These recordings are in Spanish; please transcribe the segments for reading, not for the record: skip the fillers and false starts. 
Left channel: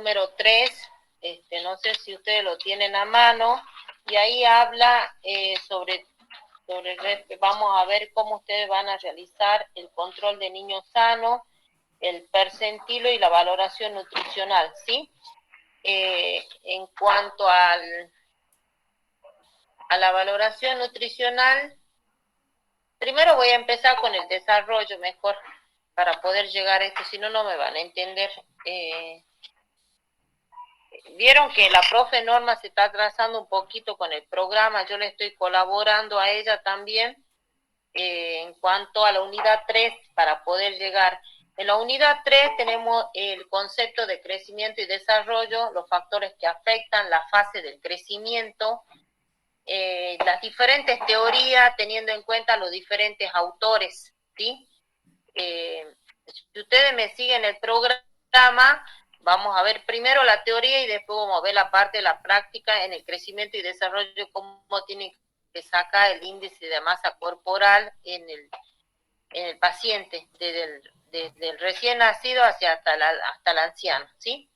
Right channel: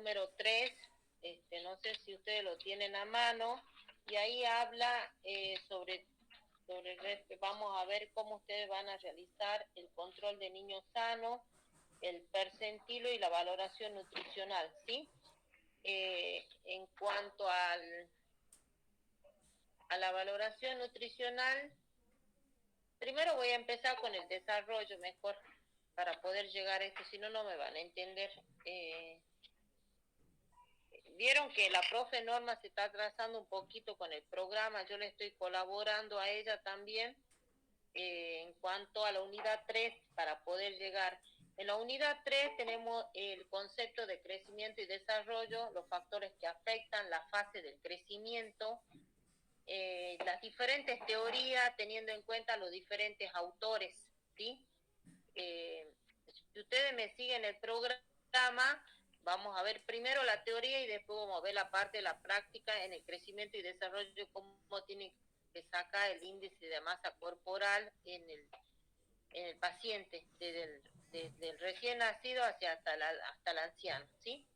número 3, no sé si ustedes lo tienen a mano, y ahí habla vamos a ver cómo ustedes van a realizar el control de niños sanos, el percentilo y la valoración nutricional, ¿sí? En cuanto a la valoración nutricional, primero voy a empezar con el desarrollo mejor para poder llegar a esto, si no, no me van a entender. Vieron que la profe Norma se está atrasando un poquito con el programa, yo le estoy colaborando a ella también en cuanto a la unidad 3 para poder llegar. En la unidad 3 tenemos el concepto de crecimiento y desarrollo, los factores que afectan la fase del crecimiento, las diferentes teorías teniendo en cuenta los diferentes autores, ¿sí? Si ustedes me siguen el programa, vamos a ver primero la teoría y después vamos a ver la parte de la práctica en el crecimiento y desarrollo, cómo tienen que sacar el índice de masa corporal en el paciente, desde el recién nacido hasta el anciano, ¿sí?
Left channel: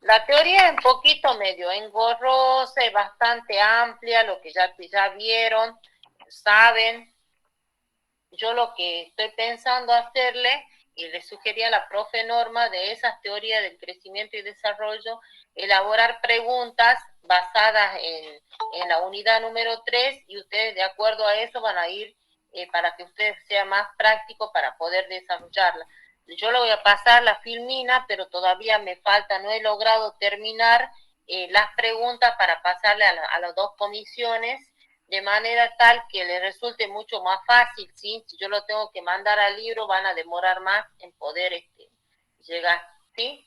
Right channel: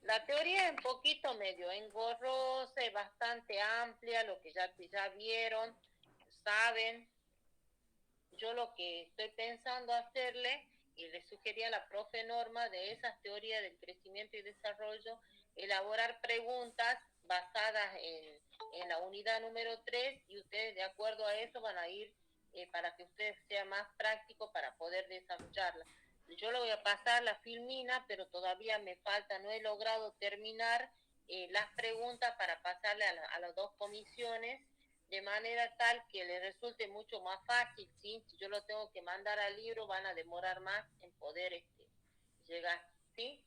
La teoría es un poquito medio engorrosa, es bastante amplia, lo que ya vieron, saben. Yo lo que estoy pensando hacerle, y le sugería a la profe Norma, de esas teorías del crecimiento y desarrollo, elaborar preguntas basadas en la unidad número 3, y ustedes de acuerdo a eso van a ir para que ustedes sea más práctico para poder desarrollarla. Yo le voy a pasar la filmina, pero todavía me falta, no he logrado terminar las preguntas para pasarle a las dos comisiones, de manera tal que les resulte mucho más fácil, ¿sí? Si yo lo tengo que mandar al libro, van a demorar más en poder llegar, ¿sí?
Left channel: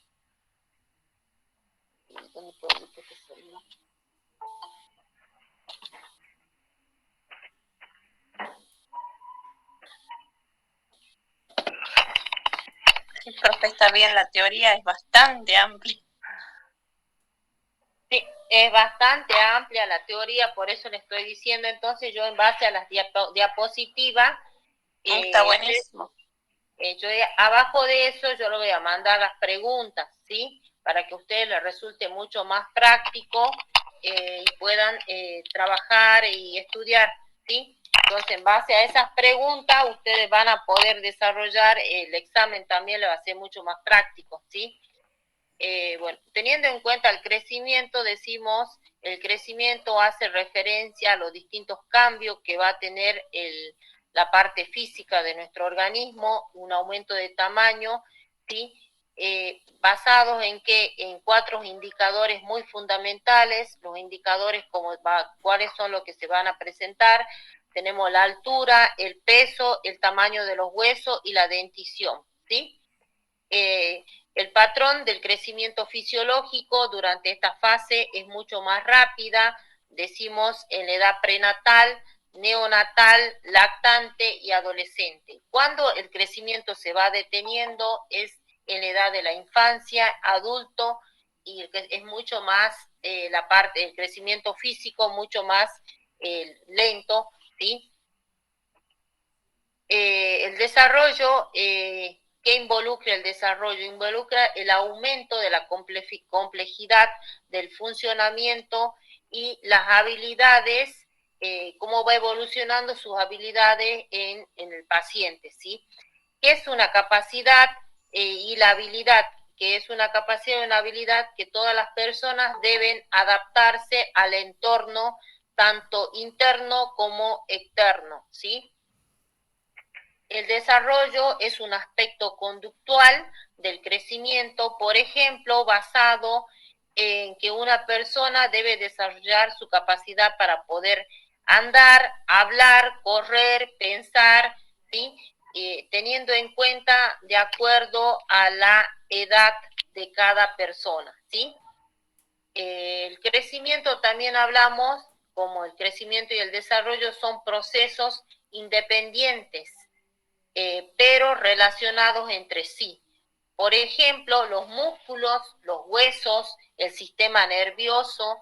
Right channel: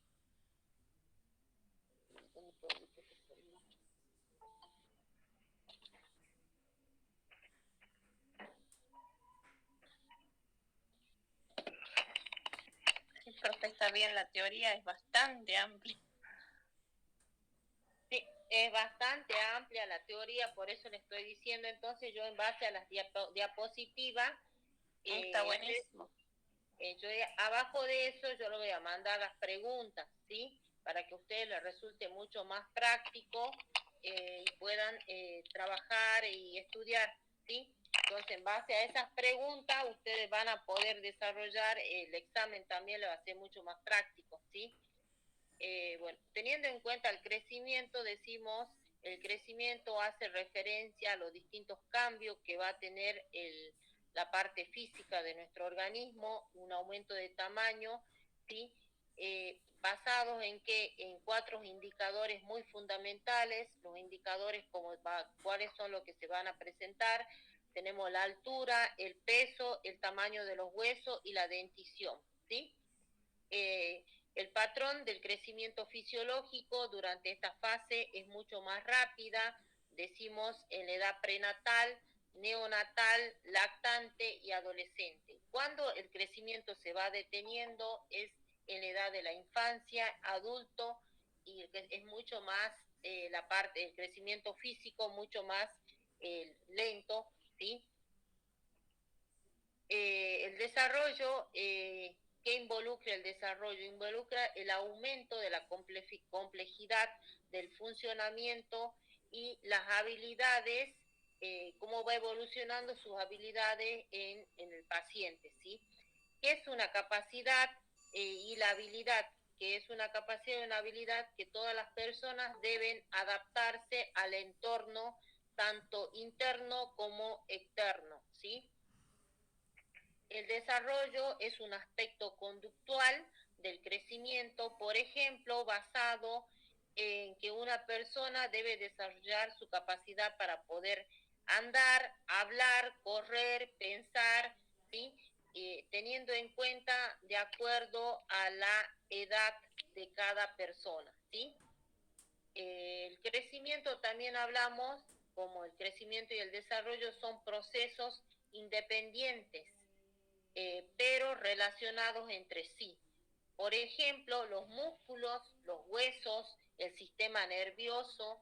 Sí, profe, está bien, la teoría es bastante amplia. Sí, es bastante amplia la teoría, por eso le estoy diciendo. Entonces yo en base a las diapositivas, está buenísimo. Abajo de eso yo le voy a mandar las preguntas, ¿sí? Para que a ustedes les resulte mucho más práctico y puedan trabajar y estudiar, ¿sí? Entonces, en base a esas preguntas, ustedes van a poder desarrollar el examen, también le va a ser mucho más práctico, ¿sí? Bueno, teniendo en cuenta el crecimiento, decimos, el crecimiento hace referencia a los distintos cambios que va a tener la parte física de nuestro organismo, un aumento de tamaño, ¿sí? Basados en 4 indicadores muy fundamentales. Los indicadores cuáles son los que se van a presentar. Tenemos la altura, el peso, el tamaño de los huesos y la dentición, ¿sí? El patrón del crecimiento fisiológico durante esta fase es mucho más rápida, decimos en la edad prenatal, neonatal, lactante y adolescente. Cuando el crecimiento se va deteniendo es en la edad de la infancia, adulto, y es mucho más la parte del crecimiento físico, mucho más lento, ¿sí? El desarrollo, ¿qué involucra el desarrollo? Involucra el aumento de la complejidad del funcionamiento y las habilidades, cómo va evolucionando sus habilidades en el paciente, ¿sí? ¿Qué es una capacidad y la habilidad? Que es una capacidad y una habilidad que todas las personas deben adaptarse al entorno, tanto interno como externo, ¿sí? El desarrollo es un aspecto conductual del crecimiento, por ejemplo, basado en que una persona debe desarrollar su capacidad para poder andar, hablar, correr, pensar, ¿sí? Teniendo en cuenta de acuerdo a la edad de cada persona, ¿sí? El crecimiento también hablamos, como el crecimiento y el desarrollo son procesos independientes, pero relacionados entre sí. Por ejemplo, los músculos, los huesos, el sistema nervioso,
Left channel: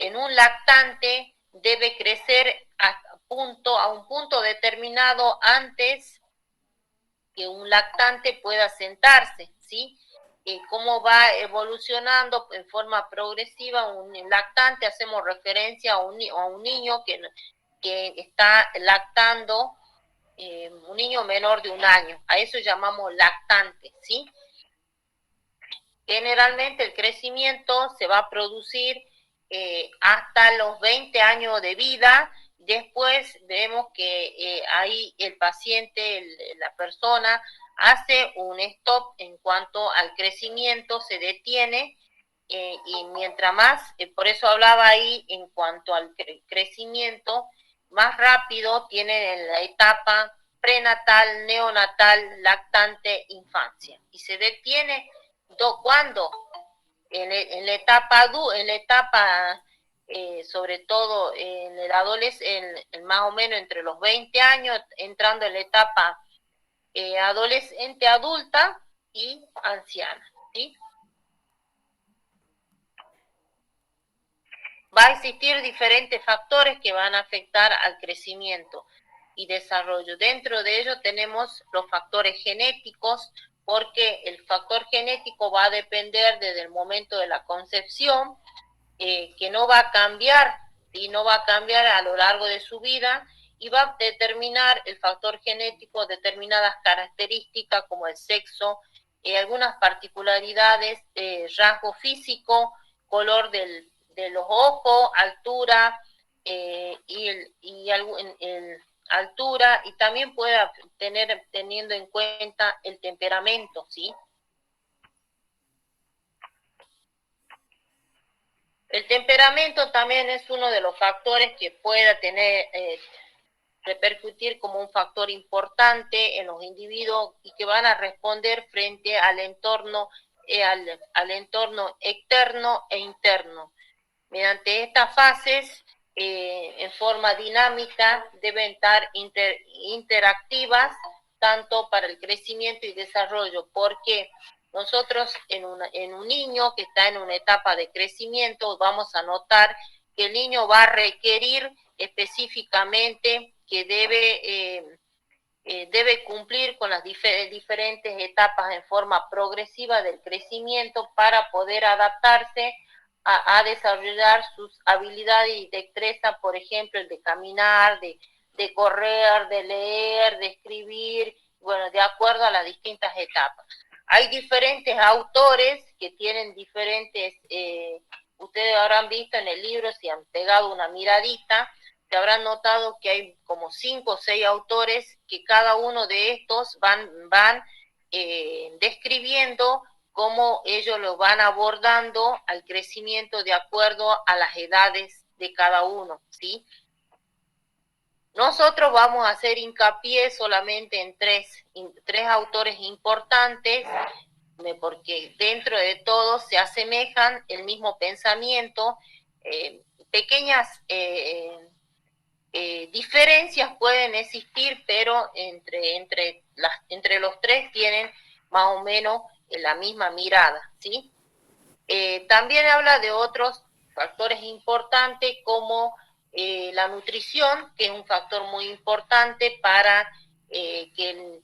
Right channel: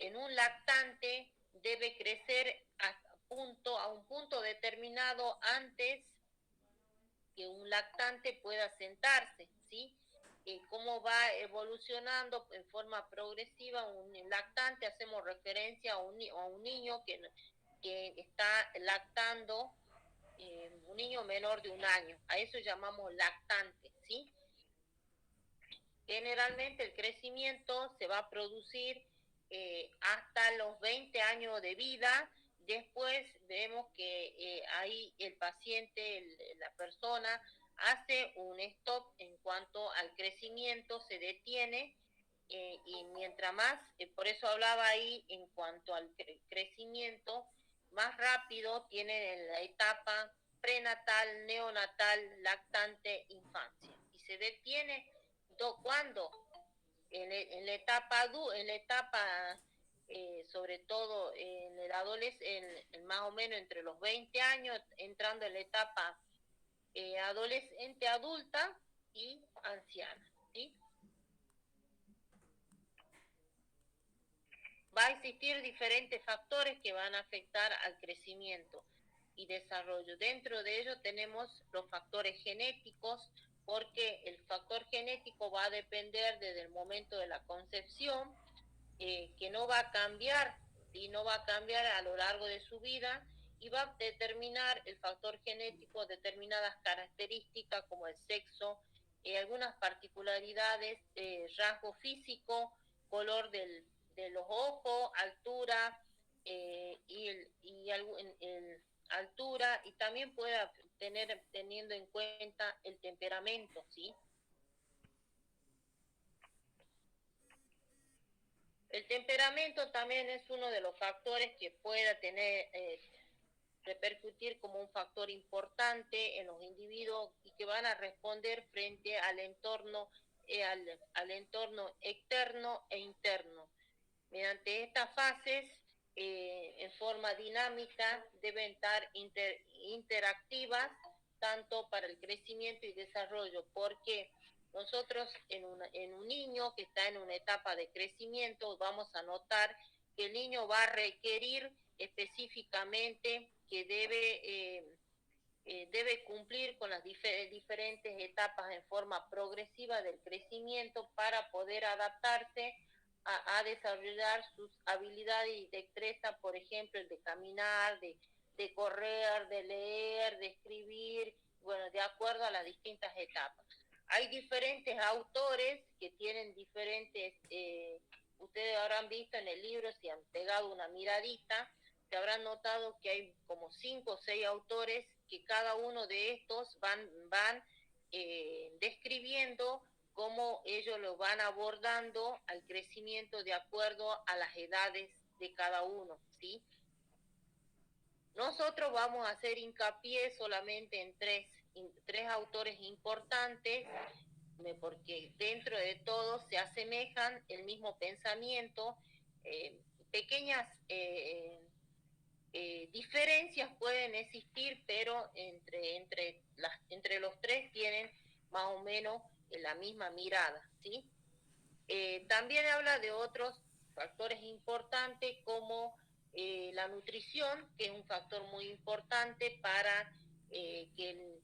en un lactante debe crecer a un punto determinado antes que un lactante pueda sentarse, ¿sí? Cómo va evolucionando en forma progresiva un lactante, hacemos referencia a un niño que está lactando, un niño menor de 1 año, a eso llamamos lactante, ¿sí? Generalmente el crecimiento se va a producir hasta los 20 años de vida. Después vemos que ahí el paciente, la persona, hace un stop en cuanto al crecimiento, se detiene y mientras más, por eso hablaba ahí en cuanto al crecimiento, más rápido tiene la etapa prenatal, neonatal, lactante, infancia. Y se detiene cuando en la etapa sobre todo en el adolescente, más o menos entre los 20 años, entrando en la etapa adolescente, adulta y anciana, ¿sí? Va a existir diferentes factores que van a afectar al crecimiento y desarrollo. Dentro de ello tenemos los factores genéticos, porque el factor genético va a depender desde el momento de la concepción, que no va a cambiar, y no va a cambiar a lo largo de su vida, y va a determinar el factor genético determinadas características como el sexo, algunas particularidades, rasgo físico, color de los ojos, altura, altura, y también puede teniendo en cuenta el temperamento, ¿sí? El temperamento también es uno de los factores que pueda repercutir como un factor importante en los individuos y que van a responder frente al entorno, al entorno externo e interno. Mediante estas fases, en forma dinámica, deben estar interactivas tanto para el crecimiento y desarrollo, porque nosotros en un niño que está en una etapa de crecimiento vamos a notar que el niño va a requerir específicamente que debe cumplir con las diferentes etapas en forma progresiva del crecimiento para poder adaptarse a desarrollar sus habilidades y destreza, por ejemplo, el de caminar, de correr, de leer, de escribir, bueno, de acuerdo a las distintas etapas. Hay diferentes autores que tienen diferentes, ustedes habrán visto en el libro, si han pegado una miradita, se habrán notado que hay como 5 o 6 autores que cada uno de estos van describiendo cómo ellos lo van abordando al crecimiento de acuerdo a las edades de cada uno, ¿sí? Nosotros vamos a hacer hincapié solamente en tres autores importantes, porque dentro de todos se asemejan el mismo pensamiento, pequeñas diferencias pueden existir, pero entre los tres tienen más o menos la misma mirada, ¿sí? También habla de otros factores importantes como la nutrición, que es un factor muy importante para que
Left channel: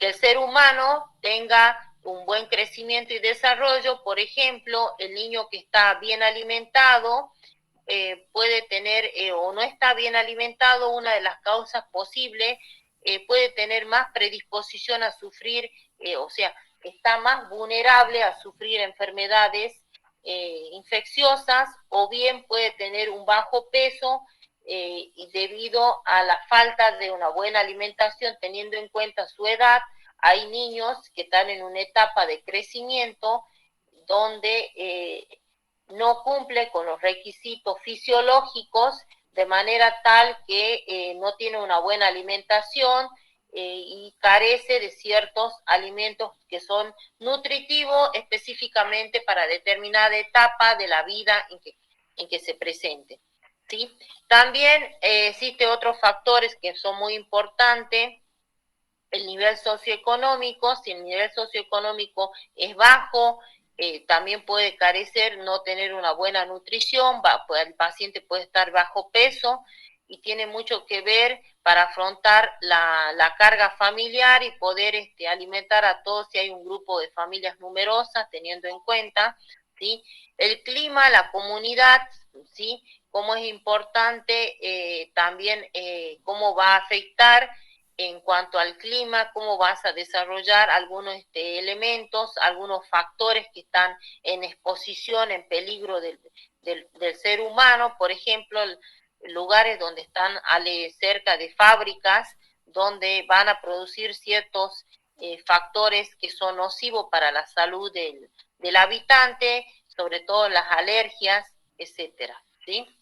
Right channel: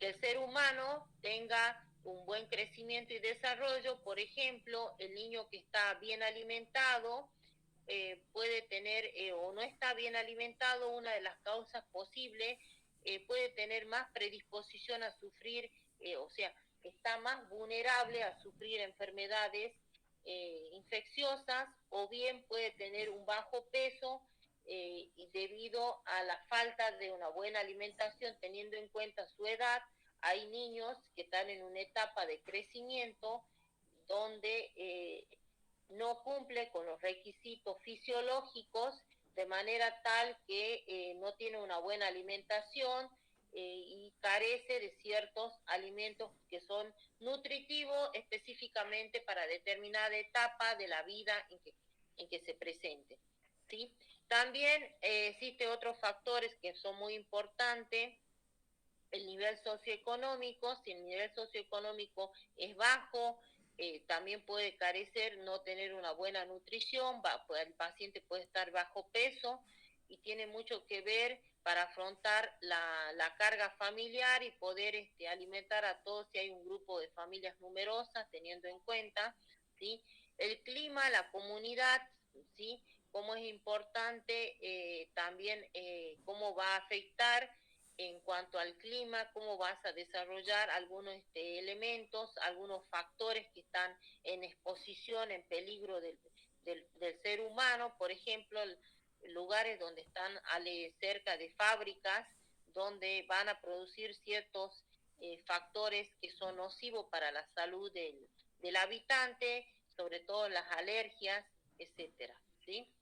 el ser humano tenga un buen crecimiento y desarrollo. Por ejemplo, el niño que está bien alimentado puede tener o no está bien alimentado, una de las causas posibles, puede tener más predisposición a sufrir, o sea, está más vulnerable a sufrir enfermedades infecciosas, o bien puede tener un bajo peso y debido a la falta de una buena alimentación, teniendo en cuenta su edad. Hay niños que están en una etapa de crecimiento donde no cumple con los requisitos fisiológicos, de manera tal que no tiene una buena alimentación y carece de ciertos alimentos que son nutritivos específicamente para determinada etapa de la vida en que se presente, ¿sí? También existen otros factores que son muy importantes. El nivel socioeconómico, si el nivel socioeconómico es bajo, también puede carecer, no tener una buena nutrición, el paciente puede estar bajo peso y tiene mucho que ver para afrontar la carga familiar y poder alimentar a todos si hay un grupo de familias numerosas, teniendo en cuenta, ¿sí? El clima, la comunidad, ¿sí? Cómo es importante también cómo va a afectar en cuanto al clima, cómo vas a desarrollar algunos elementos, algunos factores que están en exposición, en peligro del ser humano, por ejemplo, lugares donde están cerca de fábricas, donde van a producir ciertos factores que son nocivos para la salud del habitante, sobre todo las alergias, etcétera, ¿sí?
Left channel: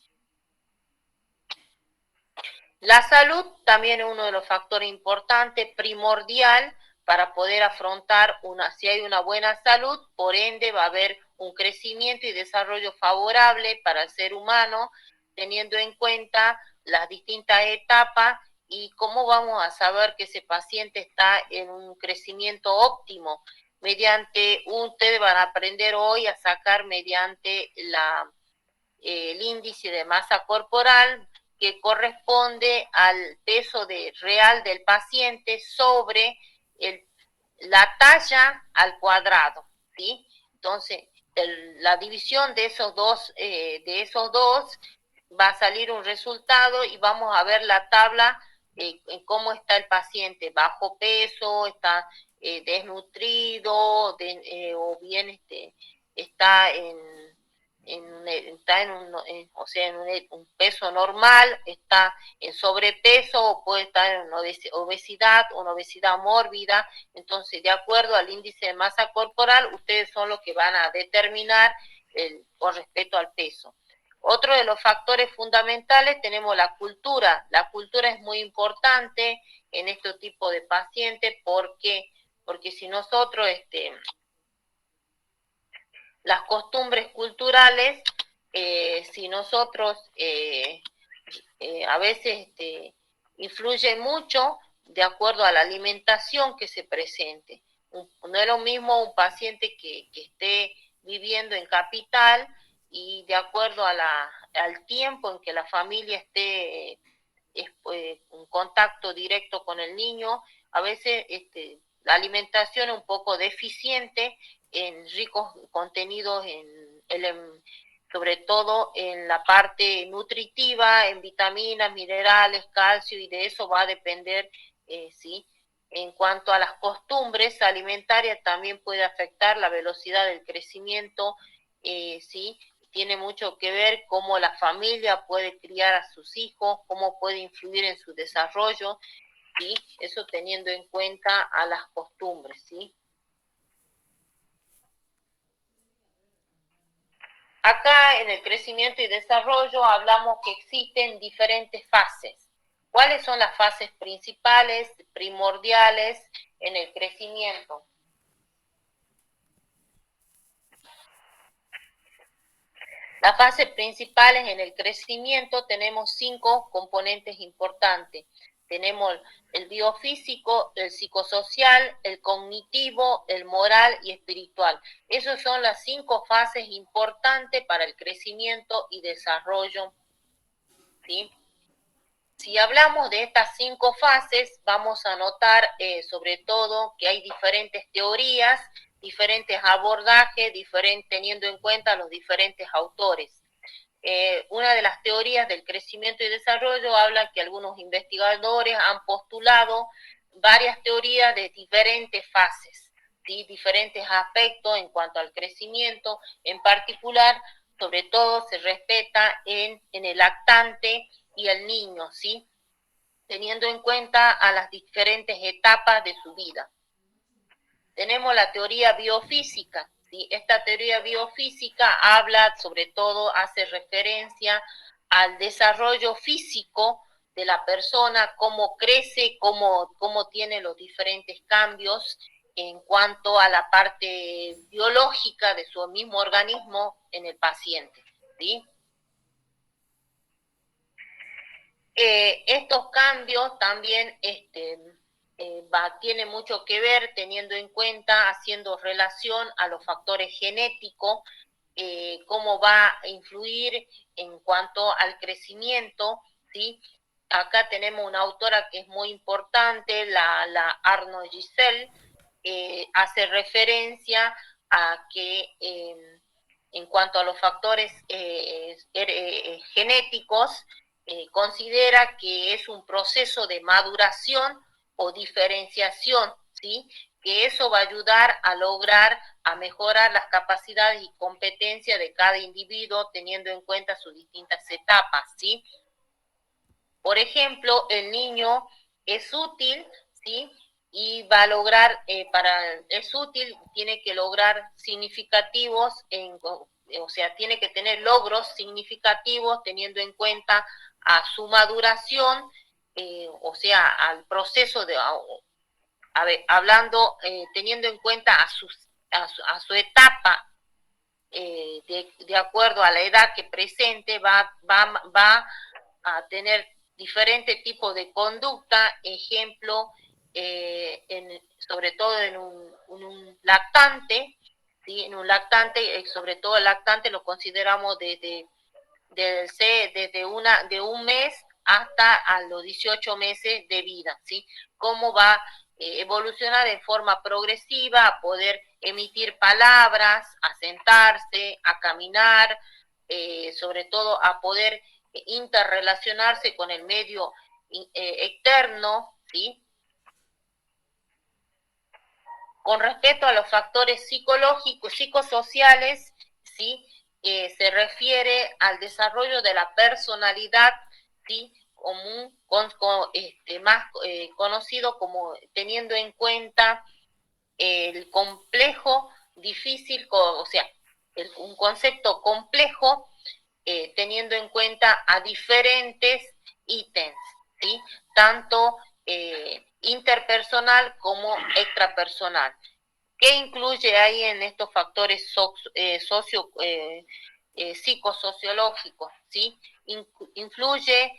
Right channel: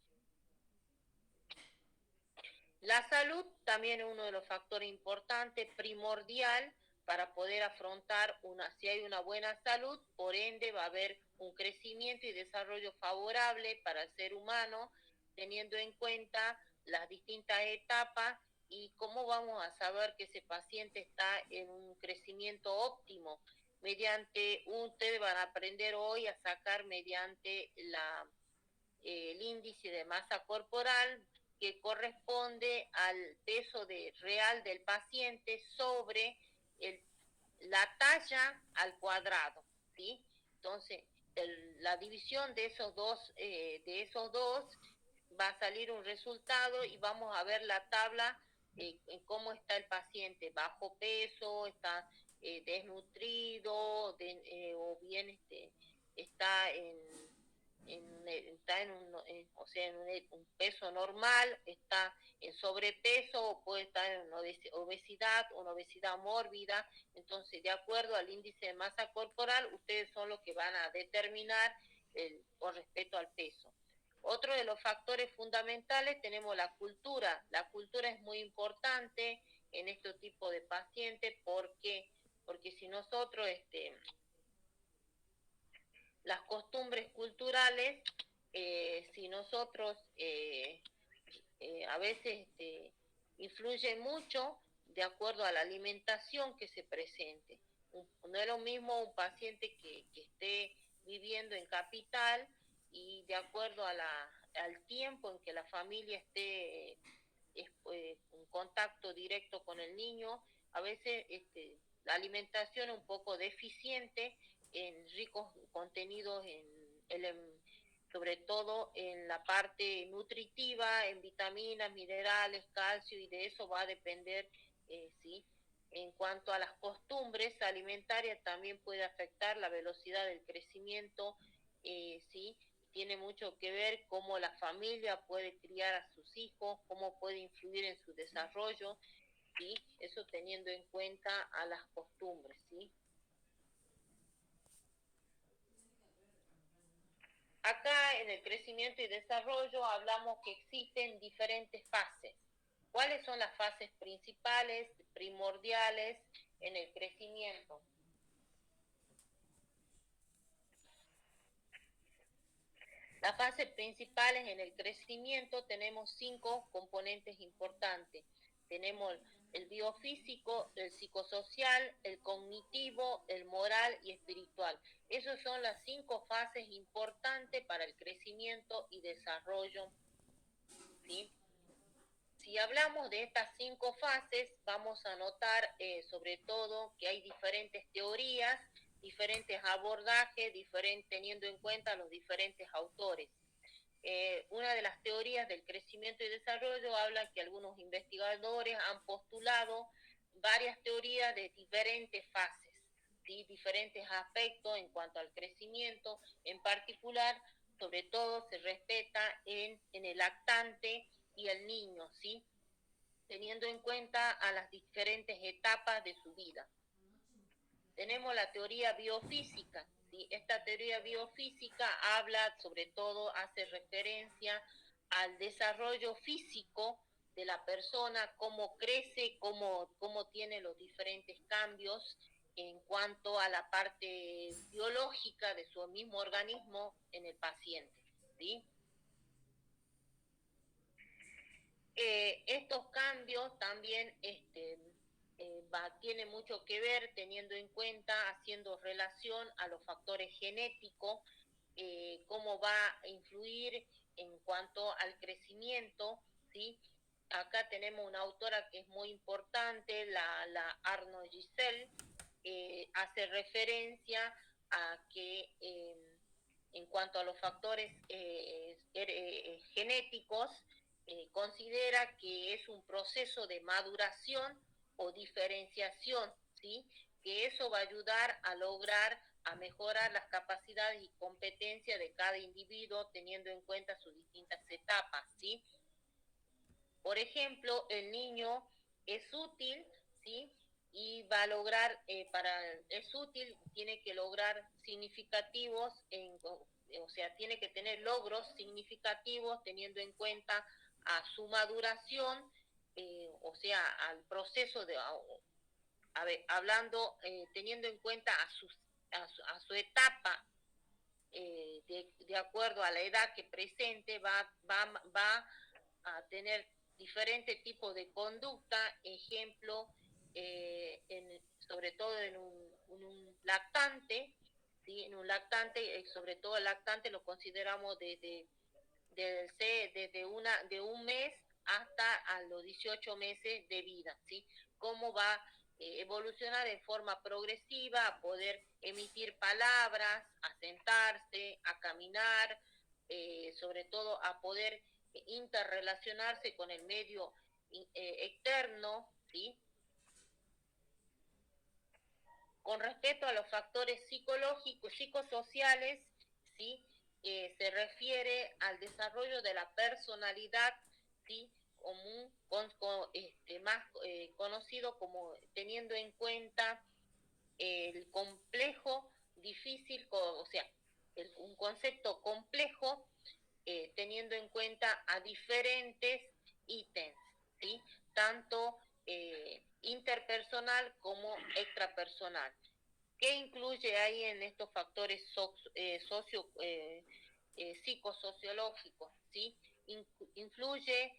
La salud también es uno de los factores importantes, primordial, para poder afrontar si hay una buena salud, por ende va a haber un crecimiento y desarrollo favorable para el ser humano, teniendo en cuenta las distintas etapas y cómo vamos a saber que ese paciente está en un crecimiento óptimo. Ustedes van a aprender hoy a sacar mediante el índice de masa corporal, que corresponde al peso real del paciente sobre la talla al cuadrado, ¿sí? Entonces, la división de esos dos va a salir un resultado y vamos a ver la tabla en cómo está el paciente, bajo peso, está desnutrido, o bien está está o sea, un peso normal, está en sobrepeso o puede estar en una obesidad mórbida. Entonces, de acuerdo al índice de masa corporal, ustedes son los que van a determinar con respecto al peso. Otro de los factores fundamentales tenemos la cultura. La cultura es muy importante en este tipo de pacientes porque si nosotros las costumbres culturales, si nosotros a veces influyen mucho de acuerdo a la alimentación que se presente. No es lo mismo un paciente que esté viviendo en capital y de acuerdo al tiempo en que la familia esté en contacto directo con el niño, a veces la alimentación es un poco deficiente en ricos contenidos, sobre todo en la parte nutritiva, en vitaminas, minerales, calcio, y de eso va a depender, ¿sí? En cuanto a las costumbres alimentarias, también puede afectar la velocidad del crecimiento, ¿sí? Tiene mucho que ver cómo la familia puede criar a sus hijos, cómo puede influir en su desarrollo, ¿sí? Eso teniendo en cuenta a las costumbres, ¿sí? Acá en el crecimiento y desarrollo hablamos que existen diferentes fases. ¿Cuáles son las fases principales, primordiales en el crecimiento? Las fases principales en el crecimiento tenemos 5 componentes importantes. Tenemos el biofísico, el psicosocial, el cognitivo, el moral y espiritual. Esas son las 5 fases importantes para el crecimiento y desarrollo, ¿sí? Si hablamos de estas 5 fases, vamos a notar sobre todo que hay diferentes teorías, diferentes abordajes, teniendo en cuenta los diferentes autores. Una de las teorías del crecimiento y desarrollo habla que algunos investigadores han postulado varias teorías de diferentes fases, ¿sí? Diferentes aspectos en cuanto al crecimiento. En particular, sobre todo se respeta en el lactante y el niño, ¿sí? Teniendo en cuenta a las diferentes etapas de su vida. Tenemos la teoría biofísica, ¿sí? Esta teoría biofísica habla, sobre todo, hace referencia al desarrollo físico de la persona, cómo crece, cómo tiene los diferentes cambios en cuanto a la parte biológica de su mismo organismo en el paciente, ¿sí? Estos cambios también tiene mucho que ver teniendo en cuenta, haciendo relación a los factores genéticos, cómo va a influir en cuanto al crecimiento, ¿sí? Acá tenemos una autora que es muy importante, la Arno Giselle, hace referencia a que en cuanto a los factores genéticos, considera que es un proceso de maduración o diferenciación, ¿sí? Que eso va a ayudar a lograr, a mejorar las capacidades y competencias de cada individuo teniendo en cuenta sus distintas etapas, ¿sí? Por ejemplo, el niño es útil, ¿sí? Y va a lograr, es útil, tiene que lograr significativos, o sea, tiene que tener logros significativos teniendo en cuenta a su maduración, o sea, al proceso de, a ver, hablando, teniendo en cuenta a su etapa, de acuerdo a la edad que presente, va a tener diferentes tipos de conducta, ejemplo, sobre todo en un lactante, ¿sí? En un lactante, sobre todo el lactante lo consideramos de un mes hasta a los 18 meses de vida, ¿sí? Cómo va a evolucionar en forma progresiva, a poder emitir palabras, a sentarse, a caminar, sobre todo a poder interrelacionarse con el medio externo, ¿sí? Con respecto a los factores psicológicos, psicosociales, ¿sí? Se refiere al desarrollo de la personalidad, ¿sí? Común, más conocido como teniendo en cuenta el complejo, difícil, o sea, un concepto complejo, teniendo en cuenta a diferentes ítems, ¿sí? Tanto interpersonal como extrapersonal. ¿Qué incluye ahí en estos factores psicosociológicos? ¿Sí? Influye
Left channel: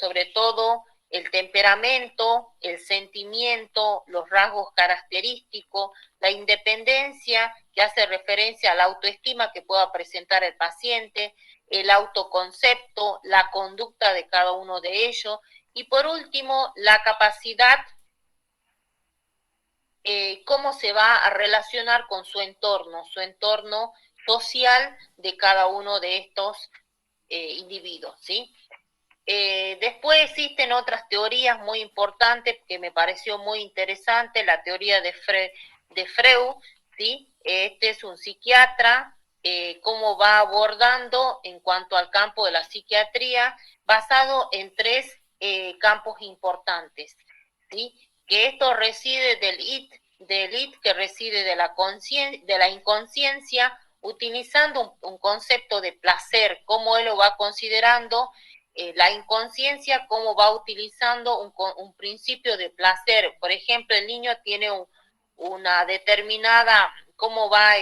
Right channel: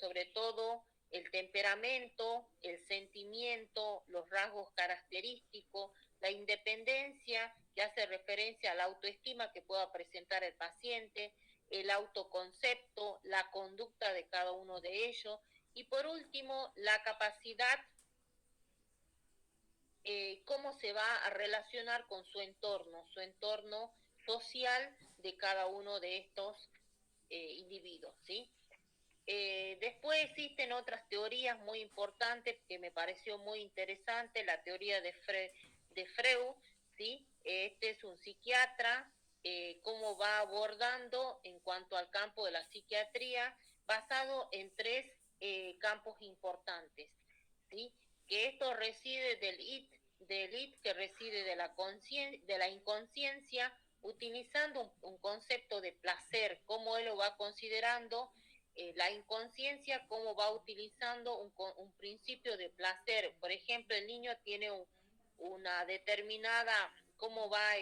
sobre todo el temperamento, el sentimiento, los rasgos característicos, la independencia que hace referencia a la autoestima que pueda presentar el paciente, el autoconcepto, la conducta de cada uno de ellos y por último la capacidad, cómo se va a relacionar con su entorno social de cada uno de estos individuos, ¿sí? Después existen otras teorías muy importantes que me pareció muy interesante, la teoría de Freud, ¿sí? Este es un psiquiatra, cómo va abordando en cuanto al campo de la psiquiatría, basado en tres campos importantes, ¿sí? Que esto reside del id que reside de la inconsciencia, utilizando un concepto de placer, cómo él lo va considerando, la inconsciencia, cómo va utilizando un principio de placer. Por ejemplo, el niño tiene una determinada, cómo va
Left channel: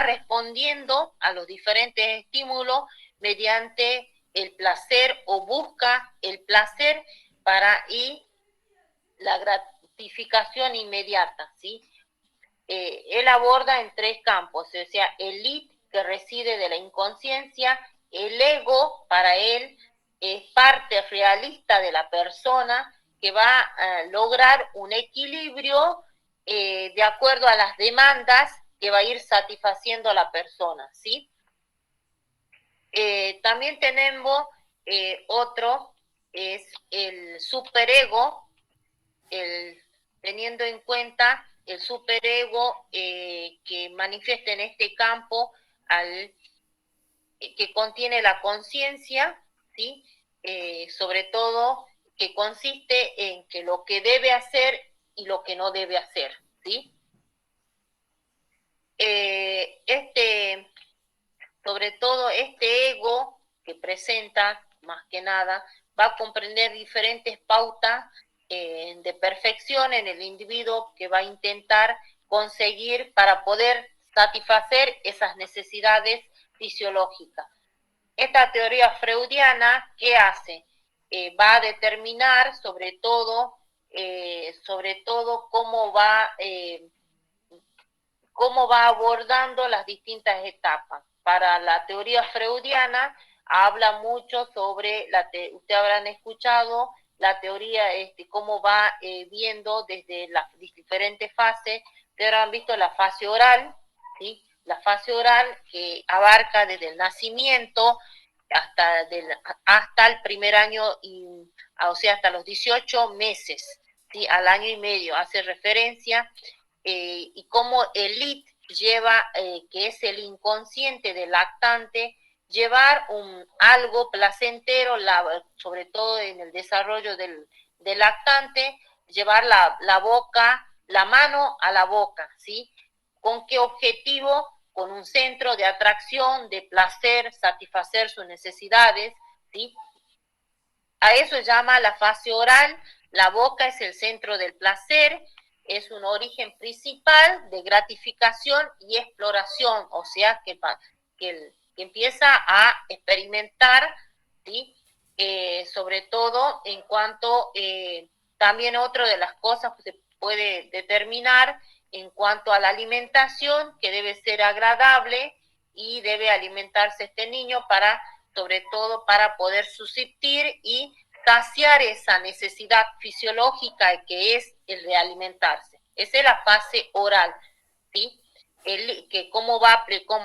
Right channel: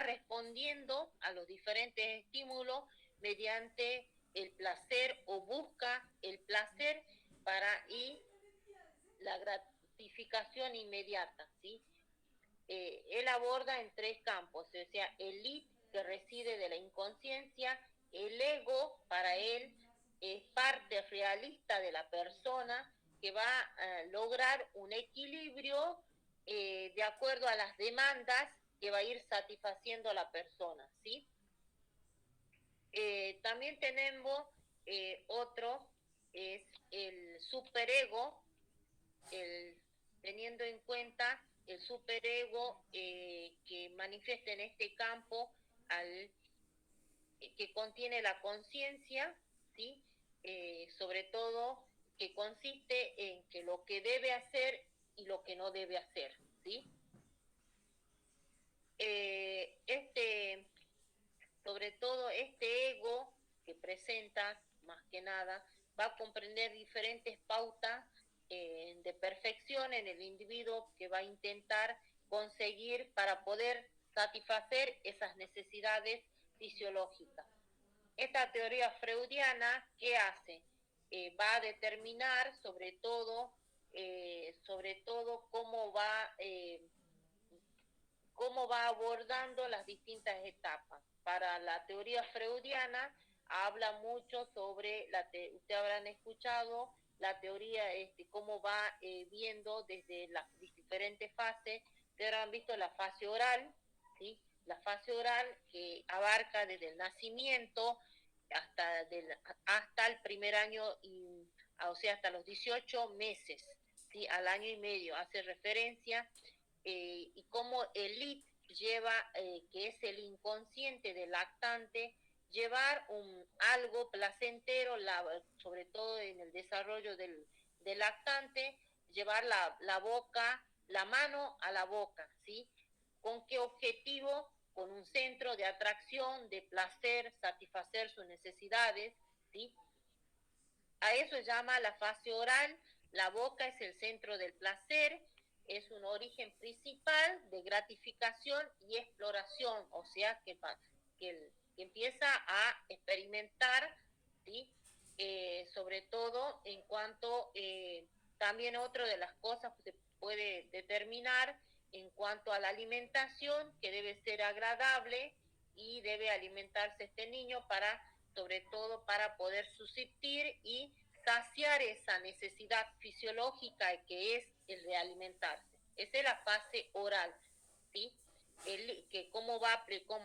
respondiendo a los diferentes estímulos mediante el placer o busca el placer para y la gratificación inmediata, ¿sí? Él aborda en tres campos, o sea, el id que reside de la inconsciencia, el ego para él es parte realista de la persona que va a lograr un equilibrio de acuerdo a las demandas que va a ir satisfaciendo a la persona, ¿sí? También tenemos otro, es el superego, teniendo en cuenta el superego que manifiesta en este campo, que contiene la conciencia, ¿sí? Sobre todo que consiste en que lo que debe hacer y lo que no debe hacer, ¿sí? Sobre todo este ego que presenta, más que nada, va a comprender diferentes pautas de perfección en el individuo que va a intentar conseguir para poder satisfacer esas necesidades fisiológicas. Esta teoría freudiana, ¿qué hace? Va a determinar sobre todo sobre todo cómo va abordando las distintas etapas. Para la teoría freudiana habla mucho sobre, usted habrán escuchado, la teoría, cómo va viendo desde las diferentes fases. Ustedes habrán visto la fase oral, ¿sí? La fase oral que abarca desde el nacimiento hasta el primer año, o sea, hasta los 18 meses, ¿sí? Al año y medio, hace referencia, y cómo el IT lleva, que es el inconsciente del lactante, llevar algo placentero, sobre todo en el desarrollo del lactante, llevar la boca, la mano a la boca, ¿sí? ¿Con qué objetivo? Con un centro de atracción, de placer, satisfacer sus necesidades, ¿sí? A eso llama la fase oral. La boca es el centro del placer, es un origen principal de gratificación y exploración, o sea, que empieza a experimentar, ¿sí? Sobre todo en cuanto, también otra de las cosas que se puede determinar en cuanto a la alimentación, que debe ser agradable y debe alimentarse este niño sobre todo para poder subsistir y saciar esa necesidad fisiológica que es el de alimentarse. Esa es la fase oral, ¿sí? Que como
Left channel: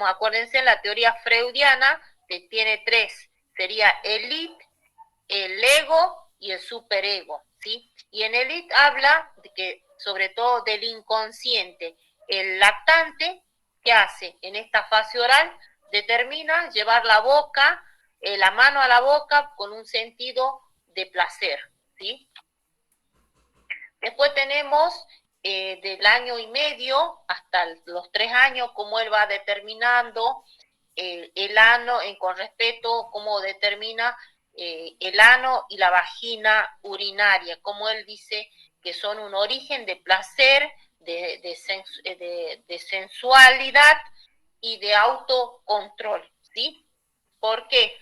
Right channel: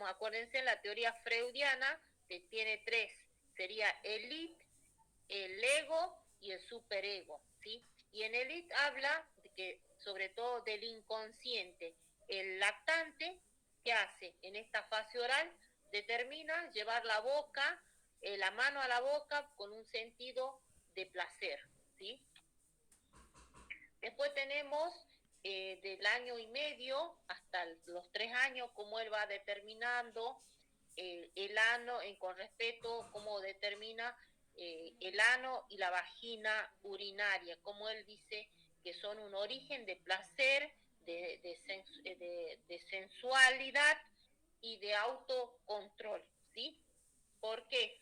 acuérdense, en la teoría freudiana que tiene tres, sería el id, el ego y el superego, ¿sí? Y en el id habla de que, sobre todo del inconsciente. El lactante, ¿qué hace? En esta fase oral determina llevar la mano a la boca con un sentido de placer, ¿sí? Después tenemos, del año y medio hasta los 3 años, cómo él va determinando el ano, con respeto, cómo determina el ano y la vagina urinaria, como él dice que son un origen de placer, de sensualidad y de autocontrol, ¿sí? ¿Por qué?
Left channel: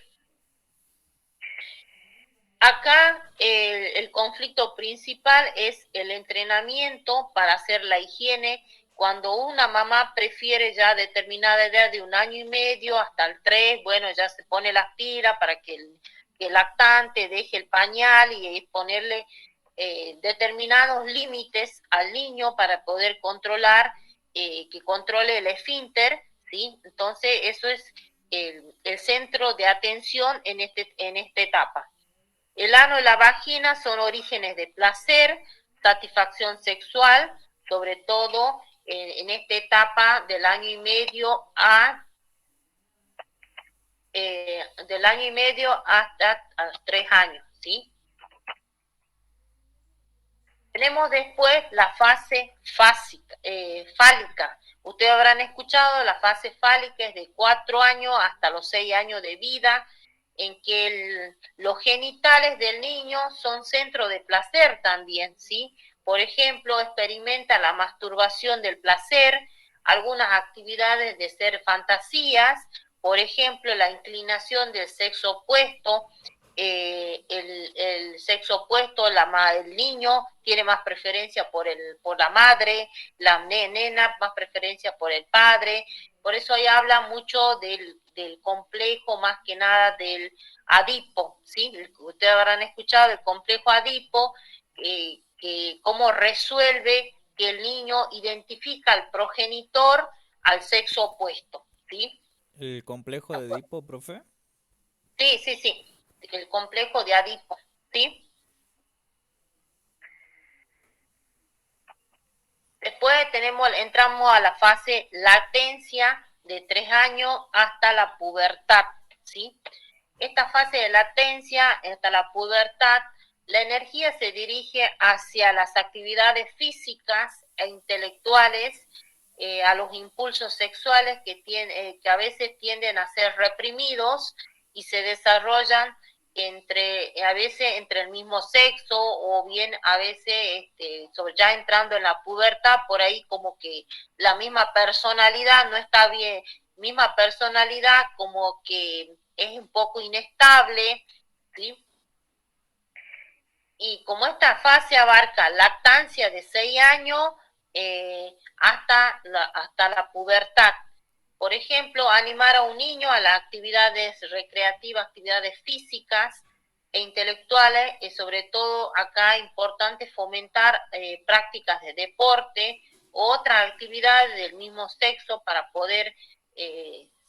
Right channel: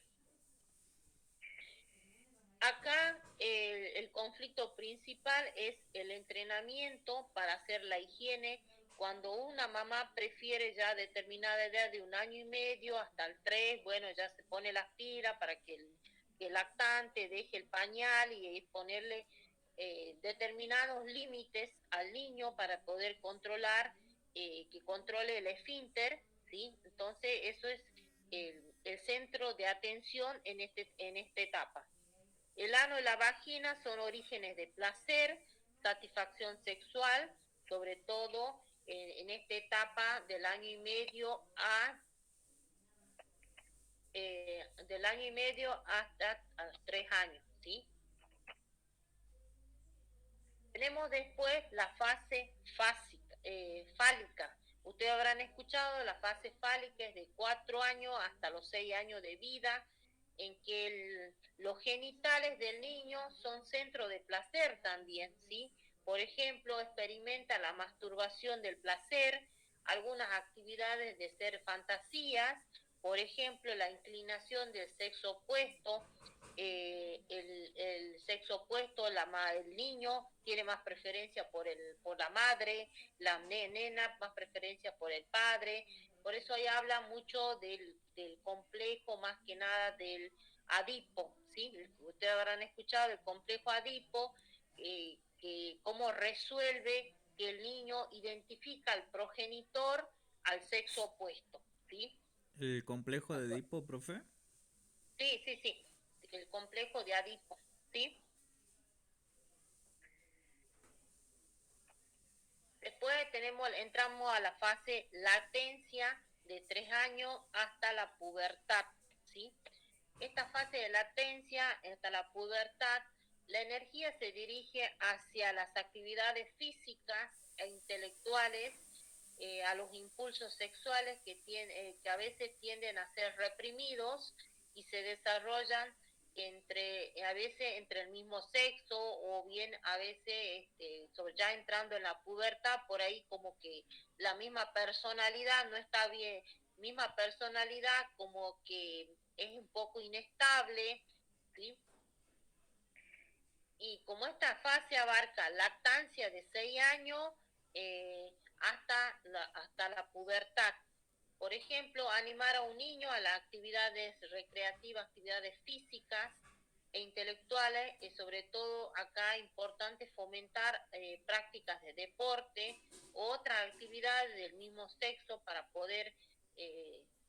Acá el conflicto principal es el entrenamiento para hacer la higiene. Cuando una mamá prefiere ya determinada edad de 1 año y medio hasta el 3, bueno, ya se pone las pilas para que el lactante deje el pañal y ponerle determinados límites al niño para poder controlar, que controle el esfínter, ¿sí? Entonces eso es el centro de atención en esta etapa. El ano y la vagina son orígenes de placer, satisfacción sexual, sobre todo en esta etapa del año y medio hasta 3 años, ¿sí? Tenemos después la fase fálica. Ustedes habrán escuchado, la fase fálica es de 4 años hasta los 6 años de vida, en que los genitales del niño son centro de placer también, ¿sí? Por ejemplo, experimenta la masturbación del placer, algunas actividades de ser fantasías, por ejemplo, la inclinación del sexo opuesto, el sexo opuesto, el niño tiene más preferencia por la madre, la nena más preferencia por el padre. Por eso ahí habla mucho del complejo, más que nada del Adipo, ¿sí? Ustedes habrán escuchado el complejo Adipo, que cómo resuelve que el niño identifica al progenitor al sexo opuesto, ¿sí? ¿El complejo de Edipo, profe? Sí, sí, sí, el complejo de Adipo, ¿sí? Después entramos a la fase latencia de 3 años hasta la pubertad, ¿sí? Esta fase de latencia hasta la pubertad, la energía se dirige hacia las actividades físicas e intelectuales, a los impulsos sexuales que a veces tienden a ser reprimidos y se desarrollan a veces entre el mismo sexo, o bien a veces ya entrando en la pubertad, por ahí como que la misma personalidad no está bien, misma personalidad como que es un poco inestable, ¿sí? Y como esta fase abarca lactancia de 6 años hasta la pubertad. Por ejemplo, animar a un niño a las actividades recreativas, actividades físicas e intelectuales, y sobre todo acá es importante fomentar prácticas de deporte u otras actividades del mismo sexo para poder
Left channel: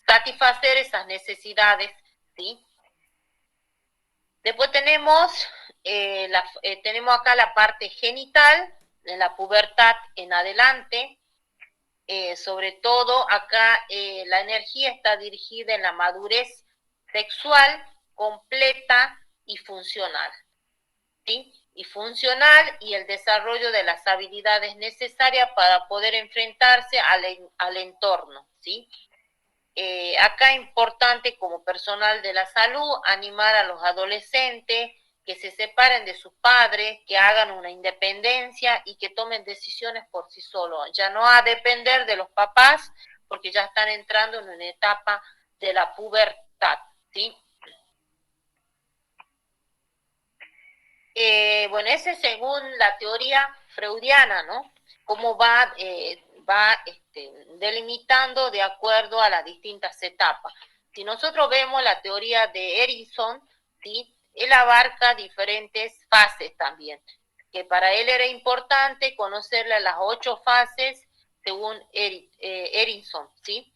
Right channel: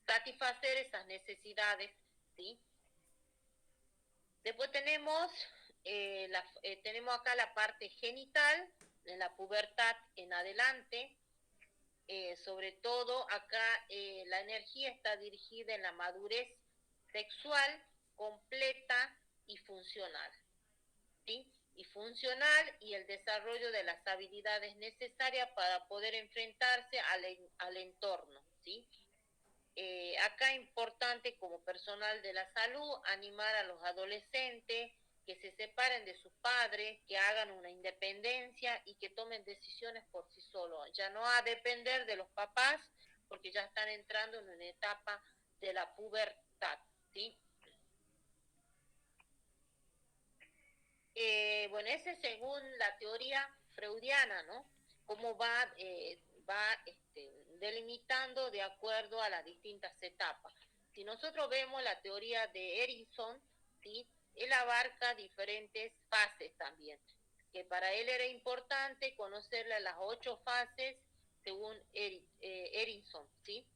satisfacer esas necesidades, ¿sí? Después tenemos acá la parte genital, en la pubertad en adelante. Sobre todo acá la energía está dirigida en la madurez sexual completa y funcional, ¿sí? Y funcional y el desarrollo de las habilidades necesarias para poder enfrentarse al entorno, ¿sí? Acá es importante como personal de la salud animar a los adolescentes que se separen de sus padres, que hagan una independencia y que tomen decisiones por sí solos, ya no a depender de los papás porque ya están entrando en una etapa de la pubertad, ¿sí? Bueno, ese es según la teoría freudiana, ¿no? Cómo va delimitando de acuerdo a las distintas etapas. Si nosotros vemos la teoría de Erickson, ¿sí? Él abarca diferentes fases también, que para él era importante conocerle las 8 fases según Erickson, ¿sí?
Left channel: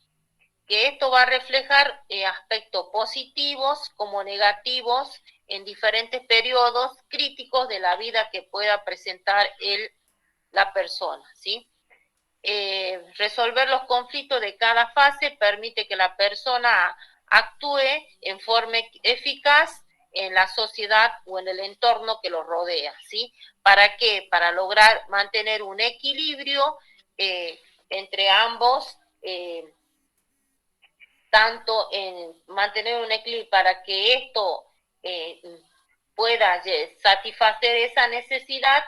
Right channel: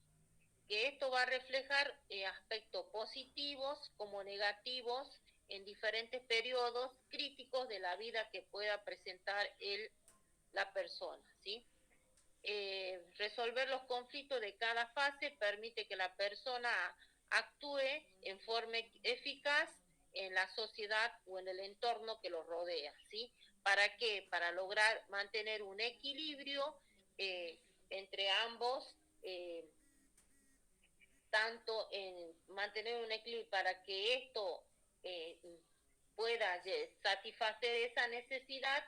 Que esto va a reflejar aspectos positivos como negativos en diferentes periodos críticos de la vida que pueda presentar la persona, ¿sí? Resolver los conflictos de cada fase permite que la persona actúe en forma eficaz en la sociedad o en el entorno que lo rodea, ¿sí? ¿Para qué? Para lograr mantener un equilibrio entre ambos, tanto en mantener un equilibrio para que esto eh, pueda satisfacer esa necesidad,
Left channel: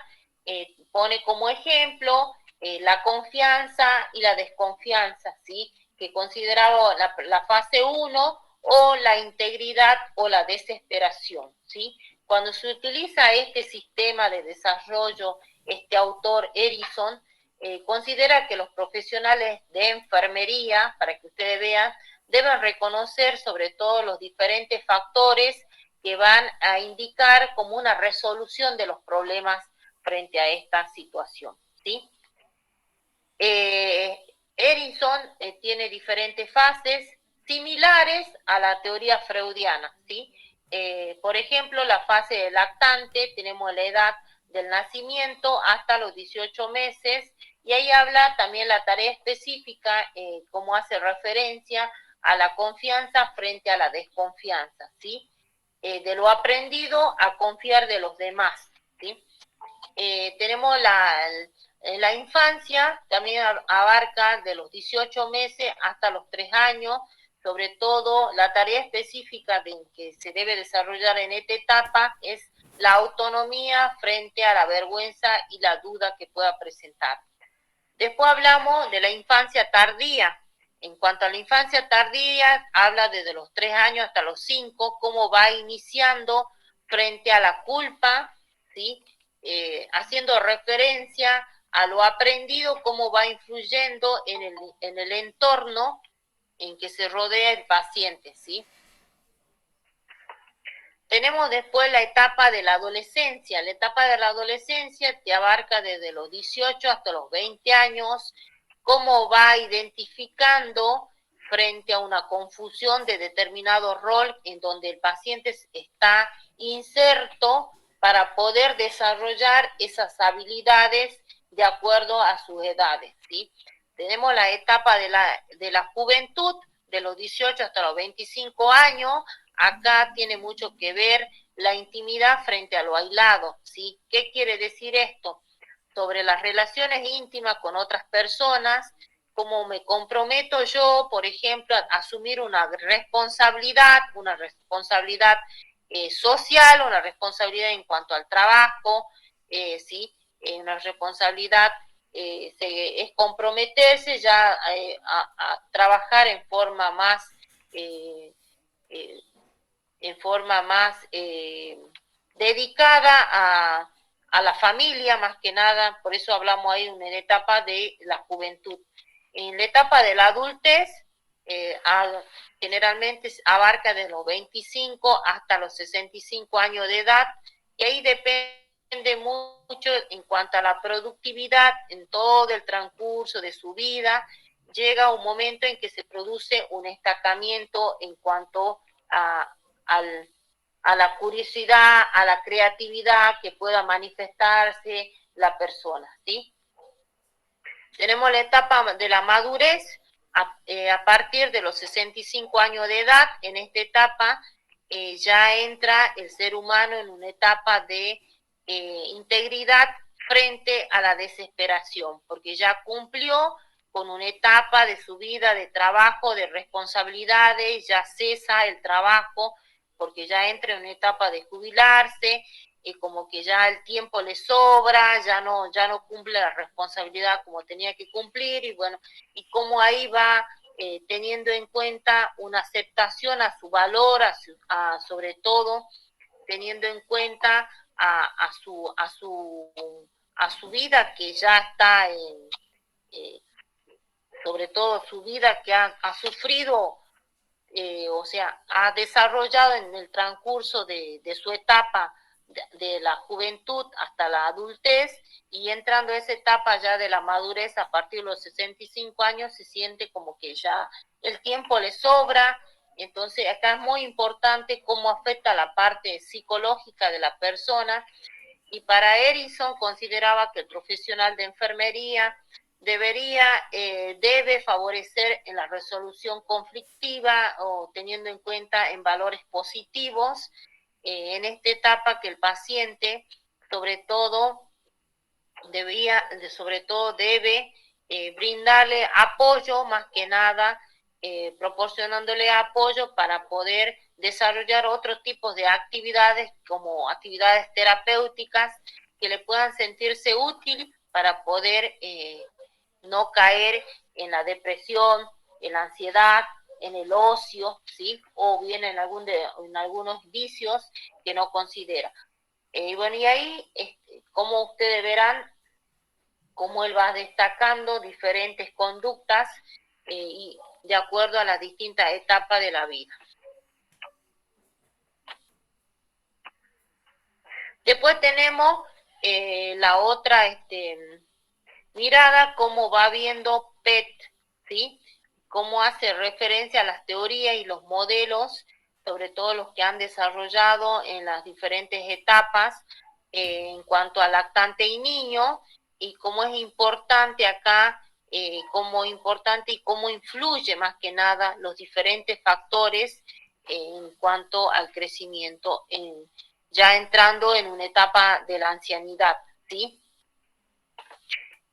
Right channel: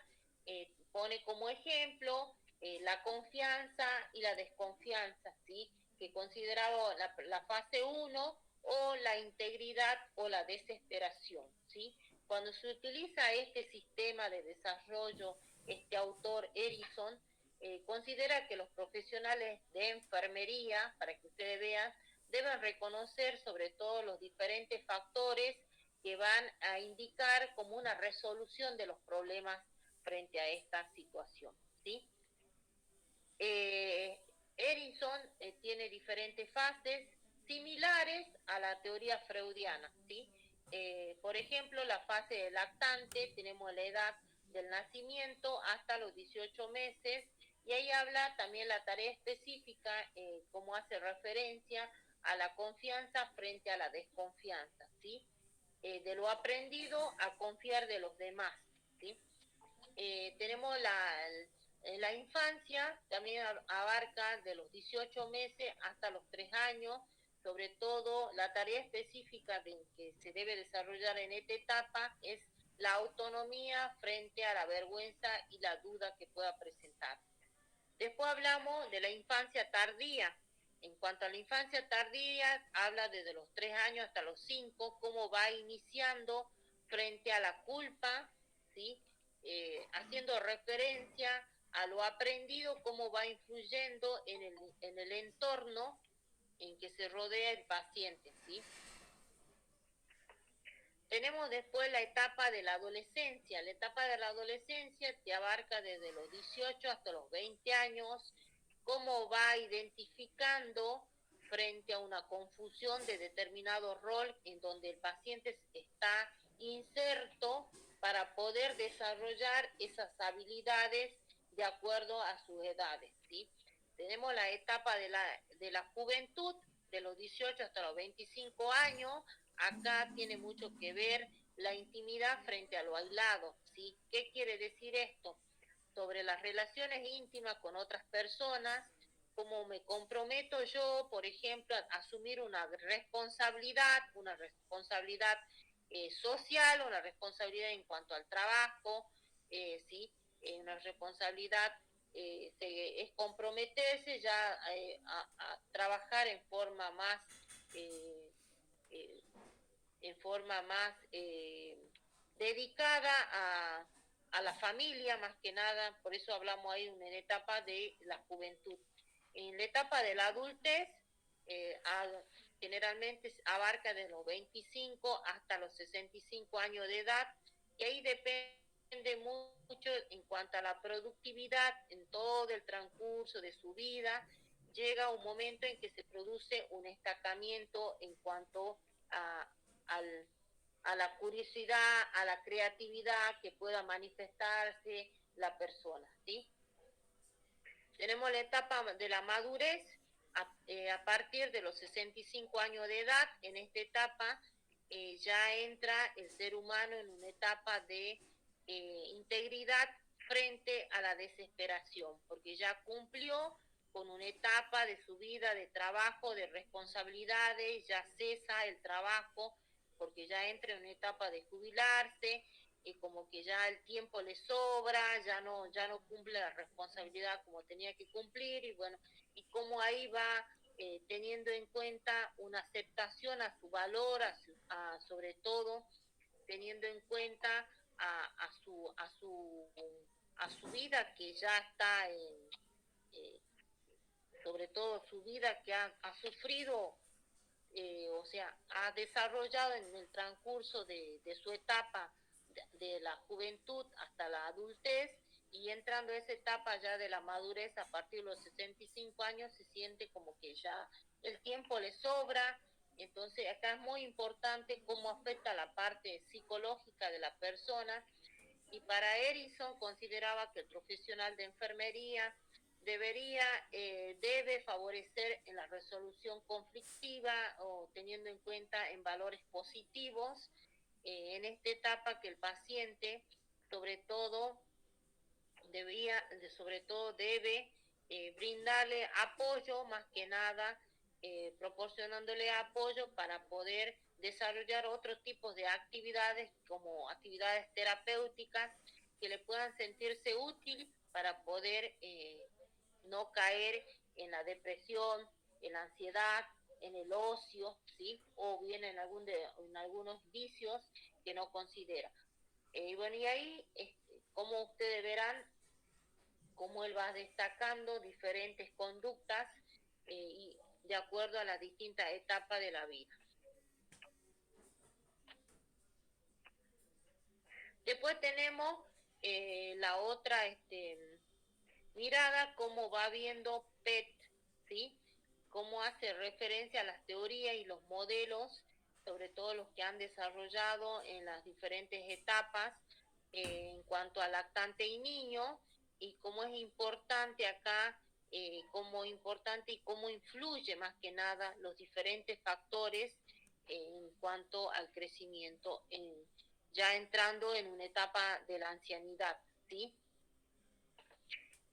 pone como ejemplo la confianza y la desconfianza, ¿sí? Que consideraba la fase 1 o la integridad o la desesperación, ¿sí? Cuando se utiliza este sistema de desarrollo, este autor Erickson considera que los profesionales de enfermería, para que ustedes vean, deben reconocer sobre todo los diferentes factores que van a indicar como una resolución de los problemas frente a esta situación, ¿sí? Erickson tiene diferentes fases similares a la teoría freudiana, ¿sí? Por ejemplo, la fase de lactante, tenemos la edad del nacimiento hasta los 18 meses, y ahí habla también la tarea específica, como hace referencia a la confianza frente a la desconfianza, ¿sí? De lo aprendido a confiar de los demás, ¿sí? Tenemos la infancia, también abarca de los 18 meses hasta los 3 años, sobre todo la tarea específica que se debe desarrollar en esta etapa es la autonomía frente a la vergüenza y la duda que pueda presentar. Después hablamos de la infancia tardía. En cuanto a la infancia tardía, habla desde los 3 años hasta los 5, cómo va iniciando frente a la culpa, ¿sí? Haciendo referencia a lo aprendido, cómo va influyendo en el entorno en que se rodea el paciente, ¿sí? Tenemos después la etapa de la adolescencia. La etapa de la adolescencia te abarca desde los 18 hasta los 20 años, cómo va identificando frente a una confusión de determinado rol en donde el paciente está inserto para poder desarrollar esas habilidades de acuerdo a sus edades, ¿sí? Tenemos la etapa de la juventud, de los 18 hasta los 25 años. Acá tiene mucho que ver la intimidad frente a lo aislado, ¿sí? ¿Qué quiere decir esto? Sobre las relaciones íntimas con otras personas, cómo me comprometo yo, por ejemplo, a asumir una responsabilidad social, una responsabilidad en cuanto al trabajo, ¿sí? Una responsabilidad es comprometerse ya a trabajar eh, en forma más dedicada a la familia más que nada, por eso hablamos ahí de una etapa de la juventud. En la etapa de la adultez, generalmente abarca desde los 25 hasta los 65 años de edad, y ahí depende mucho en cuanto a la productividad en todo el transcurso de su vida. Llega un momento en que se produce un estancamiento en cuanto a la curiosidad, a la creatividad que pueda manifestarse la persona, ¿sí? Tenemos la etapa de la madurez a partir de los 65 años de edad. En esta etapa ya entra el ser humano en una etapa de integridad frente a la desesperación, porque ya cumplió con una etapa de su vida de trabajo, de responsabilidades, ya cesa el trabajo, porque ya entra en una etapa de jubilarse, como que ya el tiempo le sobra, ya no cumple la responsabilidad como tenía que cumplir, y bueno, y cómo ahí va teniendo en cuenta una aceptación a su valor, sobre todo teniendo en cuenta a su vida que ya está sobre todo su vida que ha sufrido, o sea, ha desarrollado en el transcurso de su etapa de la juventud hasta la adultez, y entrando a esa etapa ya de la madurez a partir de los 65 años, se siente como que ya el tiempo le sobra. Entonces acá es muy importante cómo afecta la parte psicológica de la persona, y para Erickson consideraba que el profesional de enfermería debe favorecer en la resolución conflictiva, o teniendo en cuenta en valores positivos, en esta etapa que el paciente sobre todo debe brindarle apoyo, más que nada proporcionándole apoyo para poder desarrollar otros tipos de actividades, como actividades terapéuticas que le puedan sentirse útil para poder no caer en la depresión, en la ansiedad, en el ocio, ¿sí? O bien en algunos vicios que no considera. Y bueno, y ahí, como ustedes verán, cómo él va destacando diferentes conductas y de acuerdo a las distintas etapas de la vida. Después tenemos la otra mirada, cómo va viendo PET, ¿sí? Cómo hace referencia a las teorías y los modelos, sobre todo los que han desarrollado en las diferentes etapas en cuanto a lactante y niño, y cómo es importante acá, cómo importante y cómo influye más que nada los diferentes factores en cuanto al crecimiento, ya entrando en una etapa de la ancianidad, ¿sí?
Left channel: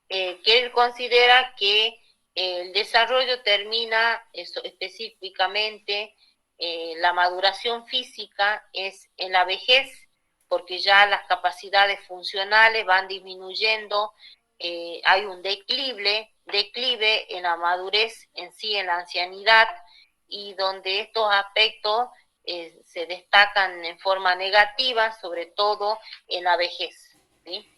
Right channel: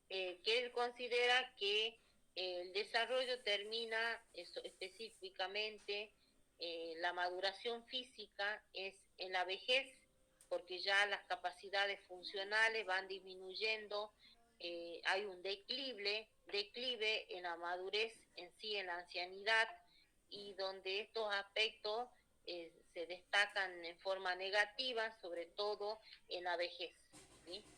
Que él considera que el desarrollo termina específicamente, la maduración física es en la vejez, porque ya las capacidades funcionales van disminuyendo, hay un declive en la madurez en sí, en la ancianidad, y donde estos aspectos se destacan en forma negativa, sobre todo en la vejez, ¿sí?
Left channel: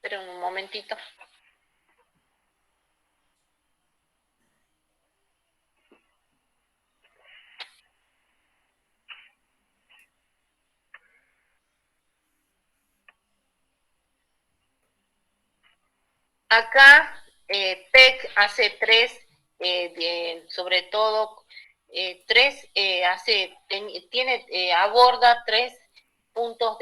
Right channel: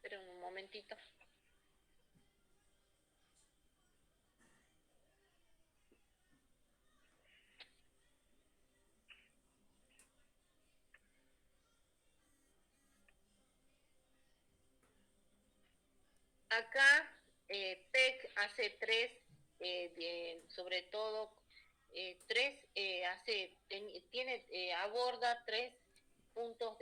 Pero un momentito. Acá PEC hace tres, sobre todo tres, aborda tres puntos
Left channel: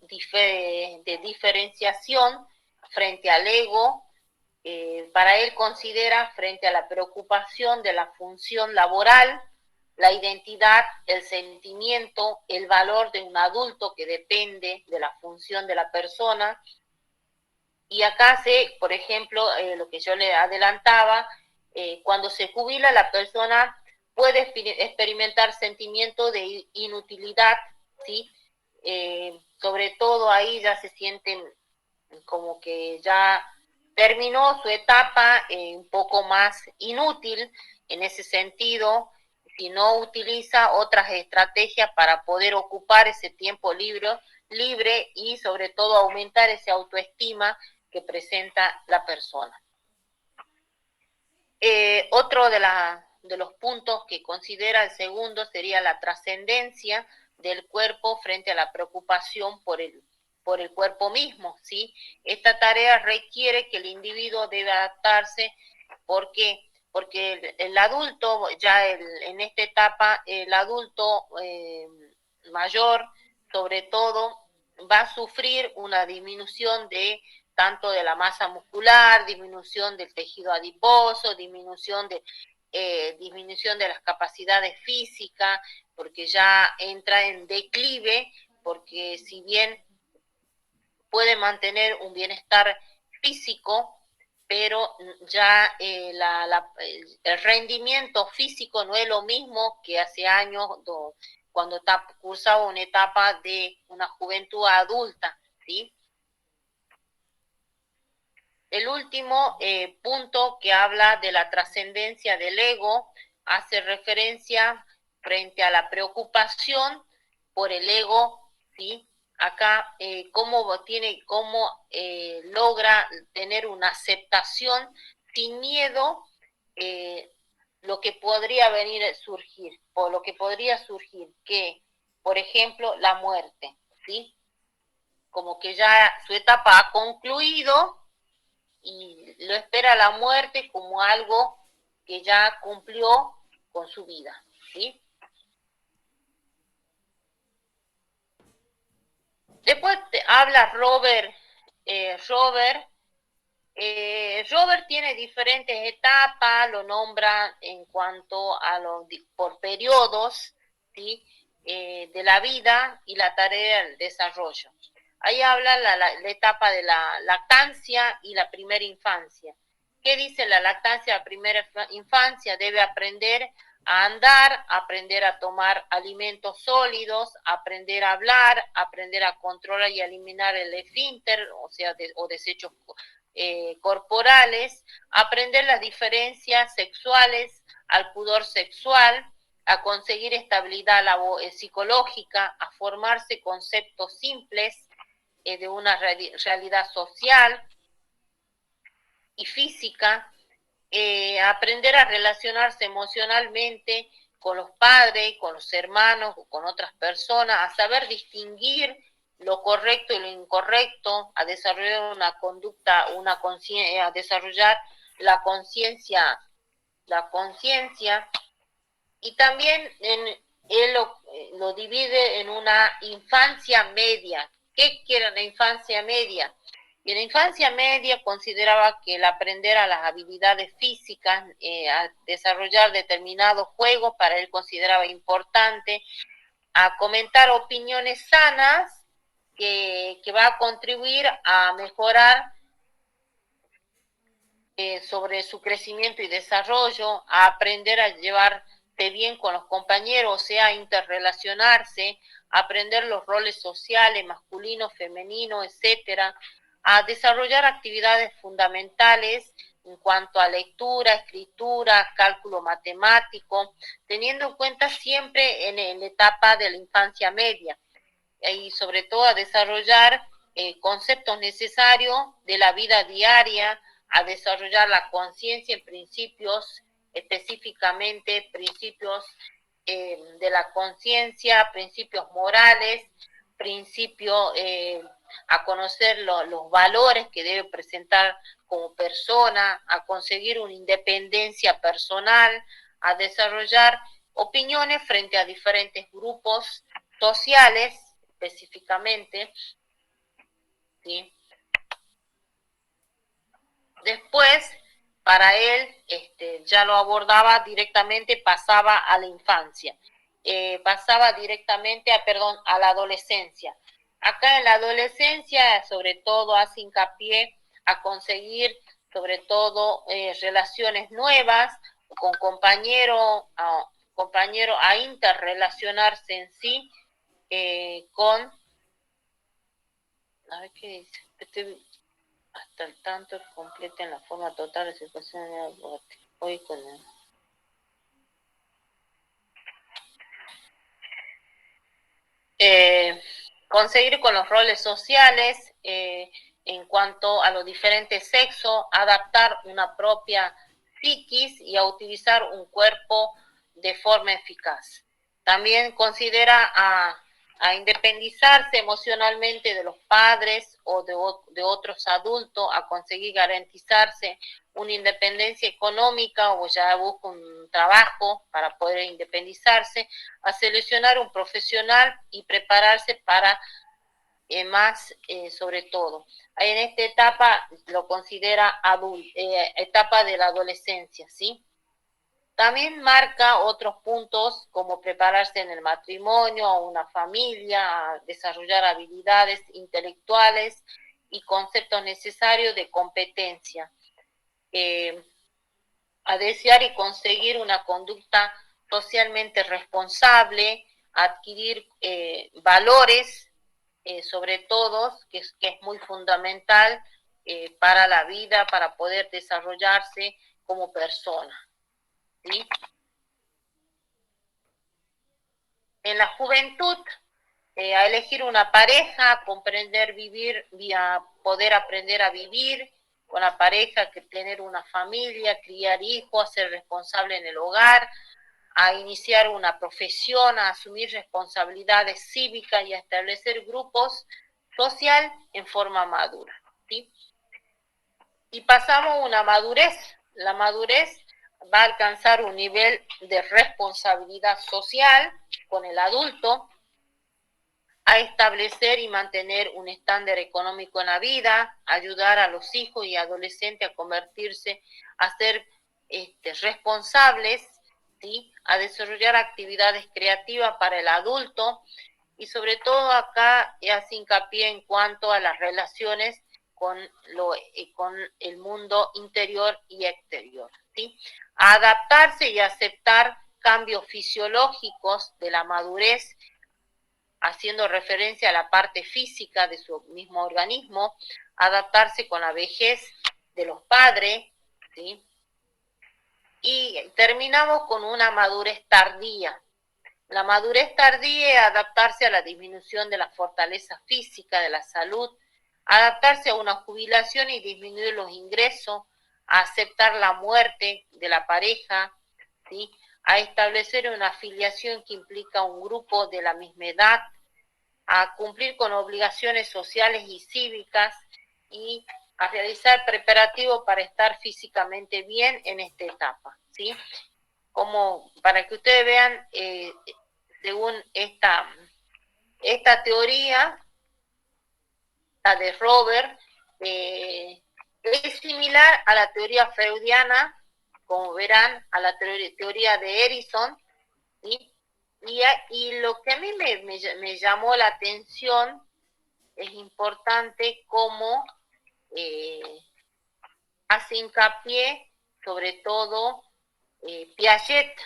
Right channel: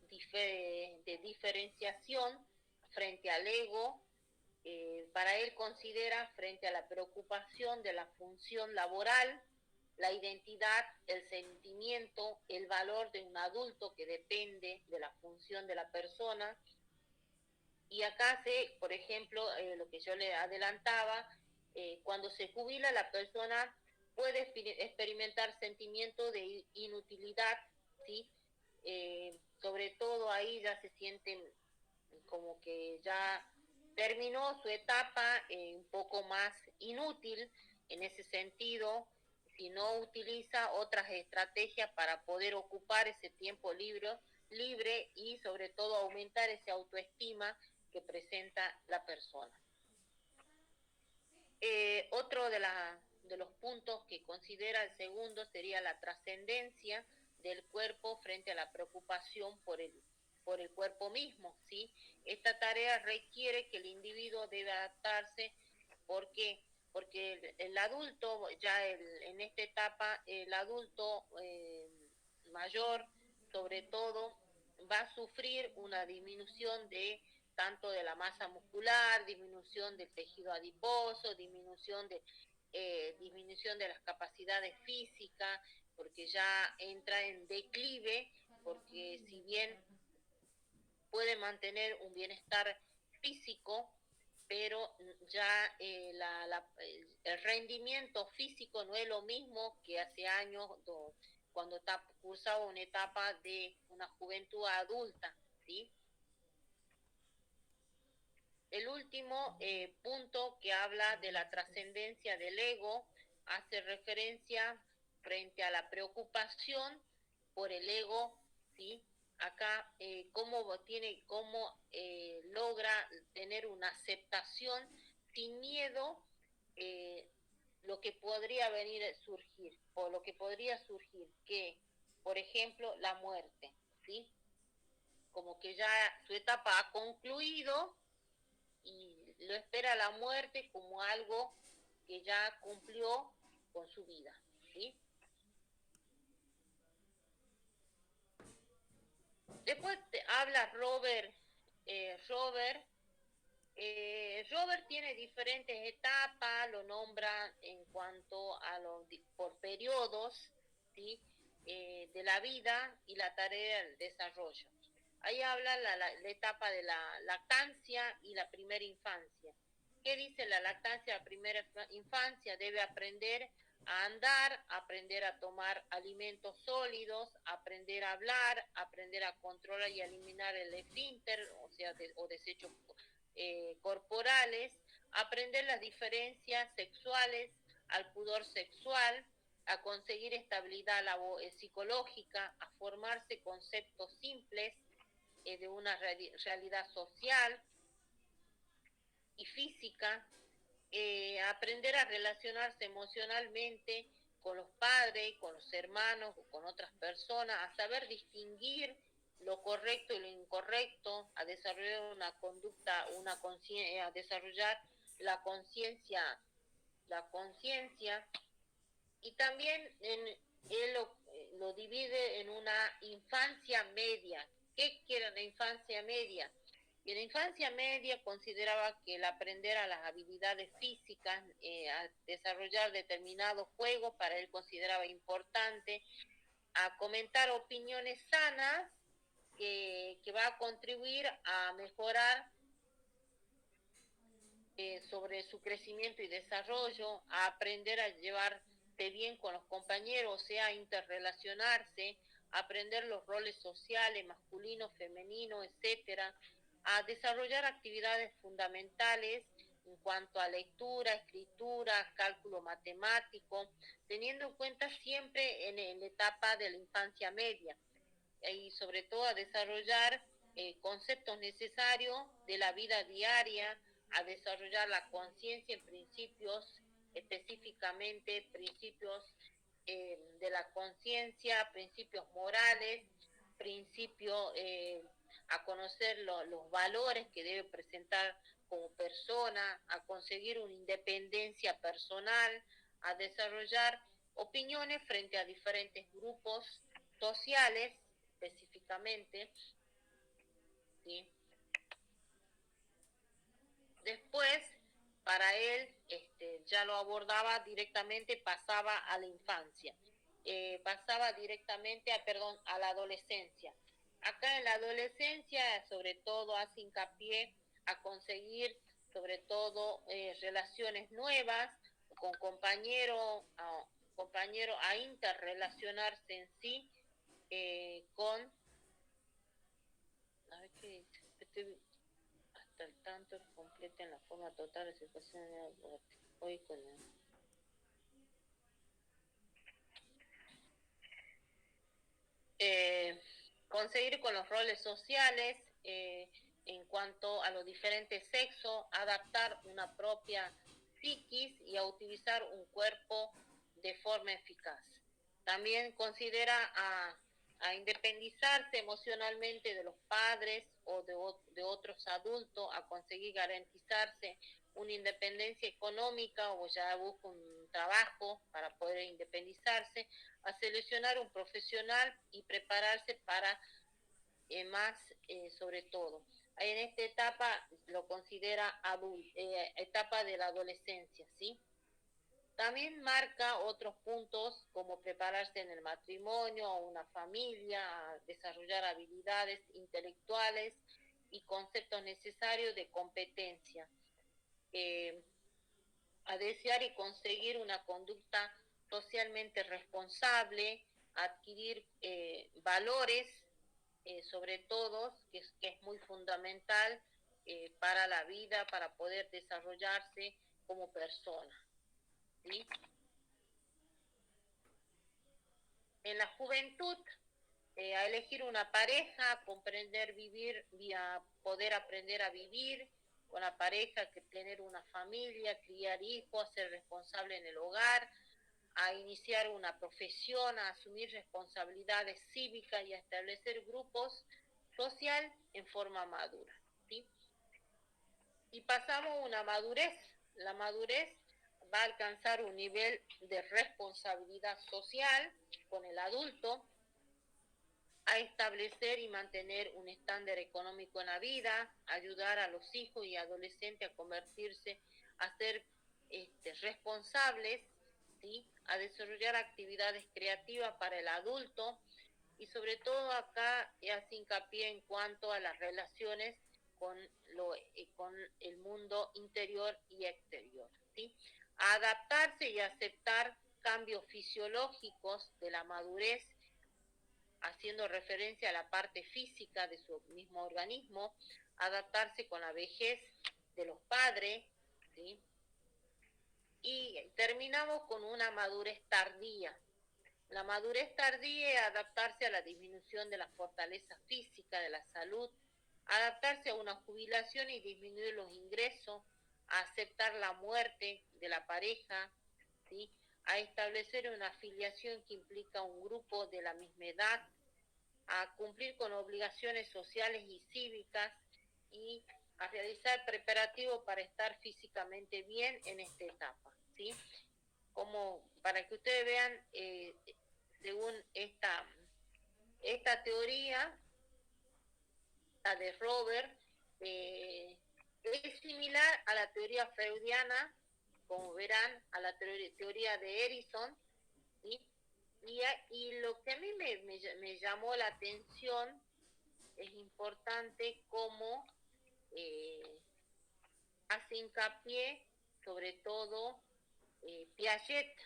de diferenciación frente al ego. Para él considera frente a la preocupación de la función laboral, la identidad, el sentimiento, el valor de un adulto que depende de la función de la persona. Y acá por ejemplo, lo que yo le adelantaba, cuando se jubila la persona puede experimentar sentimientos de inutilidad, ¿sí? Sobre todo ahí ya se sienten como que ya terminó su etapa un poco más inútil en ese sentido, si no utiliza otras estrategias para poder ocupar ese tiempo libre y sobre todo aumentar esa autoestima que presenta la persona. Otro de los puntos que considera el segundo sería la trascendencia del cuerpo frente a la preocupación por el cuerpo mismo, ¿sí? Esta tarea requiere que el individuo debe adaptarse. ¿Por qué? Porque el adulto, ya en esta etapa, el adulto mayor, sobre todo, va a sufrir una disminución de tanto de la masa muscular, disminución del tejido adiposo, disminución de las capacidades físicas, porque ya entra en declive, porque si bien puede mantener un bienestar físico, pero ya el rendimiento físico no es lo mismo que hace años cuando cursaba una etapa de una juventud adulta, ¿sí? El último punto que habla de la trascendencia del ego hace referencia frente a la preocupación por el ego, ¿sí? Acá cómo logra tener una aceptación sin miedo lo que podría surgir, que, por ejemplo, la muerte, ¿sí? Como que ya su etapa ha concluido y lo espera la muerte como algo que ya cumplió con su vida, ¿sí? Después habla Robert. Robert tiene diferentes etapas, lo nombra en cuanto a por periodos, ¿sí? De la vida y la tarea del desarrollo. Ahí habla la etapa de la lactancia y la primera infancia. ¿Qué dice la lactancia? La primera infancia debe aprender a andar, aprender a tomar alimentos sólidos, aprender a hablar, aprender a controlar y eliminar el esfínter, o sea, o desechos corporales, aprender las diferencias sexuales, al pudor sexual, a conseguir estabilidad psicológica, a formarse conceptos simples de una realidad social y física, aprender a relacionarse emocionalmente con los padres, con los hermanos o con otras personas, a saber distinguir lo correcto y lo incorrecto, a desarrollar una conducta, a desarrollar la conciencia, y también él lo divide en una infancia media. ¿Qué quiere la infancia media? Y en la infancia media consideraba que el aprender a las habilidades físicas, a desarrollar determinados juegos, para él consideraba importante, a comentar opiniones sanas que va a contribuir a mejorar sobre su crecimiento y desarrollo, a aprender a llevarse bien con los compañeros, o sea, a interrelacionarse, a aprender los roles sociales, masculino, femenino, etcétera, a desarrollar actividades fundamentales en cuanto a lectura, escritura, cálculo matemático, teniendo en cuenta siempre en la etapa de la infancia media, y sobre todo a desarrollar conceptos necesarios de la vida diaria, a desarrollar la conciencia en principios, específicamente principios de la conciencia, principios morales, principios a conocer los valores que debe presentar como persona, a conseguir una independencia personal, a desarrollar opiniones frente a diferentes grupos sociales específicamente, ¿sí? Después, para él, ya lo abordaba directamente, pasaba a la infancia, pasaba directamente a la adolescencia. Acá en la adolescencia, sobre todo, hace hincapié a conseguir, sobre todo, relaciones nuevas con compañeros, a interrelacionarse en sí con... A ver qué dice. Hasta el tanto completen la forma total de situación de hoy con él. conseguir con los roles sociales en cuanto a los diferentes sexos, adaptar una propia psiquis y a utilizar un cuerpo de forma eficaz. También considera a independizarse emocionalmente de los padres o de otros adultos, a conseguir garantizarse una independencia económica o ya busca un trabajo para poder independizarse, a seleccionar un profesional y prepararse para más sobre todo. En esta etapa lo considera etapa de la adolescencia, ¿sí? También marca otros puntos como prepararse en el matrimonio, a una familia, a desarrollar habilidades intelectuales y conceptos necesarios de competencia, a desear y conseguir una conducta socialmente responsable, adquirir valores, sobre todo, que es muy fundamental para la vida, para poder desarrollarse como persona. ¿Sí? En la juventud, a elegir una pareja, a comprender vivir, a poder aprender a vivir con la pareja, que tener una familia, criar hijos, a ser responsable en el hogar, a iniciar una profesión, a asumir responsabilidades cívicas y a establecer grupos social en forma madura. ¿Sí? Y pasamos a una madurez. La madurez va a alcanzar un nivel de responsabilidad social con el adulto, a establecer y mantener un estándar económico en la vida, ayudar a los hijos y adolescentes a convertirse, a ser responsables, ¿sí? A desarrollar actividades creativas para el adulto, y sobre todo acá hace hincapié en cuanto a las relaciones con el mundo interior y exterior, ¿sí? A adaptarse y aceptar cambios fisiológicos de la madurez, haciendo referencia a la parte física de su mismo organismo, adaptarse con la vejez de los padres, ¿sí? Y terminamos con una madurez tardía. La madurez tardía es adaptarse a la disminución de la fortaleza física, de la salud, adaptarse a una jubilación y disminuir los ingresos, a aceptar la muerte de la pareja, ¿sí? A establecer una afiliación que implica un grupo de la misma edad, a cumplir con obligaciones sociales y cívicas y a realizar preparativos para estar físicamente bien en esta etapa, ¿sí? Como para que ustedes vean, según esta teoría, la de Robert, es similar a la teoría freudiana, como verán, a la teoría de Erikson, ¿sí? Y lo que a mí me llamó la atención, es importante cómo hace hincapié, sobre todo, Piaget,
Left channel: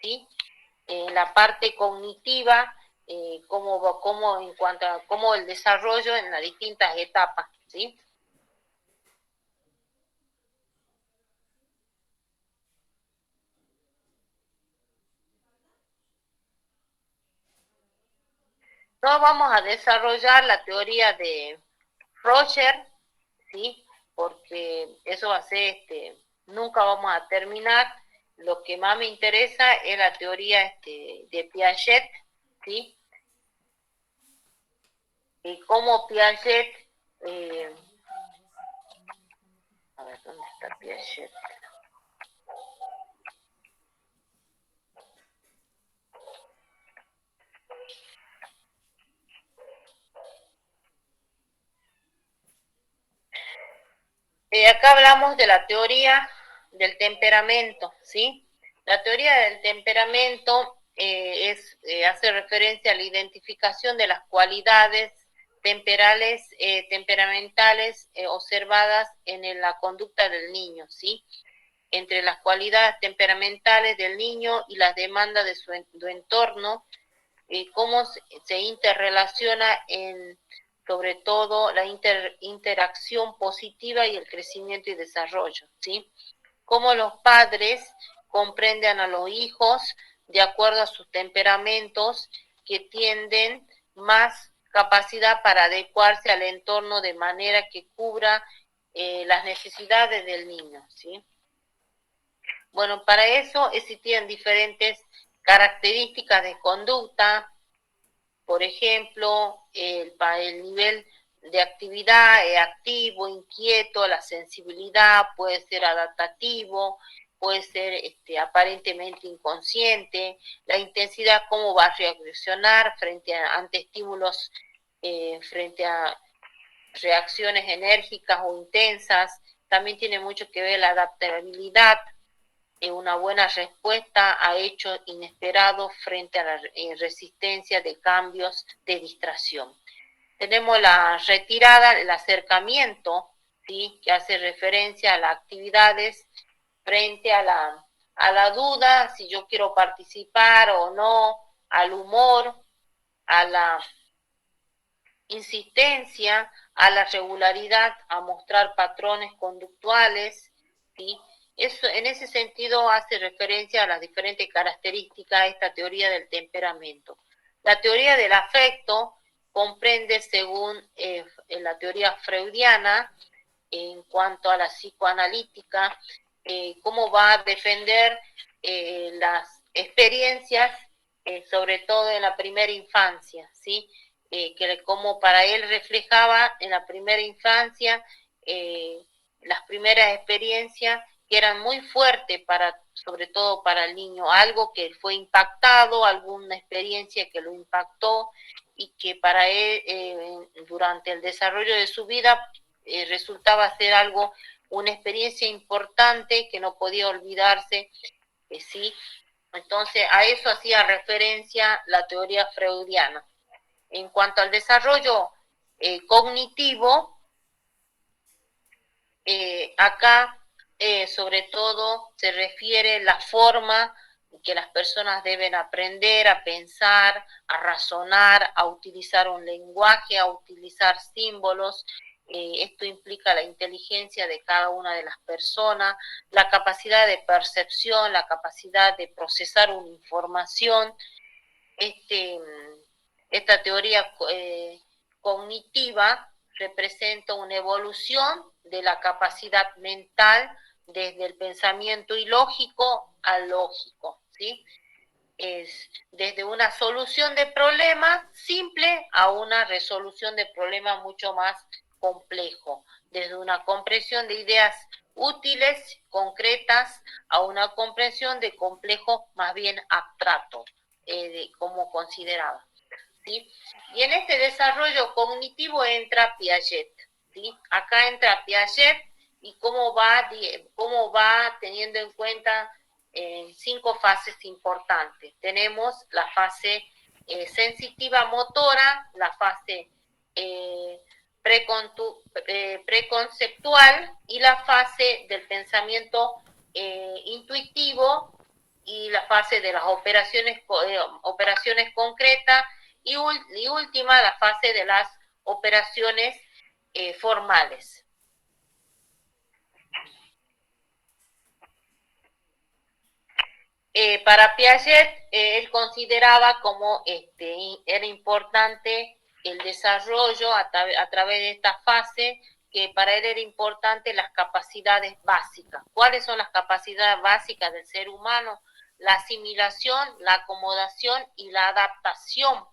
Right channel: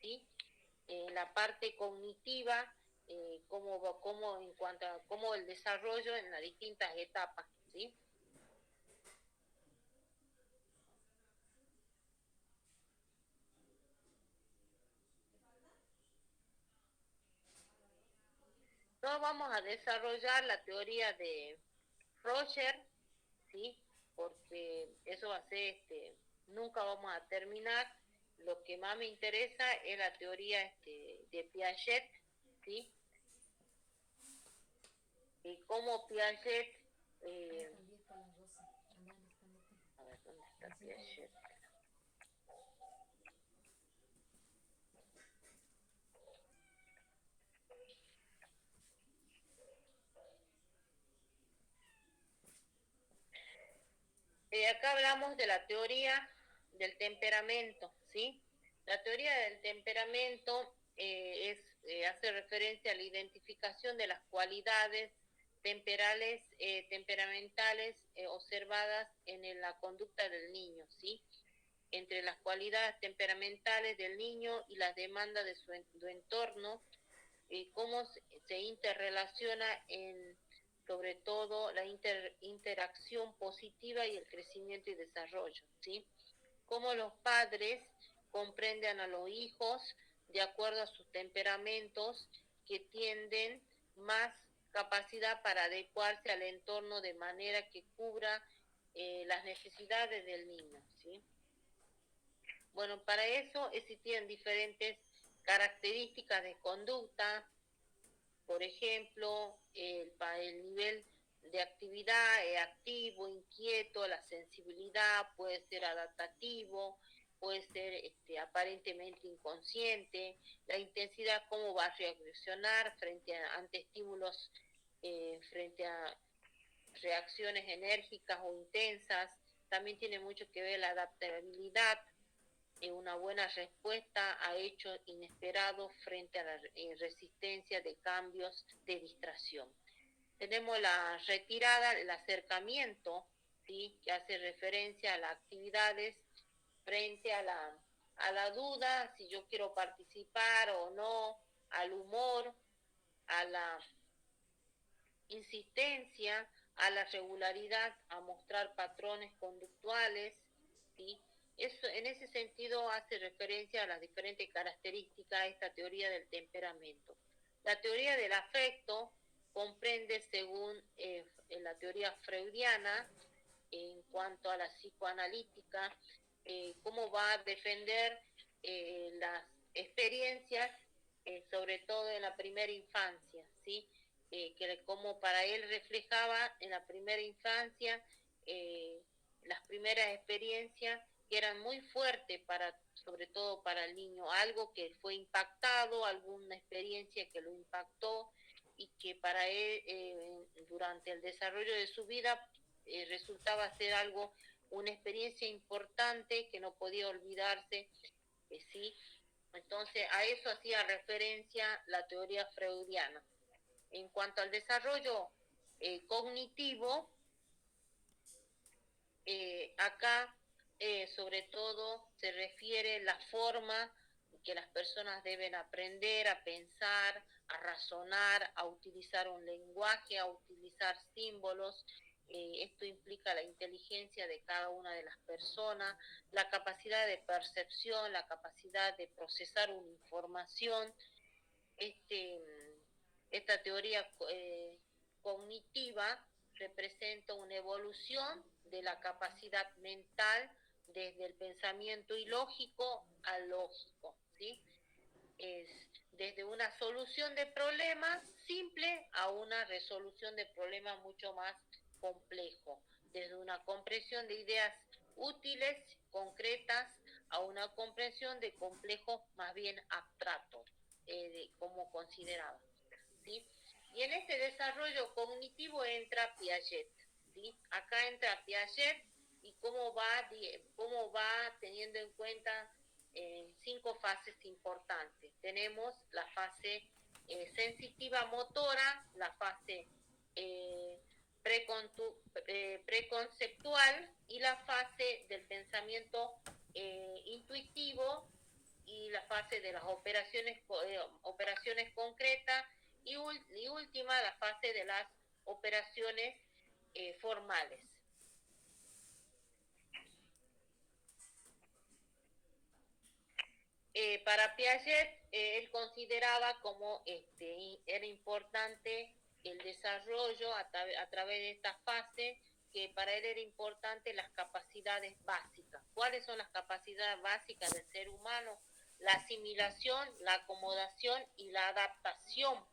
¿sí? La parte cognitiva, cómo en cuanto a cómo el desarrollo en las distintas etapas, ¿sí? No vamos a desarrollar la teoría de Roger, ¿sí? Porque eso va a ser, nunca vamos a terminar. Lo que más me interesa es la teoría de Piaget, ¿sí? Y cómo Piaget, a ver, ¿dónde está Piaget? Acá hablamos de la teoría del temperamento, ¿sí? La teoría del temperamento hace referencia a la identificación de las cualidades temperamentales observadas en la conducta del niño, ¿sí? Entre las cualidades temperamentales del niño y las demandas de su entorno, cómo se interrelaciona sobre todo la interacción positiva y el crecimiento y desarrollo, ¿sí? Cómo los padres comprenden a los hijos de acuerdo a sus temperamentos, que tienden más capacidad para adecuarse al entorno de manera que cubra las necesidades del niño, ¿sí? Bueno, para eso existían diferentes características de conducta, por ejemplo, el nivel de actividad activo, inquieto, la sensibilidad, puede ser adaptativo, puede ser aparentemente inconsciente, la intensidad, cómo va a reaccionar ante estímulos, frente a reacciones enérgicas o intensas. También tiene mucho que ver la adaptabilidad, una buena respuesta a hechos inesperados frente a la resistencia de cambios de distracción. Tenemos la retirada, el acercamiento, ¿sí? Que hace referencia a las actividades frente a la duda, si yo quiero participar o no, al humor, a la insistencia, a la regularidad, a mostrar patrones conductuales, ¿sí? Eso, en ese sentido hace referencia a las diferentes características de esta teoría del temperamento. La teoría del afecto comprende, según la teoría freudiana, en cuanto a la psicoanalítica, cómo va a defender las experiencias, sobre todo en la primera infancia, ¿sí? Que como para él reflejaba en la primera infancia las primeras experiencias que eran muy fuertes sobre todo para el niño, algo que fue impactado, alguna experiencia que lo impactó y que para él durante el desarrollo de su vida resultaba ser una experiencia importante que no podía olvidarse, ¿sí? Entonces a eso hacía referencia la teoría freudiana. En cuanto al desarrollo cognitivo, acá sobre todo se refiere la forma que las personas deben aprender a pensar, a razonar, a utilizar un lenguaje, a utilizar símbolos. Esto implica la inteligencia de cada una de las personas, la capacidad de percepción, la capacidad de procesar una información. Esta teoría cognitiva representa una evolución de la capacidad mental desde el pensamiento ilógico al lógico, ¿sí? Es desde una solución de problemas simple a una resolución de problemas mucho más complejo, desde una comprensión de ideas útiles, concretas, a una comprensión de complejos más bien abstractos, como consideraba, ¿sí? Y en este desarrollo cognitivo entra Piaget, ¿sí? Acá entra Piaget y cómo va teniendo en cuenta 5 fases importantes. Tenemos la fase sensitiva motora, la fase preconceptual y la fase del pensamiento intuitivo y la fase de las operaciones concretas y última la fase de las operaciones formales. Para Piaget, él consideraba como era importante el desarrollo a través de esta fase, que para él era importante las capacidades básicas. ¿Cuáles son las capacidades básicas del ser humano? La asimilación, la acomodación y la adaptación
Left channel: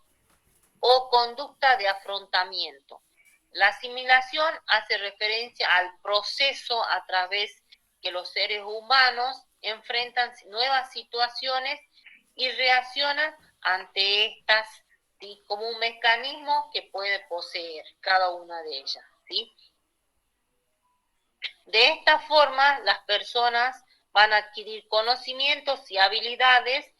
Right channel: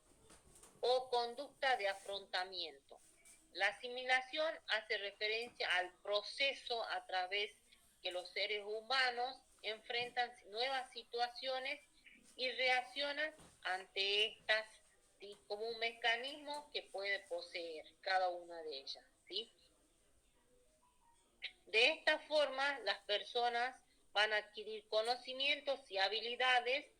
o conducta de afrontamiento. La asimilación hace referencia al proceso a través que los seres humanos enfrentan nuevas situaciones y reaccionan ante estas, ¿sí? Como un mecanismo que puede poseer cada una de ellas, ¿sí? De esta forma, las personas van a adquirir conocimientos y habilidades,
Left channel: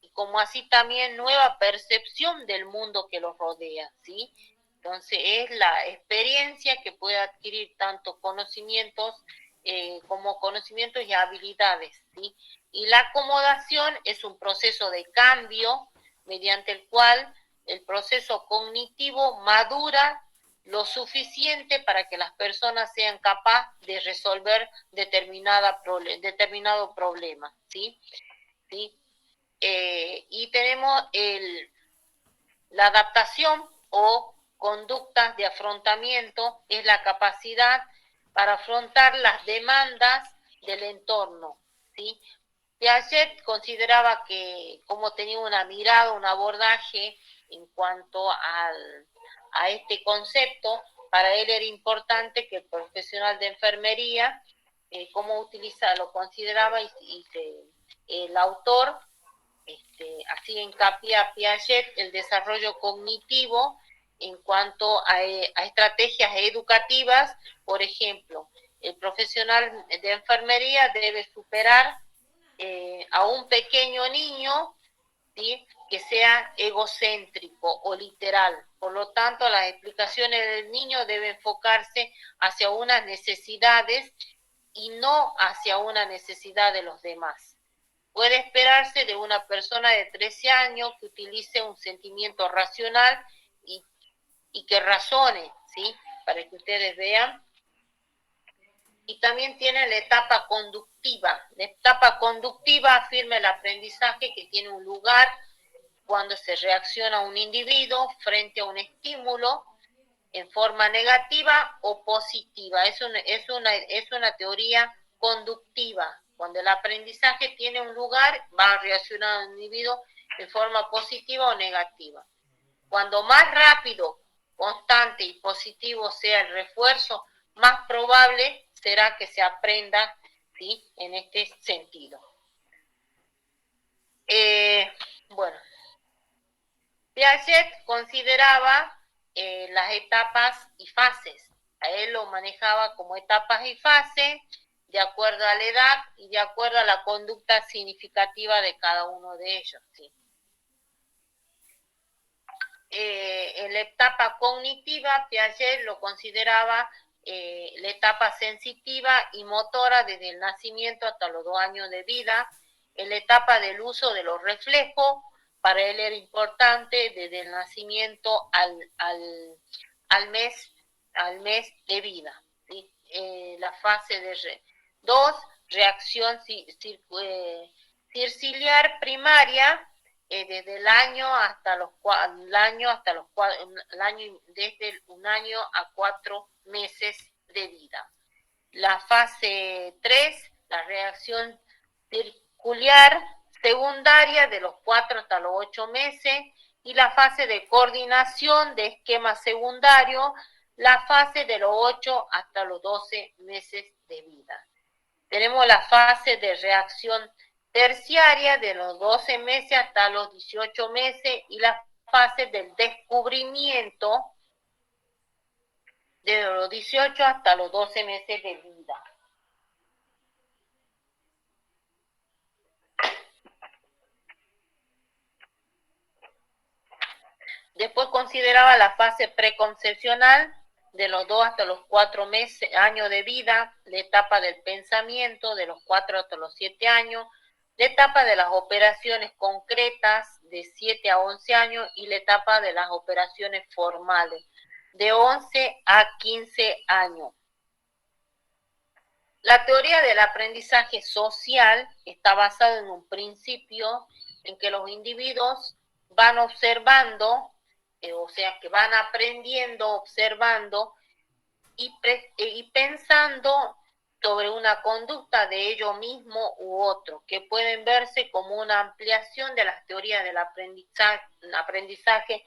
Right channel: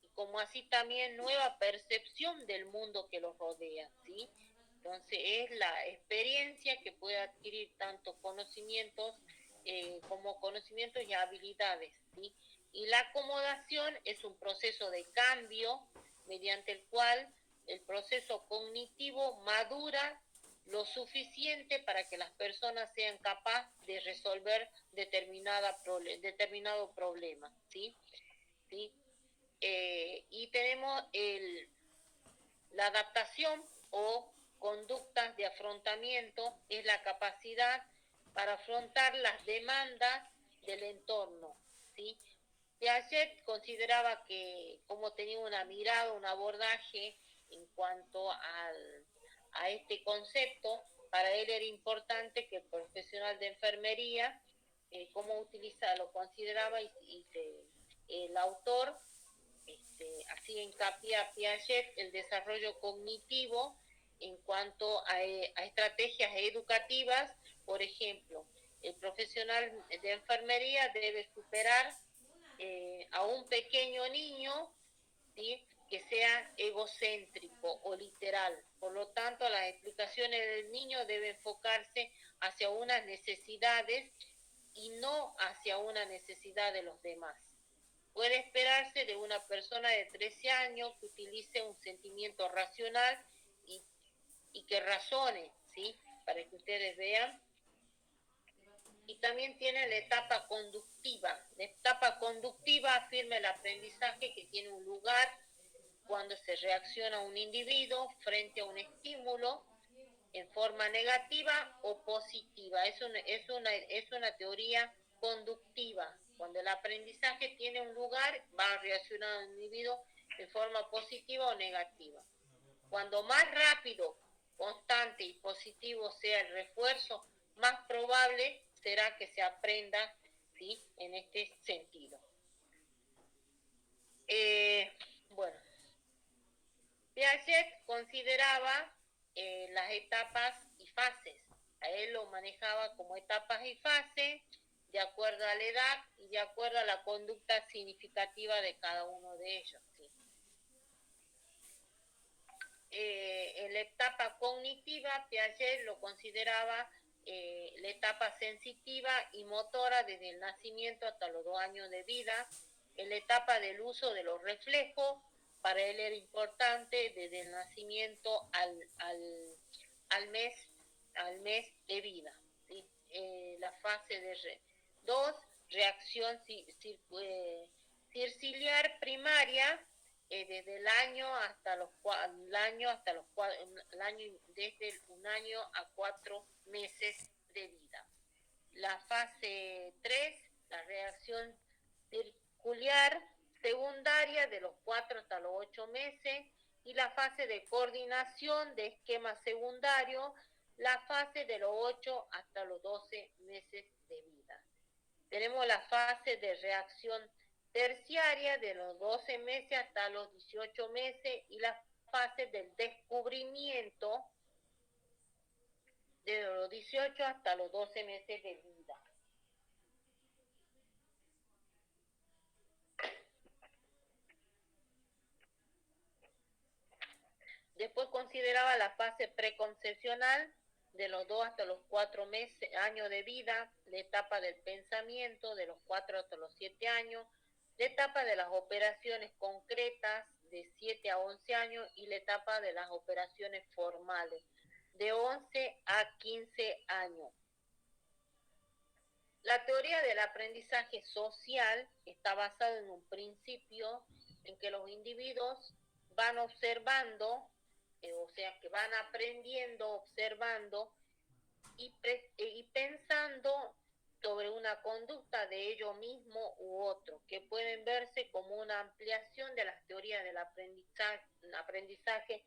y como así también nueva percepción del mundo que los rodea, ¿sí? Entonces es la experiencia que puede adquirir tanto conocimientos como conocimientos y habilidades, ¿sí? Y la acomodación es un proceso de cambio mediante el cual el proceso cognitivo madura lo suficiente para que las personas sean capaces de resolver determinado problema, ¿sí? ¿Sí? Y tenemos la adaptación, o conductas de afrontamiento es la capacidad para afrontar las demandas del entorno, ¿sí? Piaget consideraba que como tenía una mirada, un abordaje en cuanto a este concepto, para él era importante que el profesional de enfermería, cómo utiliza, lo consideraba el autor, así hincapié a Piaget, el desarrollo cognitivo en cuanto a estrategias educativas. Por ejemplo, el profesional de enfermería debe superar a un pequeño niño, ¿sí?, que sea egocéntrico o literal. Por lo tanto, las explicaciones del niño deben enfocarse hacia unas necesidades y no hacia una necesidad de los demás. Puede esperarse de una persona de 13 años que utilice un sentimiento racional y que razone, ¿sí?, para que ustedes vean. Y también tiene la etapa conductiva. La etapa conductiva afirma el aprendizaje que tiene un lugar cuando se reacciona a un individuo frente a un estímulo en forma negativa o positiva. Es una teoría conductiva. Cuando el aprendizaje tiene un lugar, va a reaccionar a un individuo en forma positiva o negativa. Cuando más rápido, constante y positivo sea el refuerzo, más probable será que se aprenda, ¿sí?, en este sentido. Bueno, Piaget consideraba las etapas y fases. A él lo manejaba como etapas y fases, de acuerdo a la edad y de acuerdo a la conducta significativa de cada uno de ellos, ¿sí? En la etapa cognitiva, Piaget lo consideraba la etapa sensitiva y motora desde el nacimiento hasta los 2 años de vida. En la etapa del uso de los reflejos, para él era importante desde el nacimiento al mes de vida, ¿sí? La fase de 2, reacción circiliar primaria, desde el año desde un año a 4 meses de vida. La fase 3, la reacción circular secundaria, de los 4 hasta los 8 meses, y la fase de coordinación de esquema secundario, la fase de los 8 hasta los 12 meses de vida. Tenemos la fase de reacción terciaria de los 12 meses hasta los 18 meses y la fase del descubrimiento de los 18 hasta los 12 meses de vida. Después consideraba la fase preconcepcional de los 2 hasta los 4 años de vida, la etapa del pensamiento de los 4 hasta los 7 años, la etapa de las operaciones concretas de 7 a 11 años y la etapa de las operaciones formales de 11 a 15 años. La teoría del aprendizaje social está basada en un principio en que los individuos van observando, o sea, que van aprendiendo, observando y pensando sobre una conducta de ellos mismos u otro, que pueden verse como una ampliación de las teorías del aprendizaje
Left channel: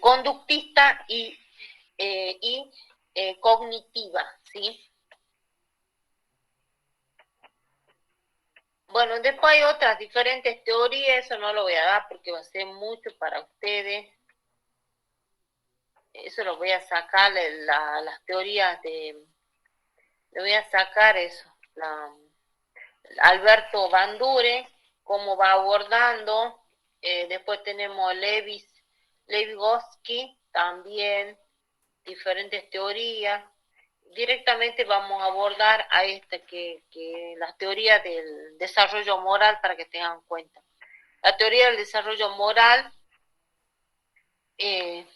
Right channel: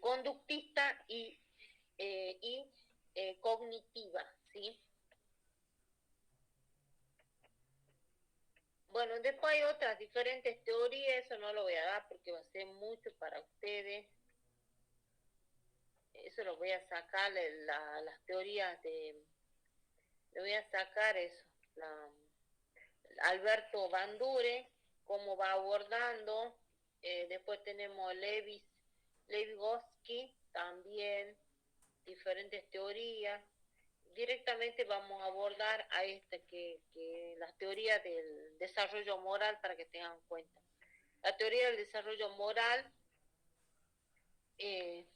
conductista y cognitiva, ¿sí? Bueno, después hay otras diferentes teorías, eso no lo voy a dar porque va a ser mucho para ustedes. Eso lo voy a sacar, las teorías le voy a sacar eso. Alberto Bandure, cómo va abordando. Después tenemos Vygotsky, también diferentes teorías. Directamente vamos a abordar a que las teorías del desarrollo moral, para que tengan en cuenta. La teoría del desarrollo moral,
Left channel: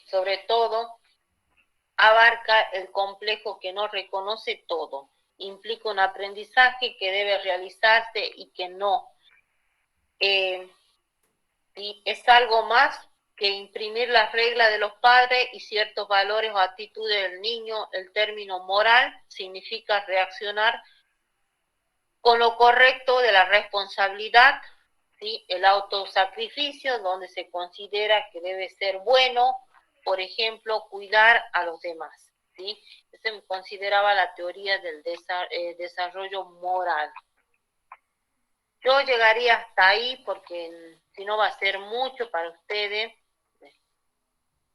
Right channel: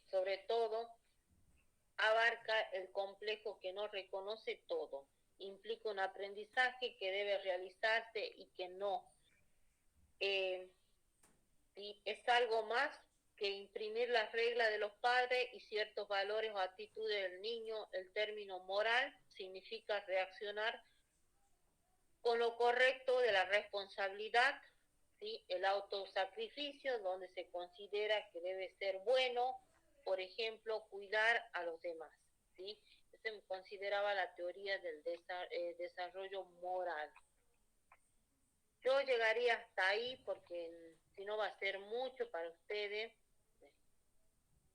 sobre todo, abarca el complejo que no reconoce todo. Implica un aprendizaje que debe realizarse y que no. Y es algo más que imprimir las reglas de los padres y ciertos valores o actitudes del niño. El término moral significa reaccionar con lo correcto de la responsabilidad, ¿sí? El autosacrificio, donde se considera que debe ser bueno, por ejemplo, cuidar a los demás, ¿sí? Se consideraba la teoría del desarrollo moral. Yo llegaría hasta ahí porque si no va a ser mucho para ustedes.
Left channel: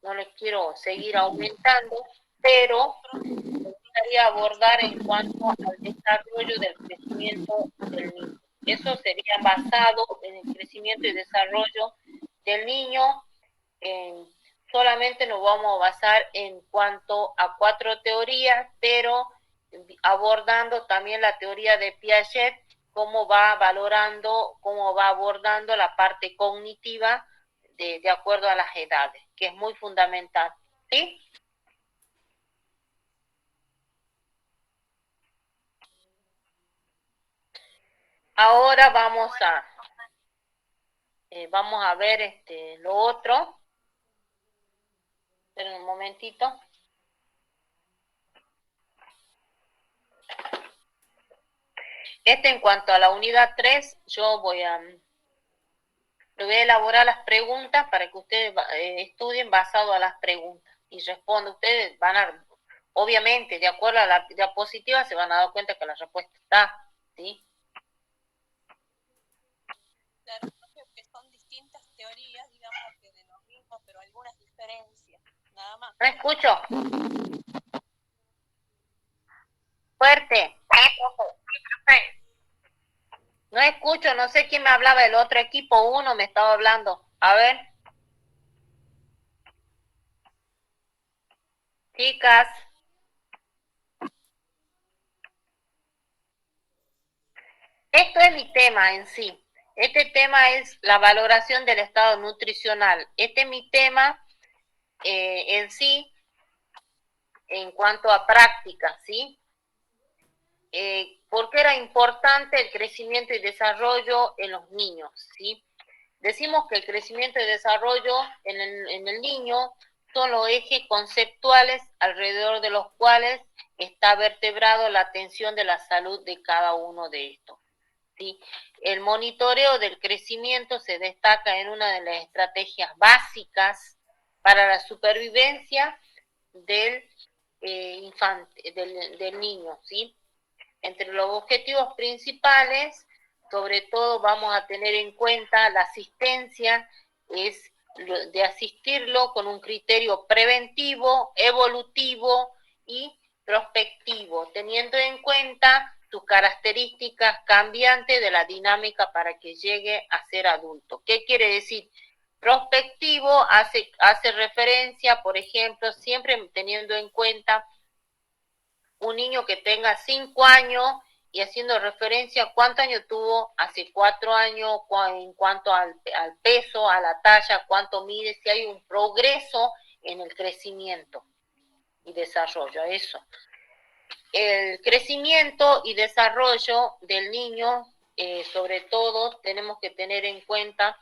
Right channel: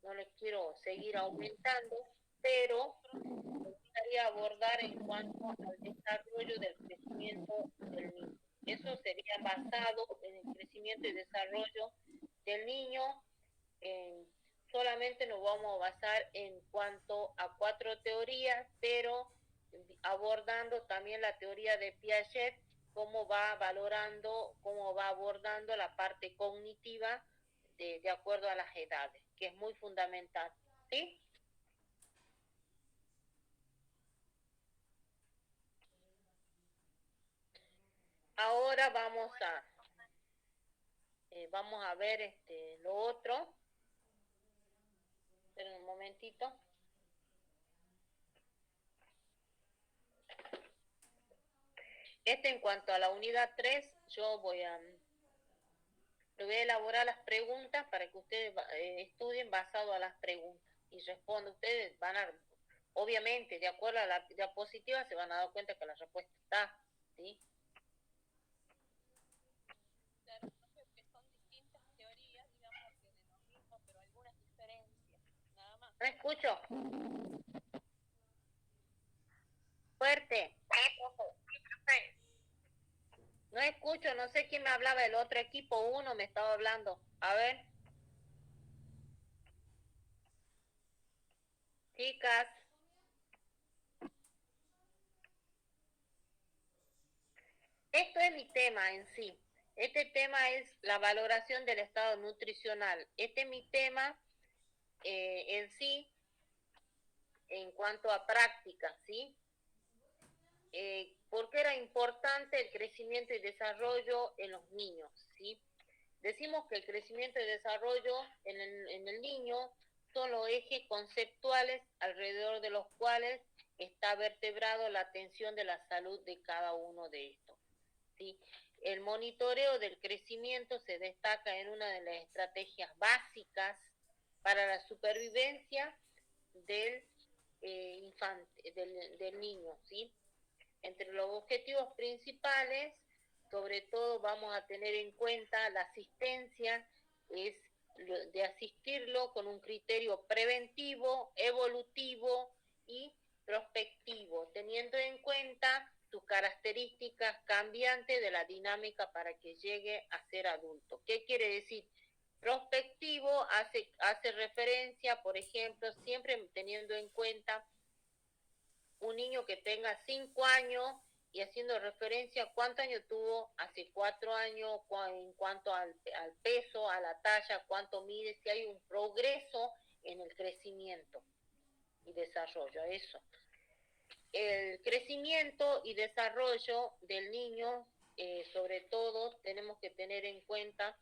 No les quiero seguir aumentando, pero me gustaría abordar en cuanto al desarrollo del crecimiento del niño. Eso sería basado en el crecimiento y desarrollo del niño. Solamente nos vamos a basar en cuanto a 4 teorías, pero abordando también la teoría de Piaget, cómo va valorando, cómo va abordando la parte cognitiva de acuerdo a las edades, que es muy fundamental, ¿sí? Ahora vamos a ver lo otro. Esperen un momentito. En cuanto a la unidad 3, yo voy a elaborar las preguntas para que ustedes estudien basado a las preguntas y respondan. Ustedes van a, obviamente, de acuerdo a la diapositiva, se van a dar cuenta que la respuesta está, ¿sí? Claro, que son distintas teorías, digamos, que de lo mismo, pero algunas diferencias, nada más. No escucho. Fuerte. No escucho, no sé quién me hablaba del otro equipo, uno me estaba hablando. A ver. Chicas. Esto es mi tema en sí. Este tema es la valoración del estado nutricional. Este es mi tema en sí en cuanto a práctica, ¿sí? ¿Por qué era importante el crecimiento y desarrollo en los niños, ¿sí? Decimos que el crecimiento y desarrollo en el niño son los ejes conceptuales alrededor de los cuales está vertebrado la atención de la salud de cada uno de estos, ¿sí? El monitoreo del crecimiento se destaca en una de las estrategias básicas para la supervivencia del del niño, ¿sí? Entre los objetivos principales, sobre todo vamos a tener en cuenta la asistencia, es de asistirlo con un criterio preventivo, evolutivo y prospectivo, teniendo en cuenta sus características cambiantes de la dinámica para que llegue a ser adulto. ¿Qué quiere decir? Prospectivo hace referencia, por ejemplo, siempre teniendo en cuenta un niño que tenga 5 años y haciendo referencia a cuántos años tuvo hace 4 años, en cuanto al peso, a la talla, cuánto mide, si hay un progreso en el crecimiento y desarrollo, eso. El crecimiento y desarrollo del niño, sobre todo, tenemos que tener en cuenta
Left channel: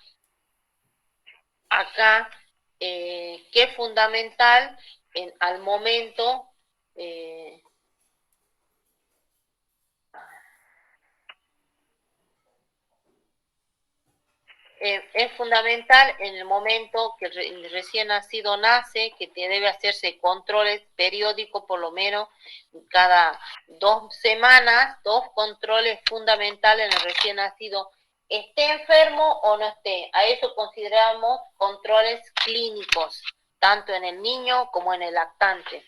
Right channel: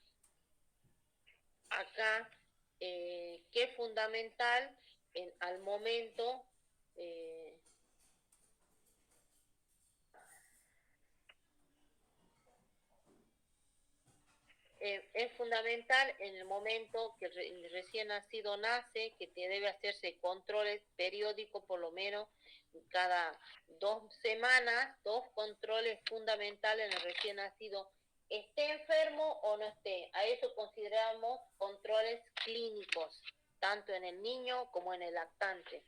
acá que es fundamental al momento es fundamental en el momento que el recién nacido nace, que debe hacerse controles periódicos, por lo menos cada 2 semanas, 2 controles fundamentales en el recién nacido, esté enfermo o no esté. A eso consideramos controles clínicos, tanto en el niño como en el lactante.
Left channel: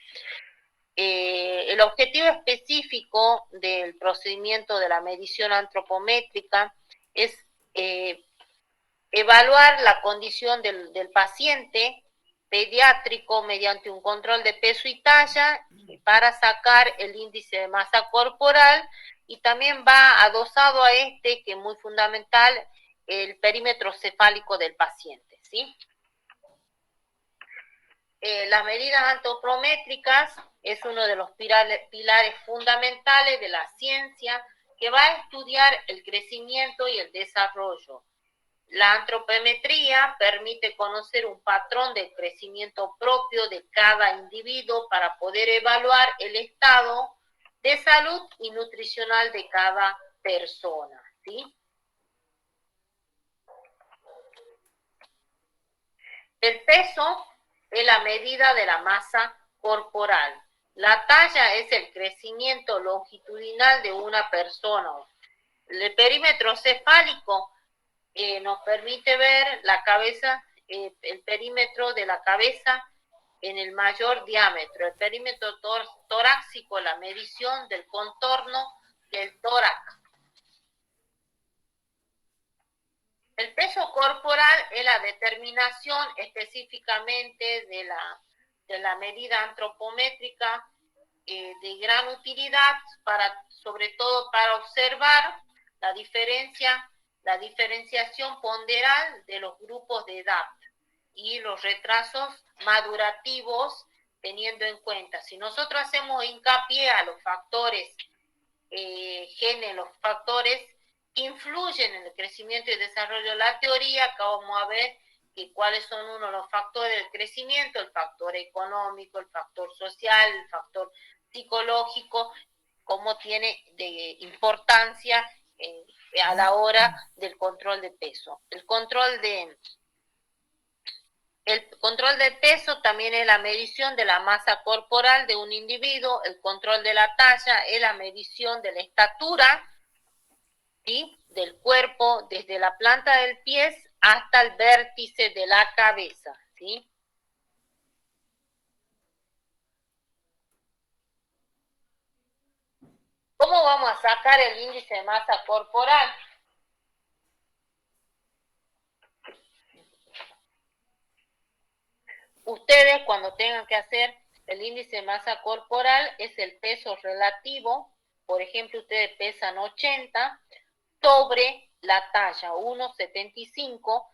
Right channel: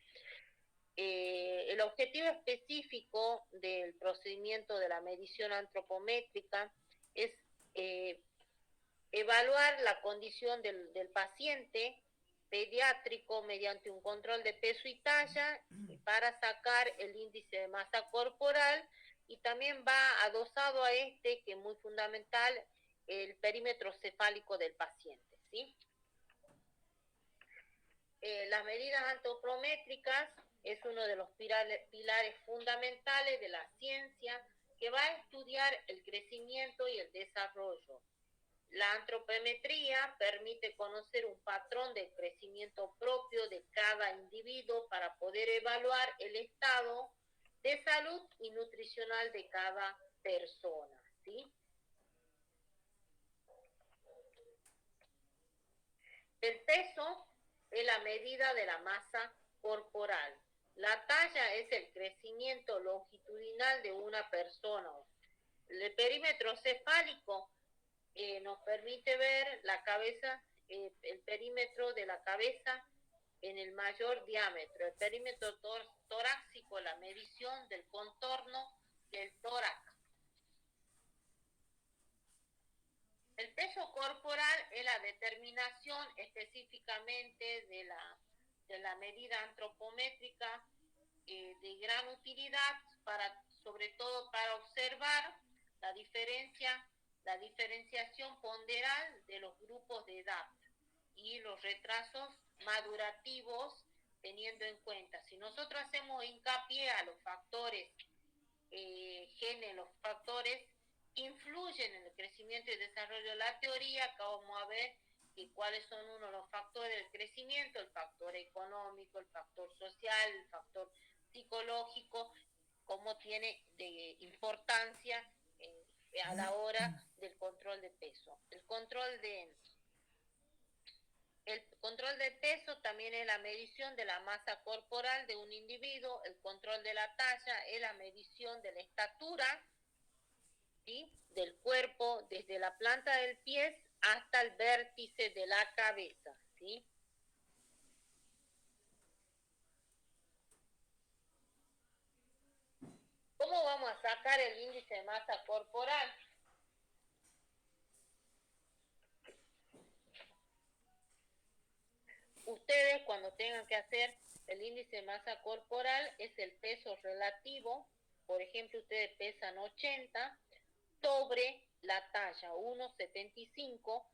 El objetivo específico del procedimiento de la medición antropométrica es evaluar la condición del paciente pediátrico mediante un control de peso y talla para sacar el índice de masa corporal, y también va adosado a que es muy fundamental, el perímetro cefálico del paciente, ¿sí? Las medidas antropométricas es uno de los pilares fundamentales de la ciencia que va a estudiar el crecimiento y el desarrollo. La antropometría permite conocer un patrón de crecimiento propio de cada individuo para poder evaluar el estado de salud y nutricional de cada persona, ¿sí? El peso es la medida de la masa corporal. La talla es el crecimiento longitudinal de una persona. El perímetro cefálico nos permite ver la cabeza, el perímetro de la cabeza en el mayor diámetro. El perímetro torácico, la medición del contorno del tórax. El peso corporal es la determinación específicamente de la medida antropométrica de gran utilidad, sobre todo para observar la diferenciación ponderal de los grupos de edad y los retrasos madurativos, teniendo en cuenta, si nosotros hacemos hincapié a los factores genes, los factores que influyen en el crecimiento y desarrollo de la teoría, acá vamos a ver cuáles son uno de los factores del crecimiento: el factor económico, el factor social, el factor psicológico, cómo tiene de importancia a la hora del control de peso. El control de peso también es la medición de la masa corporal de un individuo. El control de la talla es la medición de la estatura, ¿sí?, del cuerpo, desde la planta del pie hasta el vértice de la cabeza, ¿sí? ¿Cómo vamos a sacar el índice de masa corporal? Ustedes, cuando tengan que hacer el índice de masa corporal, es el peso relativo. Por ejemplo, ustedes pesan 80 sobre la talla 1,75,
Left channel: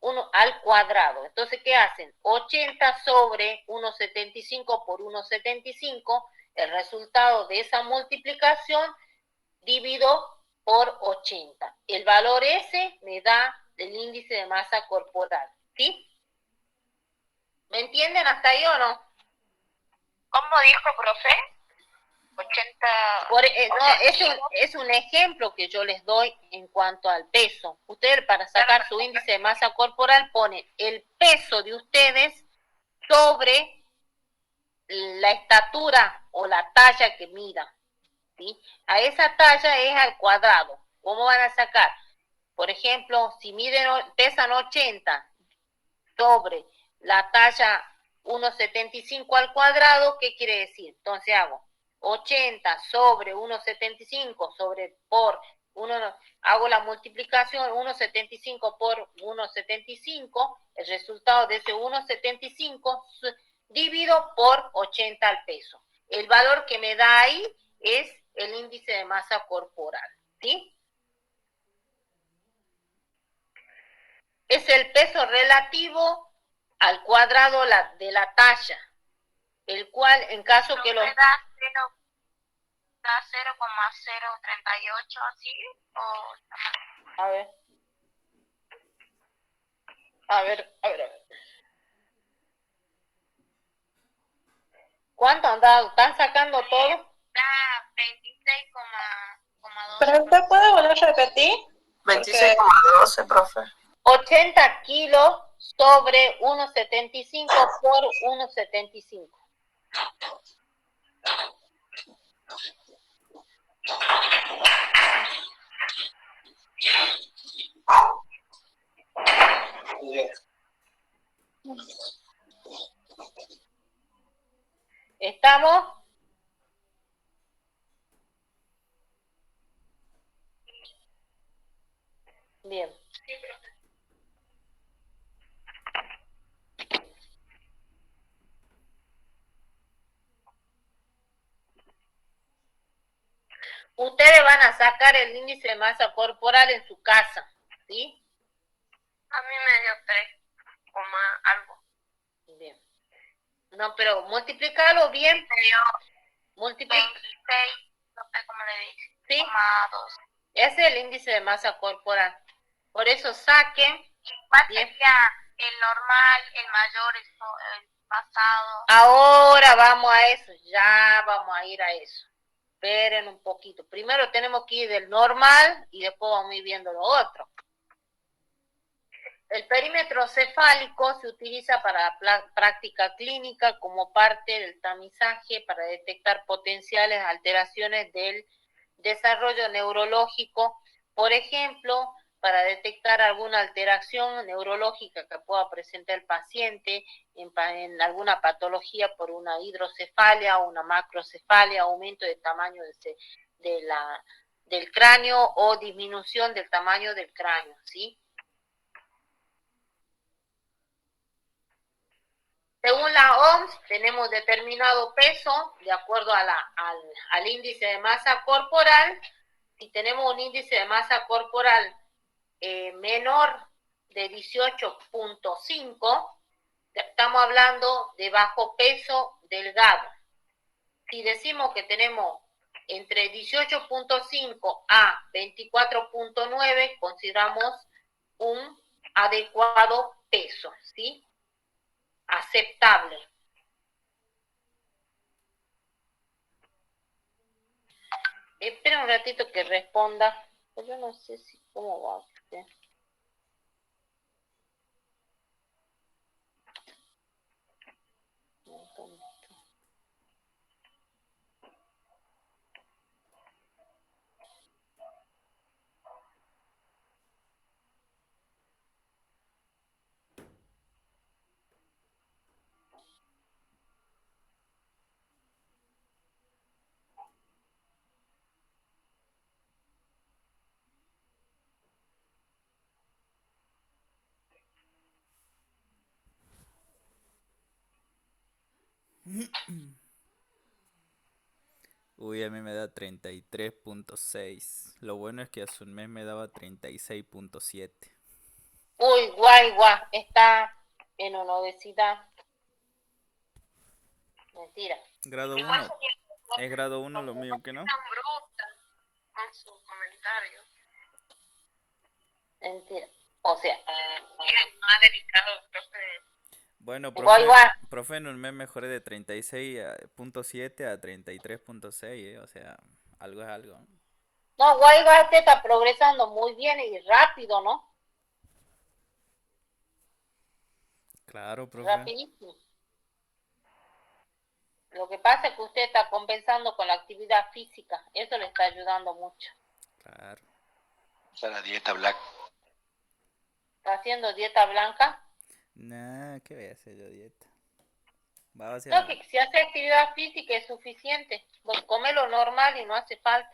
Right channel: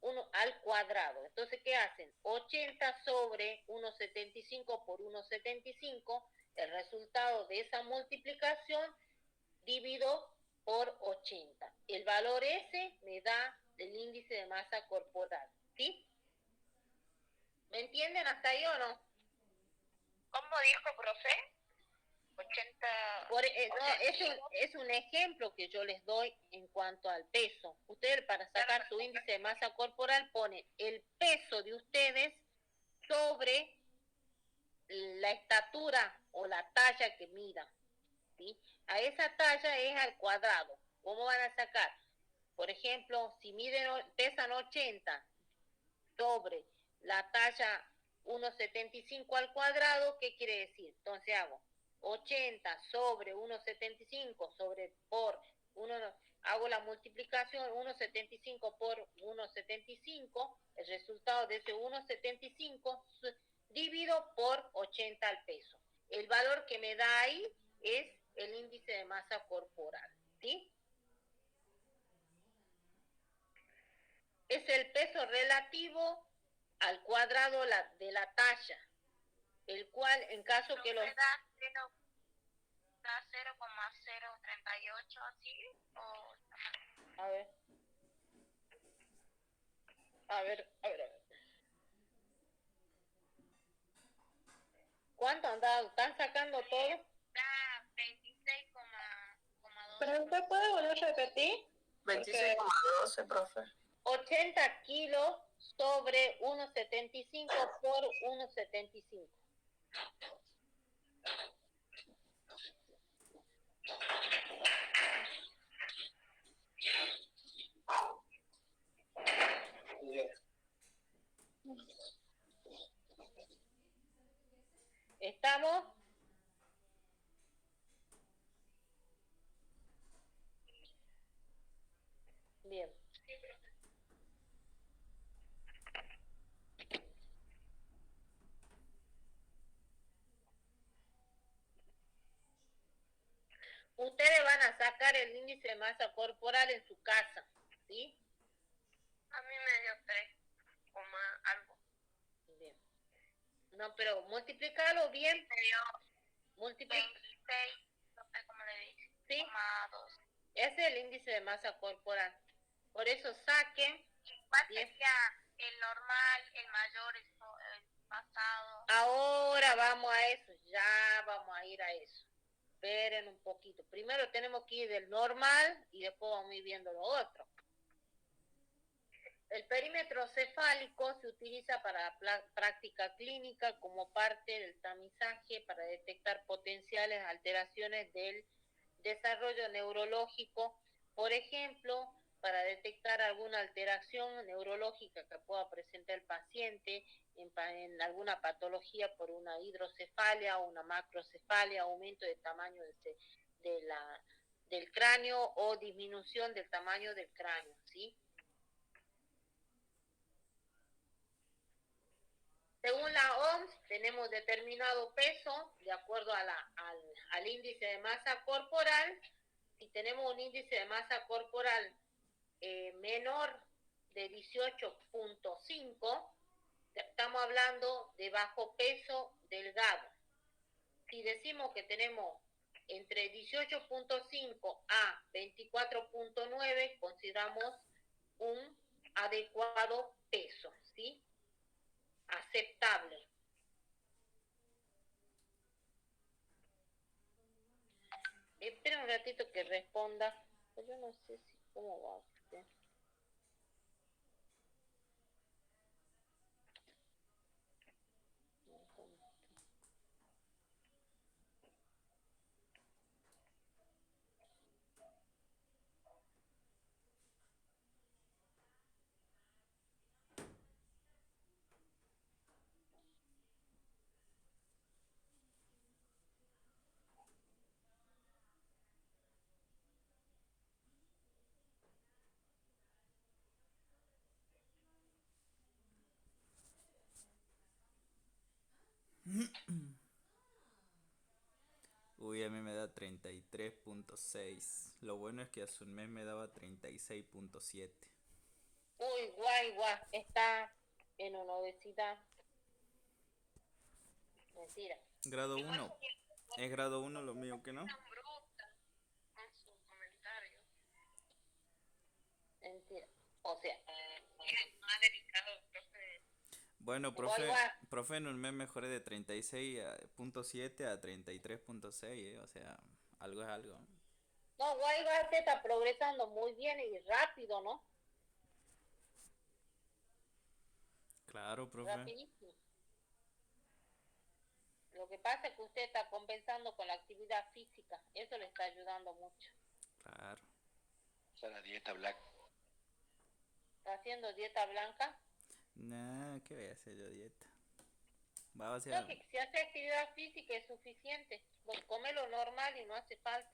1 al cuadrado. Entonces, ¿qué hacen? 80 sobre 1,75 por 1,75, el resultado de esa multiplicación divido por 80. El valor ese me da el índice de masa corporal, ¿sí? ¿Me entienden hasta ahí o no? ¿Cómo dijo, profe? 80... No, es un ejemplo que yo les doy en cuanto al peso. Ustedes, para sacar su índice de masa corporal, ponen el peso de ustedes sobre la estatura o la talla que midan, ¿sí? A esa talla es al cuadrado. ¿Cómo van a sacar? Por ejemplo, si pesan 80 sobre la talla 1,75 al cuadrado, ¿qué quiere decir? Entonces hago 80 sobre 1,75 por 1, hago la multiplicación 1,75 por 1,75, el resultado de ese 1,75 divido por 80 al peso. El valor que me da ahí es el índice de masa corporal, ¿sí? Es el peso relativo al cuadrado de la talla, el cual, en caso que los... ¿Da 0,038 así? O... A ver. ¿Cuánto han dado? ¿Están sacando todo? Da 26,12. ¿Pero usted puede volver a repetir? 26,12, profe. 80 kilos sobre 1,75 por 1,75. ¿Estamos? Bien. Ustedes van a sacar el índice de masa corporal en su casa, ¿sí? A mí me dio 3, algo. Bien. No, pero multiplicarlo bien. Me dio 26, no sé cómo le dije. ¿Sí? 2. Ese es el índice de masa corporal. Por eso saquen. ¿Cuál sería el normal, el mayor, el pasado? Ahora vamos a eso, ya vamos a ir a eso. Esperen un poquito. Primero tenemos que ir del normal y después vamos a ir viendo lo otro. El perímetro cefálico se utiliza para la práctica clínica como parte del tamizaje para detectar potenciales alteraciones del desarrollo neurológico, por ejemplo, para detectar alguna alteración neurológica que pueda presentar el paciente en alguna patología por una hidrocefalia o una macrocefalia, aumento de tamaño del cráneo o disminución del tamaño del cráneo, ¿sí? Según la OMS, tenemos determinado peso de acuerdo a al índice de masa corporal. Si tenemos un índice de masa corporal menor de 18.5, estamos hablando de bajo peso delgado. Si decimos que tenemos entre 18.5 a 24.9, consideramos un adecuado peso, ¿sí? Aceptable. Espera un ratito que responda. Yo no sé si cómo va a ser. Uy, a mí me da 33.6. Lo bueno es que hace un mes me daba 36.7. Uy, guay, está en una obesidad. Mentira. Grado 1. Es grado 1 lo mío, ¿que no? Tan bruta con sus comentarios. Mentira. O sea, Más delicado, profe. Bueno, guay, profe, en un mes mejoré de 36.7 a 33.6, o sea, algo es algo. no, guay, te está progresando muy bien y rápido, ¿no? Claro, profe. Rapidísimo. Lo que pasa es que usted está compensando con la actividad física. Eso le está ayudando mucho. Claro. O sea, la dieta black. ¿Está haciendo dieta blanca? Nah, ¿qué voy a hacer yo dieta? Va a ser... No, que si hace actividad física es suficiente. Vos come lo normal y no hace falta.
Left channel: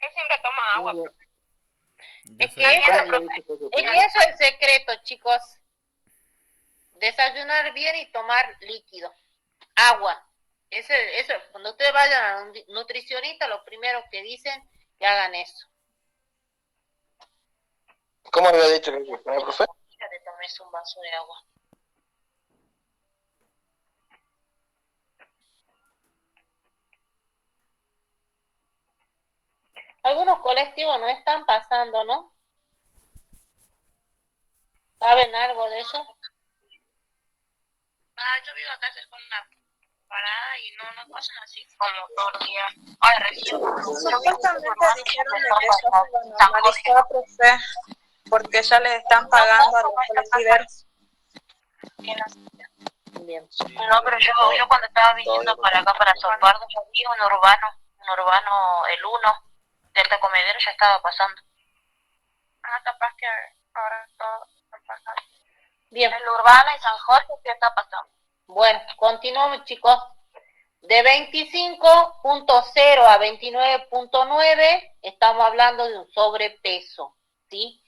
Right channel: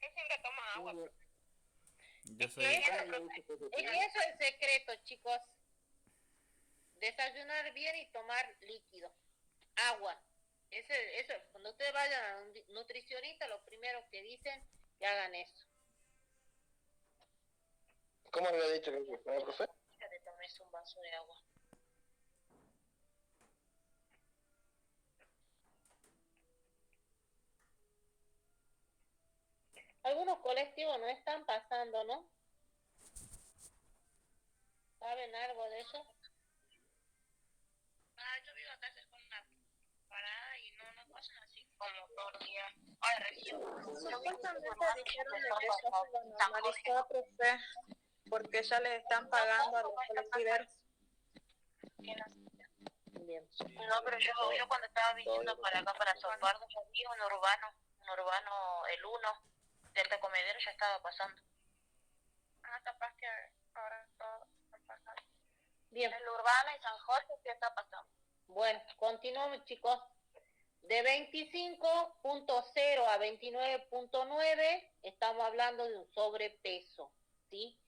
Él siempre toma agua. Es que eso es el secreto, chicos. Desayunar bien y tomar líquido. Agua. Eso, cuando ustedes vayan a un nutricionista, lo primero que dicen que hagan eso. ¿Cómo había dicho que hay que poner, profe? Ya te tomes un vaso de agua. Algunos colectivos no están pasando, ¿no? ¿Saben algo de eso? Yo vivo acá cerca de una parada y no pasan así como todo el día. Ay, recién. Supuestamente dijeron de que eso se lo normalizó, profe, porque ya les están pagando a los colectiveros. Bien. No, pero yo cuando estaba viniendo para acá, para Sopardo, yo vi un urbano, el 1 del Tacomedero ya estaba pasando. Capaz que ahora todo está pasando. Bien. El urbano y San Jorge ya está pasando. Bueno, continuamos, chicos. De 25.0 a 29.9 estamos hablando de un sobrepeso, ¿sí?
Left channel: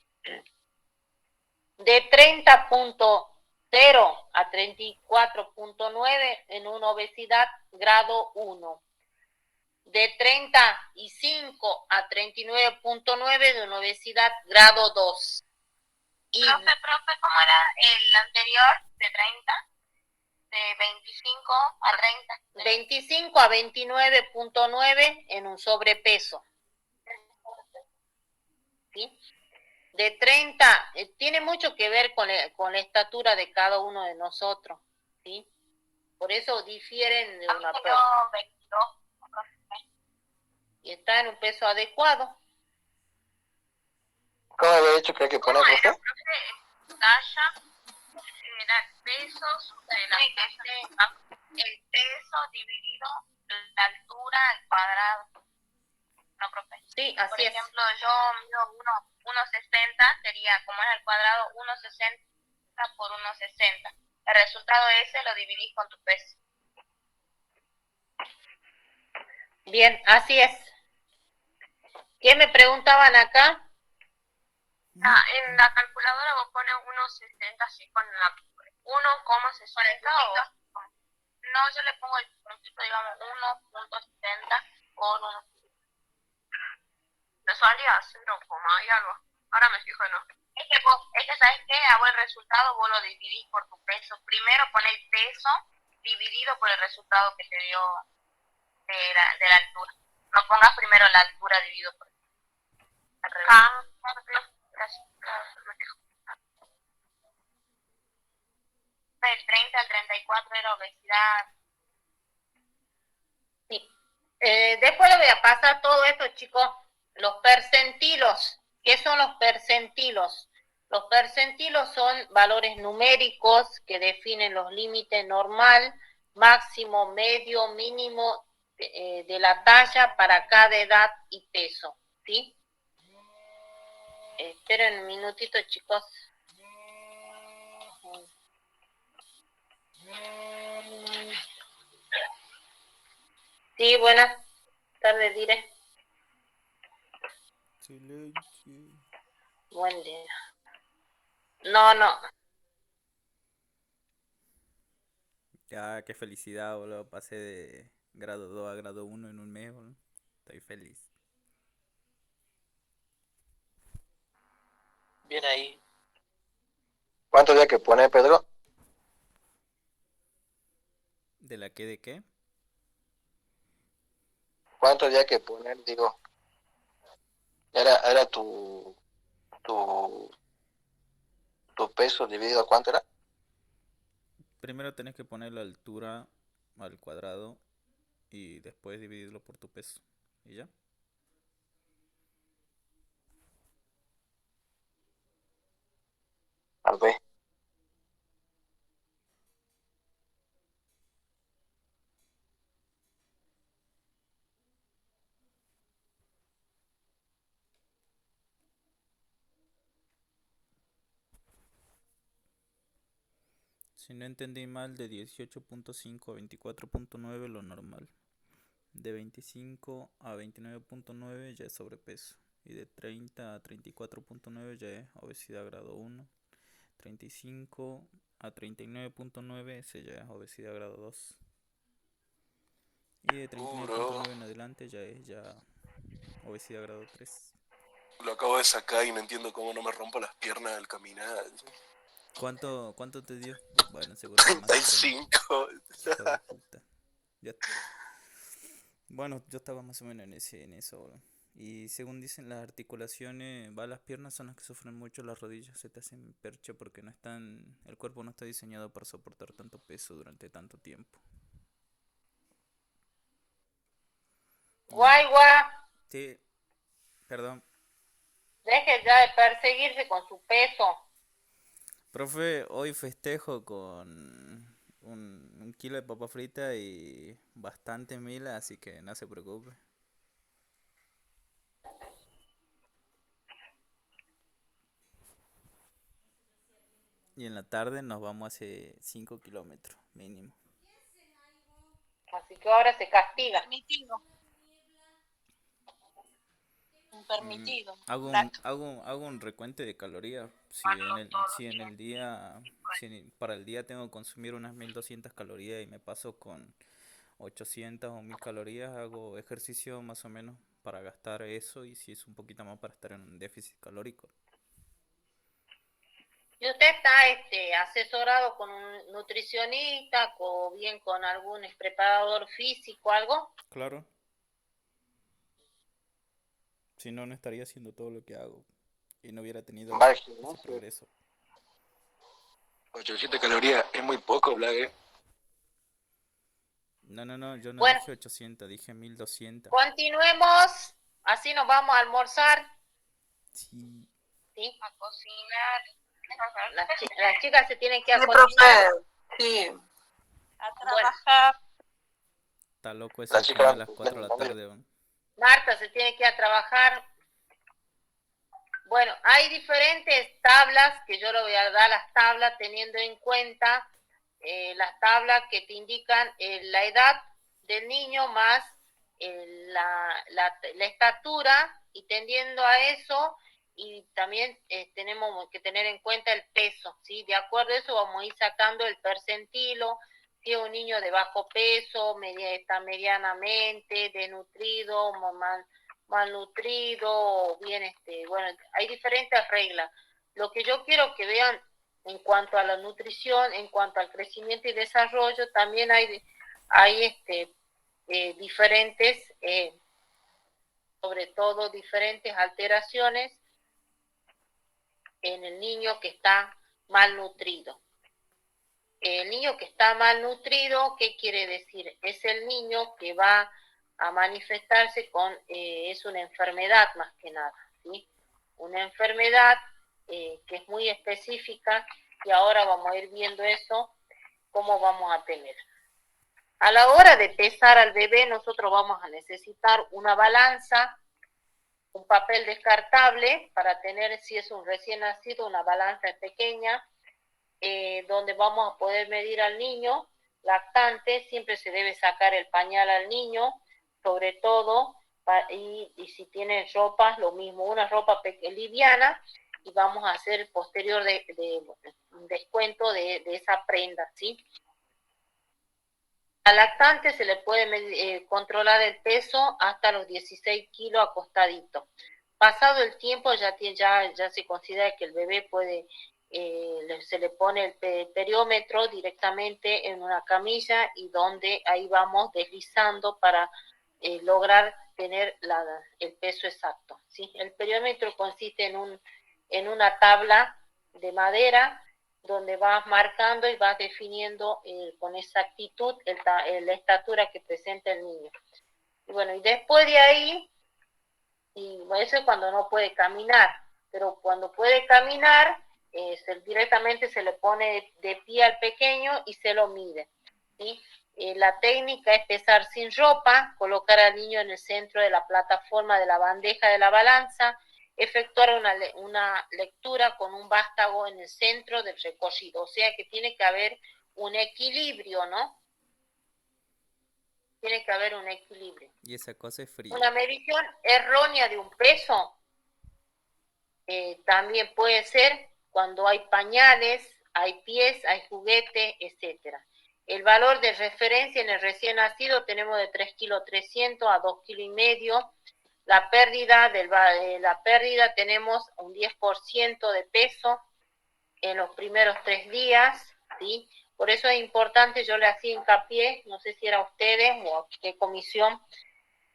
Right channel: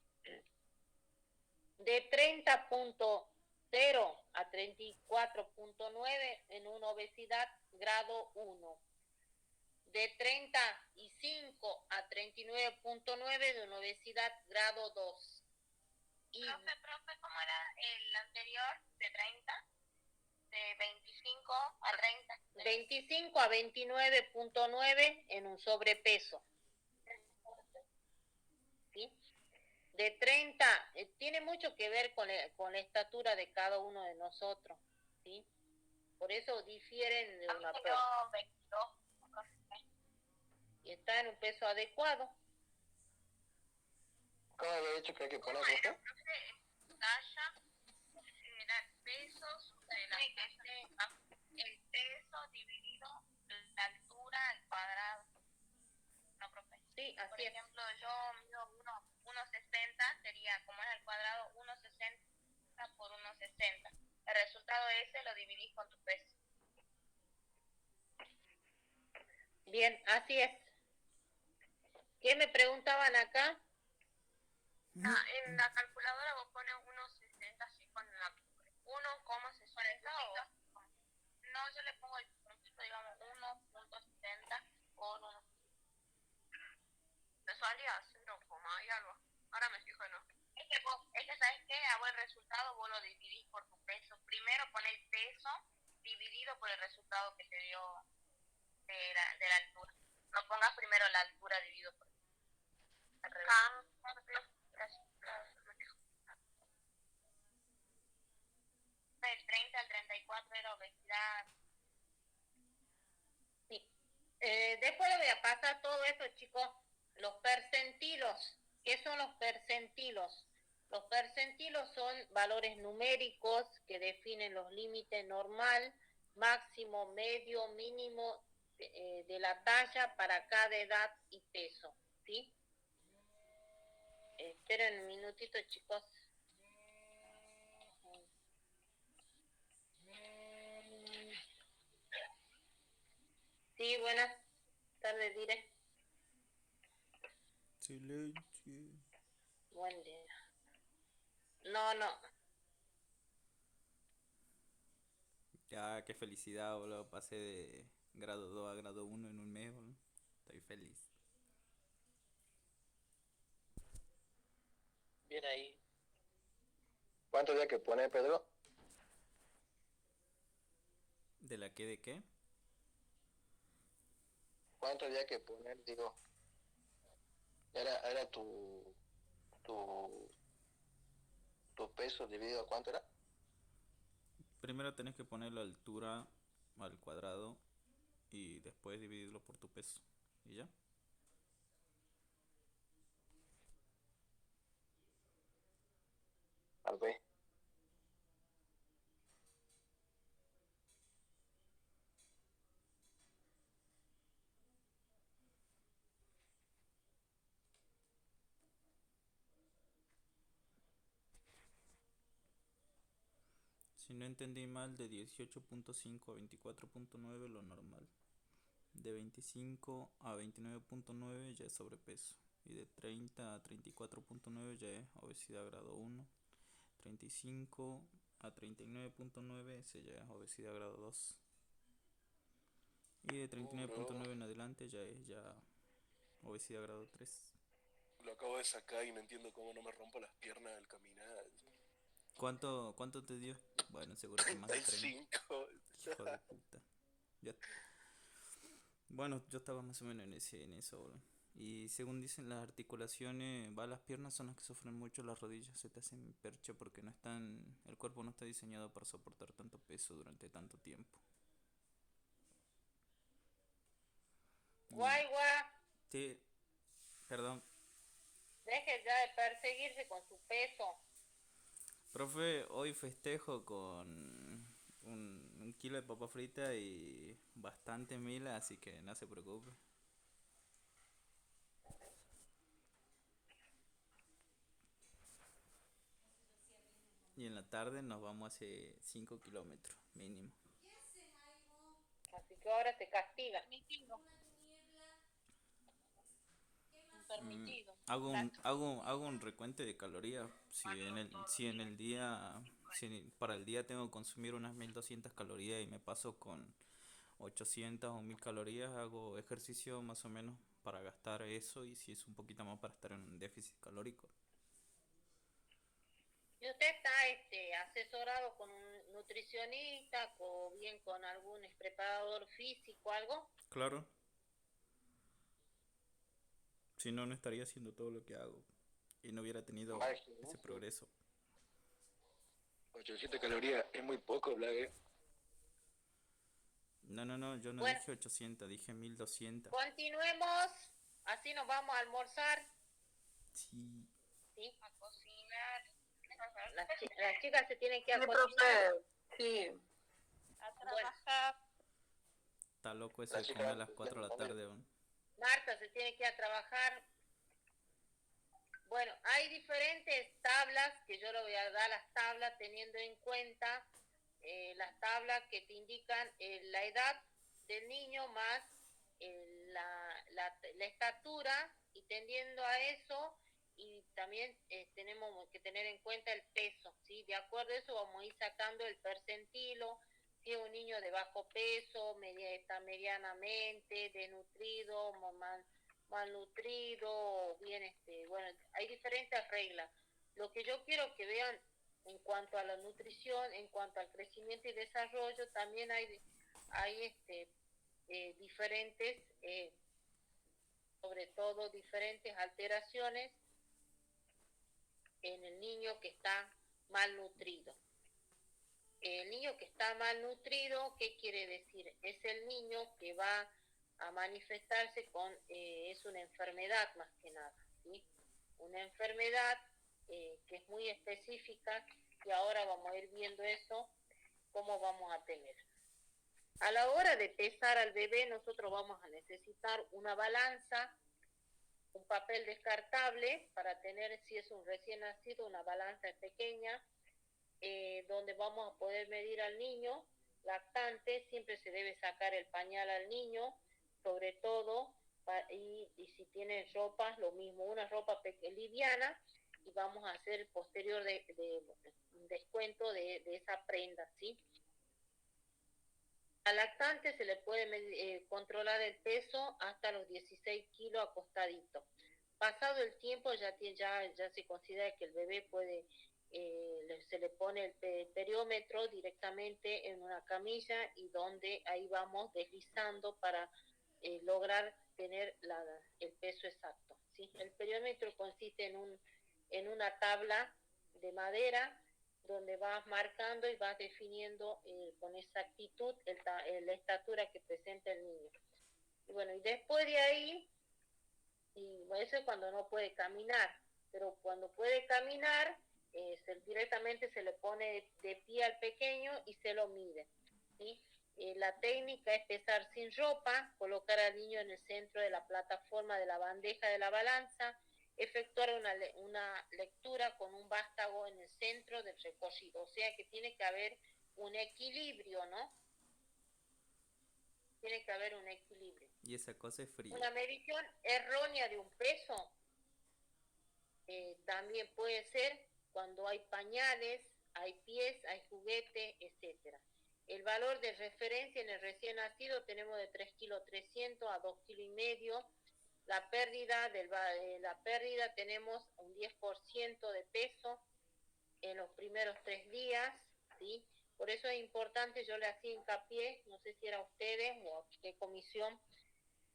De 30.0 a 34.9 en una obesidad grado 1. De 35 a 39.9 de una obesidad grado 2. Y Profe, ¿cómo era el anterior? De 30, de 25 a 30. 25 a 29.9 en un sobrepeso. ¿sí? De 30, tiene mucho que ver con la estatura de cada uno de nosotros, ¿sí? Por eso difieren de una persona. 22. Y está en un peso adecuado. ¿Cómo había dicho que hay que poner, profe? Talla, era el peso sobre el peso dividido la altura al cuadrado. No, profe. Sí, así Por es. ejemplo, yo mido 1,60, sería como es al cuadrado 1,60 por 1,60. El resultado ese lo dividís con tu peso. Bien, así es. ¿Qué me preguntaban acá? En la calculadora vos pones 1,60 así con la 1,60 o... No, yo le pongo el puntito, digamos, 1,70 por 1. Me salía 0, y algo. Ahora me fijo, no. Es que ¿sabes qué? A vos el resultado vos lo dividís por tu peso. Primero pon el peso dividido por el resultado que te dio de la altura. No pongas primero la altura dividido por el del 30 al 34 era obesidad. Sí. Después le voy a pasar todo esto, chicos. Los percentilos. ¿Qué son los percentilos? Los percentilos son valores numéricos que definen los límites normal, máximo, medio, mínimo de la talla para cada edad y peso, ¿sí? Esperen un minutito, chicos. Sí, buenas tardes, Dire. Silencio. Buen día. No. Ya, qué felicidad, boludo. Pasé de grado 2 a grado 1 en un mes, boludo. Estoy feliz. Bien ahí. ¿Cuánto había que poner, Pedro? ¿De la qué de qué? ¿Cuánto había que poner, digo? Era tu peso dividido a cuánto era? Primero tenés que poner la altura al cuadrado y después dividirlo por tu peso. ¿Y ya? Al B. Si no entendí mal, de 18.5 a 24.9 lo normal. De 25 a 29.9 ya es sobrepeso. Y de 30 a 34.9 ya es obesidad grado 1. 35 a 39.9 ese ya es obesidad grado 2. Y de 39.9 en adelante ya es obesidad grado 3. Lo acabo de sacar y no entiendo cómo no me rompo las piernas al caminar. ¿Cuánto te dio? Bueno, seguro que más de 30. 35. Hijo de puta. Ya. Bueno, yo estaba más o menos en eso, bro. Y según dicen las articulaciones, las piernas son las que sufren mucho, las rodillas se te hacen percha porque el cuerpo no está diseñado para soportar tanto peso durante tanto tiempo. Guay. Sí, perdón. Deje ya de perseguirse con su peso. Profe, hoy festejo con un kilo de papa frita y bastante mila, así que no se preocupe. Y en la tarde nos vamos hace 5 kilómetros mínimo. Así que ahora se castiga. Permitido. Hago un recuento de calorías. Para el día tengo que consumir unas 1200 calorías y me paso con 800 o 1000 calorías, hago ejercicio más o menos para gastar eso y si es un poquito más para estar en un déficit calórico. ¿Y usted está asesorado con un nutricionista o bien con algún preparador físico, algo? Claro. Si no, no estaría haciendo todo lo que hago. y no hubiera tenido Va al ese gimnasio. progreso. 800 calorías es muy poco, Blague. No, yo no Bueno. dije 800, dije 1200. Continuemos, así nos vamos a almorzar. Sí. ¿Sí? A cocinar. Las chicas se tienen que ir a Sí, cocinar. profe. Sí. A trabajar. Está loco ese La que chica come a va las a 4 de la comer. tarde, ¿no? Marta se tiene que ir a trabajar. Bueno, hay diferentes tablas que yo le voy a dar las tablas teniendo en cuenta las tablas que te indican la edad del niño más la estatura, y tendiendo a eso, y también tenemos que tener en cuenta el peso, ¿sí? De acuerdo a eso vamos a ir sacando el percentilo, si es un niño de bajo peso, está medianamente, desnutrido, malnutrido, bien, bueno, hay diferentes reglas. Lo que yo quiero que vean en cuanto a la nutrición, en cuanto al crecimiento y desarrollo, también hay diferentes, sobre todo diferentes alteraciones en el niño que está malnutrido. El niño que está malnutrido, ¿qué quiere decir? Es el niño que va a manifestarse con, es una enfermedad más que nada, ¿sí? Una enfermedad que es muy específica, y ahora vamos a ir viendo eso, cómo vamos a tener. A la hora de pesar al bebé, nosotros vamos a necesitar una balanza, un papel descartable para tener, si es un recién nacido, una balanza pequeña, donde vamos a poder medir al niño lactante. Siempre se debe sacar el pañal al niño, sobre todo, y si tiene ropa, lo mismo, una ropa liviana, y vamos a hacer el posterior de descuento de esa prenda, ¿sí? Al lactante se le puede controlar el peso hasta los 16 kilos acostadito. Pasado el tiempo ya se considera que el bebé puede, se le pone el periómetro directamente en una camilla, y donde ahí vamos deslizando para lograr tener el peso exacto, ¿sí? El periómetro consiste en una tabla de madera donde vas marcando y vas definiendo con exactitud la estatura que presenta el niño. Y bueno, y después de ahí, y eso es cuando no puede caminar, pero cuando puede caminar, directamente se le pone de pie al pequeño y se lo mide, ¿sí? La técnica es pesar sin ropa, colocar al niño en el centro de la plataforma de la bandeja de la balanza, efectuar una lectura con un vástago en el centro del recorrido, o sea que tiene que haber un equilibrio, ¿no? Tiene que haber un equilibrio. Y esa cosa es fría. Una medición errónea de un peso también puede ser cuando hay pañales, hay pies, hay juguete, etcétera. El valor de referencia en el recién nacido tenemos de 3,3 kg a 2,5 kg. La pérdida tenemos un 10% de peso en los primeros 3 días, ¿sí? Por eso es importante, yo le hacía hincapié, no sé si era ustedes o qué comisión,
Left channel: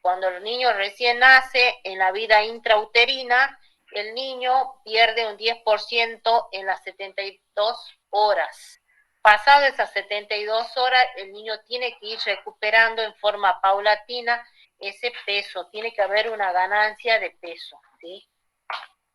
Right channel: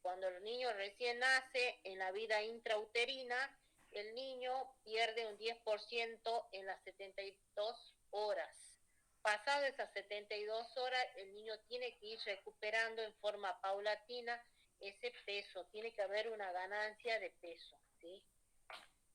cuando el niño recién nace, en la vida intrauterina, el niño pierde un 10% en las 72 horas. Pasado esas 72 horas, el niño tiene que ir recuperando en forma paulatina ese peso, tiene que haber una ganancia de peso, ¿sí?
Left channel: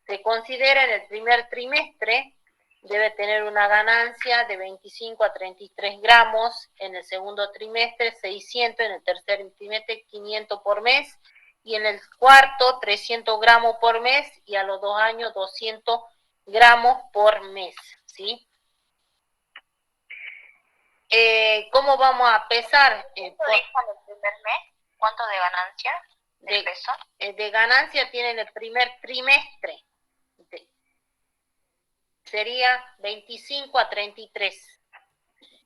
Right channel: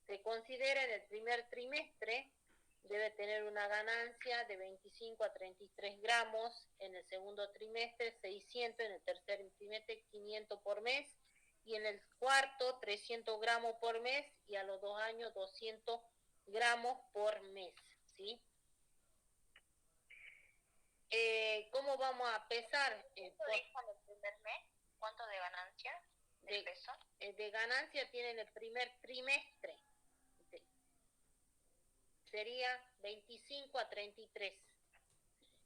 Se considera en el primer trimestre, debe tener una ganancia de 25 a 33 gramos, en el segundo trimestre 600, en el tercer trimestre 500 por mes, y en el cuarto 300 gramos por mes, y a los 2 años 200 gramos por mes, ¿sí? ¿Cómo vamos a pesar? ¿Cuánto dijo en el primer mes? ¿Cuánto de ganancia de peso? De ganancia tiene en el primer trimestre. Sería 25 a 33.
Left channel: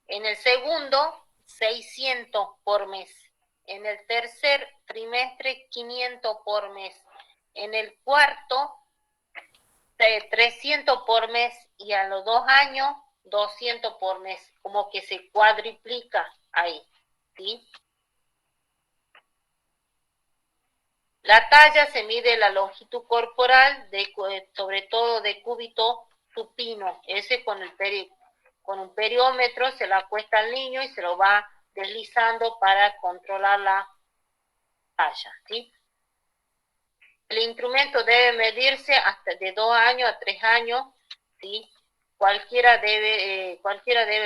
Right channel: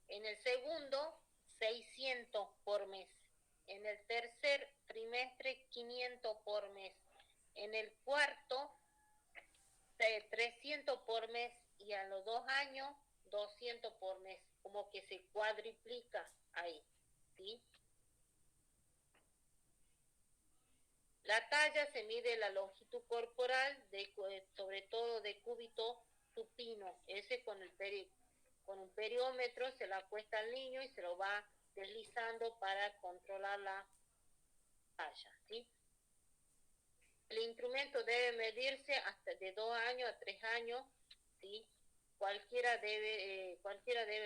En el segundo, 600 por mes. En el tercer trimestre, 500 por mes. En el cuarto, 300 por mes. Y a los 2 años, 200 por mes. Como que se cuadriplica ahí, ¿sí? La talla se mide la longitud corporal, sobre todo de cúbito supino. Ese con un periómetro se lo acuesta al niño y se lo va deslizando para controlar la talla, ¿sí? El instrumento debe medirse hasta de 2 años a 3 años, ¿sí? Cualquiera debe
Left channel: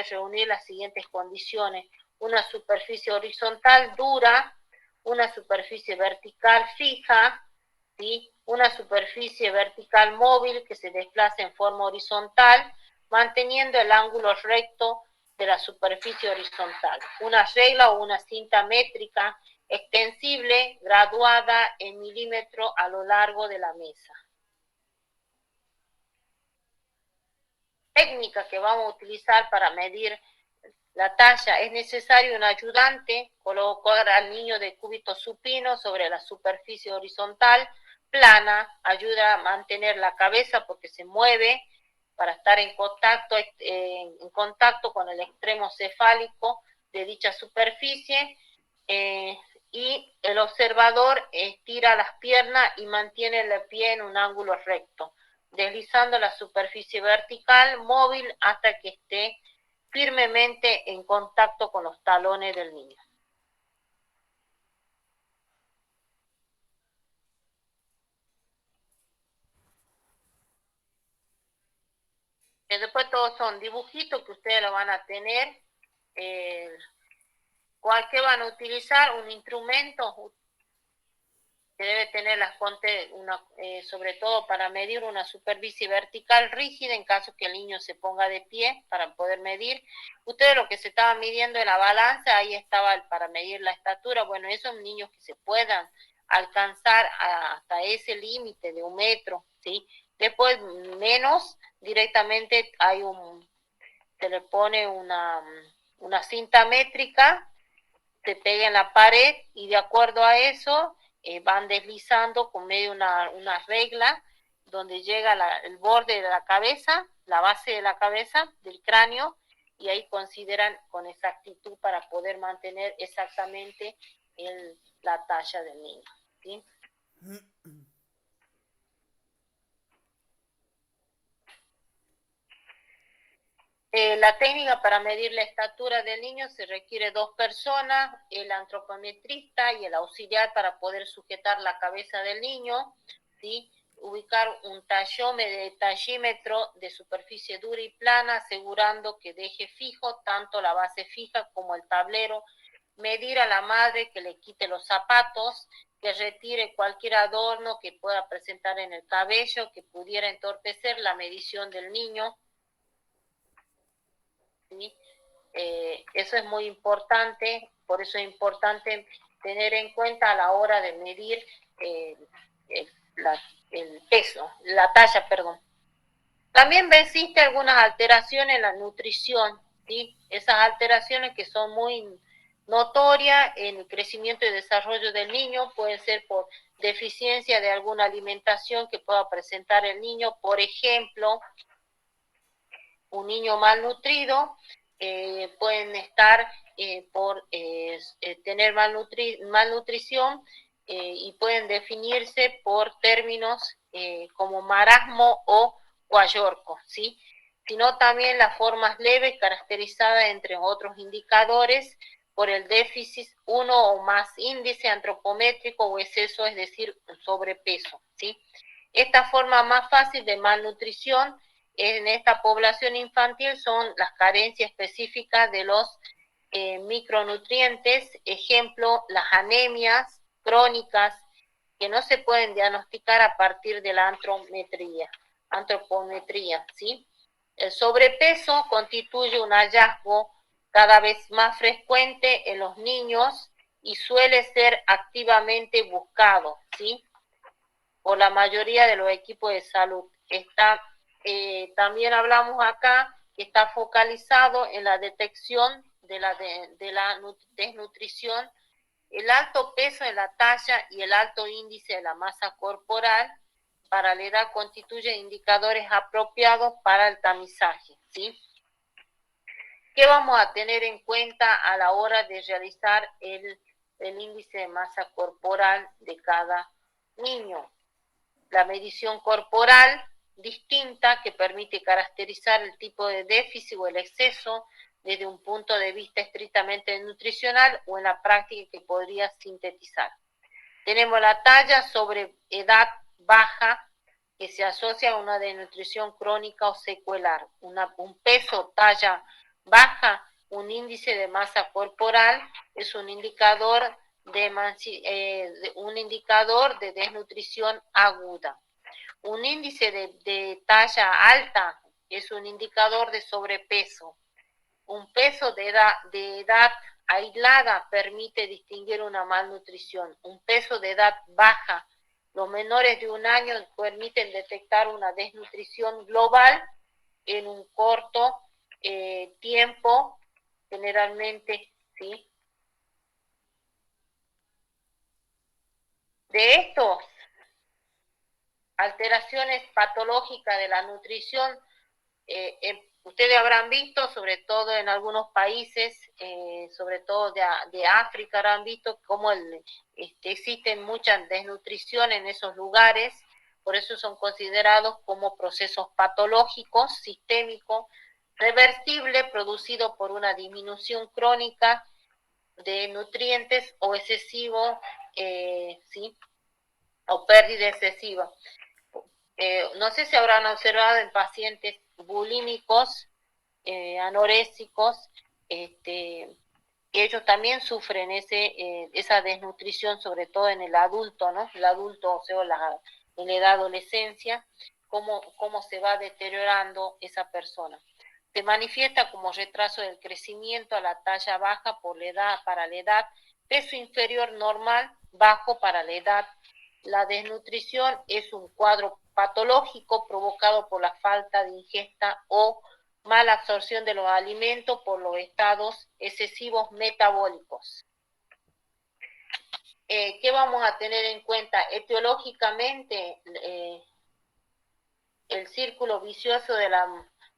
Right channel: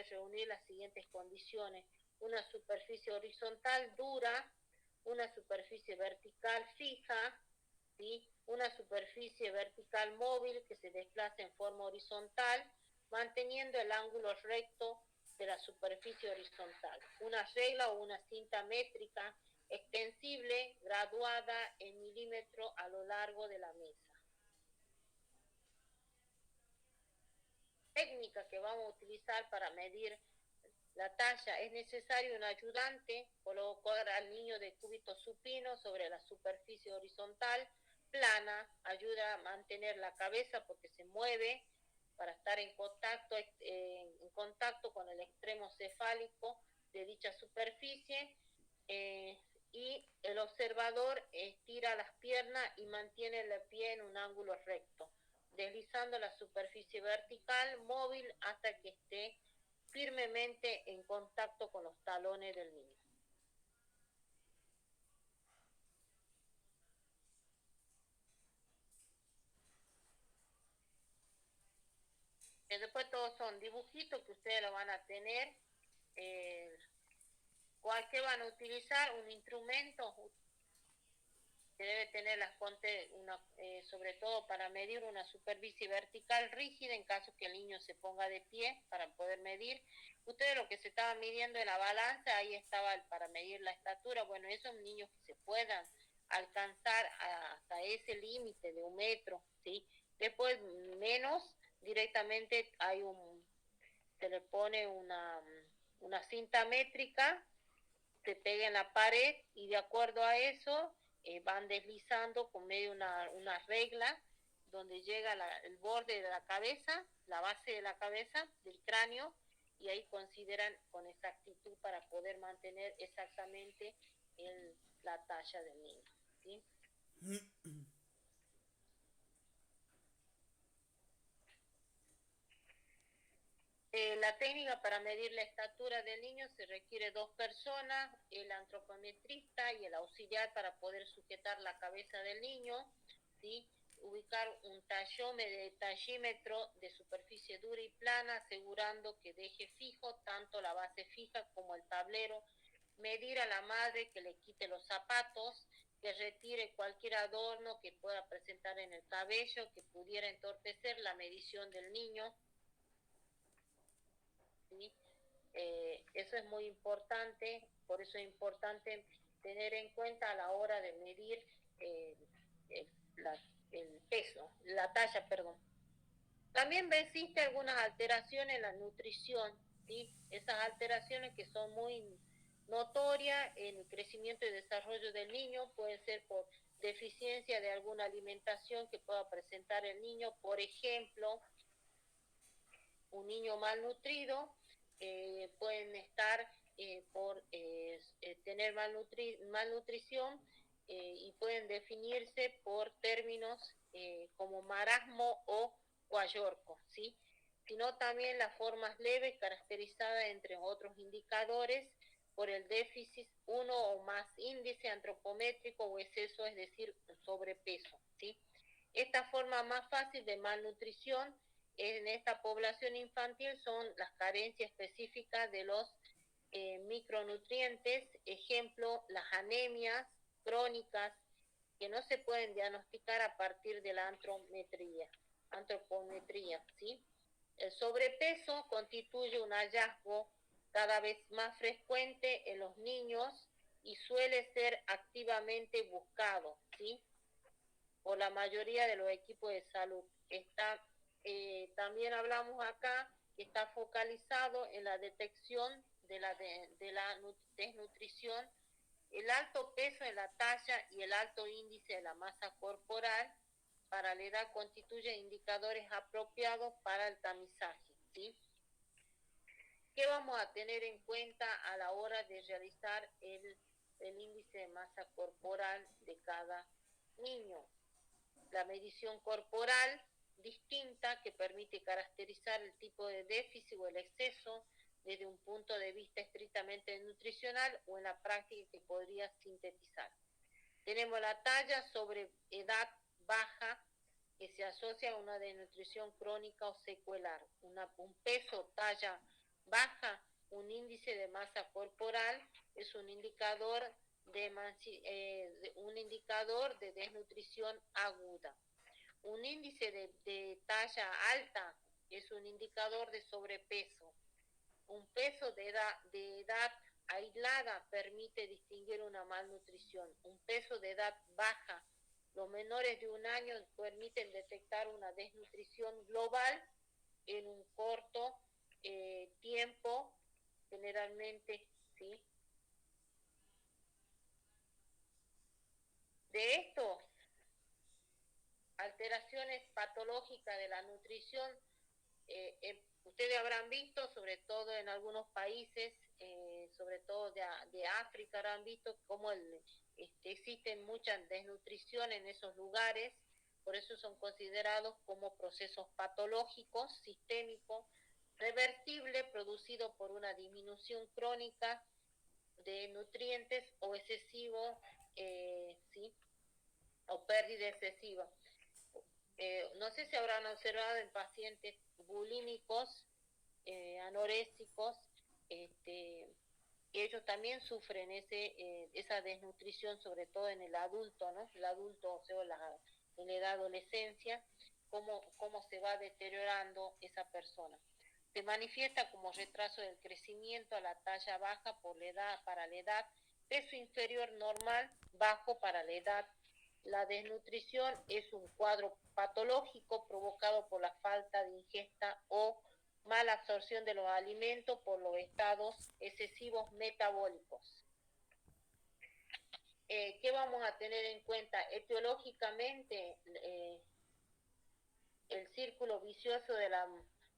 reunir las siguientes condiciones: una superficie horizontal dura, una superficie vertical fija, ¿sí? Una superficie vertical móvil que se desplaza en forma horizontal, manteniendo el ángulo recto de la superficie horizontal. Una regla o una cinta métrica extensible, graduada en milímetros a lo largo de la mesa. Técnica que vamos a utilizar para medir la talla: es necesario un ayudante, colocar al niño de cúbito supino sobre la superficie horizontal plana, ayuda a mantener la cabeza porque se mueve para estar en contacto con el extremo cefálico de dicha superficie, y el observador estira las piernas y mantiene el pie en un ángulo recto, deslizando la superficie vertical móvil hasta que esté firmemente en contacto con los talones del niño. Después todos son dibujitos que ustedes lo van a tener. ¿Qué van a utilizar? Un instrumento que debe tener sobre todo para medir una superficie vertical rígida en caso que el niño se ponga de pie para poder medir. Ustedes lo que se estaban midiendo en la balanza, ahí estaba para medir la estatura. Bueno, esos niños que se puedan alcanzar hasta ese límite de 1 metro, ¿sí? Después menos, directamente se le pone una cinta métrica, se pega en la pared y de acuerdo a eso van deslizando con medio una regla donde llega el borde de la cabeza, la base de la cabeza, del cráneo, y ahí consideran con exactitud para poder mantener exactamente la talla del niño, ¿sí? La técnica para medir la estatura del niño: se requiere 2 personas, el antropometrista y el auxiliar para poder sujetar la cabeza del niño, ¿sí? Ubicar un tallímetro de superficie dura y plana, asegurando que deje fijo tanto la base fija como el tablero. Medir a la madre que le quite los zapatos, que retire cualquier adorno que pueda presentar en el cabello, que pudiera entorpecer la medición del niño, ¿sí? Eso es muy importante, por eso es importante tener en cuenta a la hora de medir el peso, la talla, perdón. También existe algunas alteraciones en la nutrición, ¿sí? Esas alteraciones que son muy notorias en el crecimiento y desarrollo del niño pueden ser por deficiencia de alguna alimentación que pueda presentar el niño. Por ejemplo, un niño malnutrido pueden estar por tener malnutrición, y pueden definirse por términos como marasmo o guayorco, ¿sí? Sino también las formas leves caracterizadas, entre otros indicadores, por el déficit 1 o más índice antropométrico o exceso, es decir, sobrepeso, ¿sí? Esta forma más fácil de malnutrición en esta población infantil son las carencias específicas de los micronutrientes, ejemplo, las anemias crónicas que no se pueden diagnosticar a partir de la antropometría, ¿sí? El sobrepeso constituye un hallazgo cada vez más frecuente en los niños y suele ser activamente buscado, ¿sí? Por la mayoría de los equipos de salud. También hablamos acá que está focalizado en la detección de la desnutrición, el alto peso de la talla y el alto índice de la masa corporal para la edad constituyen indicadores apropiados para el tamizaje, ¿sí? ¿Qué vamos a tener en cuenta a la hora de realizar el índice de masa corporal de cada niño. La medición corporal distinta que permite caracterizar el tipo de déficit o el exceso desde un punto de vista estrictamente nutricional o en la práctica que podría sintetizar. Tenemos la talla sobre edad baja que se asocia a una desnutrición crónica o secuelar. Un peso talla baja, un índice de masa corporal es un indicador de desnutrición aguda. Un índice de talla alta es un indicador de sobrepeso. Un peso de edad aislada permite distinguir una malnutrición. Un peso de edad baja, los menores de 1 año, permiten detectar una desnutrición global en un corto tiempo, generalmente, ¿sí? De estos, alteraciones patológicas de la nutrición, ustedes habrán visto, sobre todo en algunos países, sobre todo de África, habrán visto cómo existen muchas desnutrición en esos lugares, por eso son considerados como procesos patológicos, sistémicos, reversibles, producidos por una disminución crónica de nutrientes o excesivo, ¿sí? O pérdida excesiva. No sé si habrán observado en pacientes bulímicos, anorésicos, que ellos también sufren esa desnutrición, sobre todo en el adulto, ¿no? El adulto, o sea, en la edad adolescencia, cómo se va deteriorando esa persona. Se manifiesta como retraso del crecimiento a la talla baja para la edad, peso inferior normal, bajo para la edad. La desnutrición es un cuadro patológico provocado por la falta de ingesta o mala absorción de los alimentos por los estados excesivos metabólicos. ¿Qué vamos a tener en cuenta? Etiológicamente, el círculo vicioso de la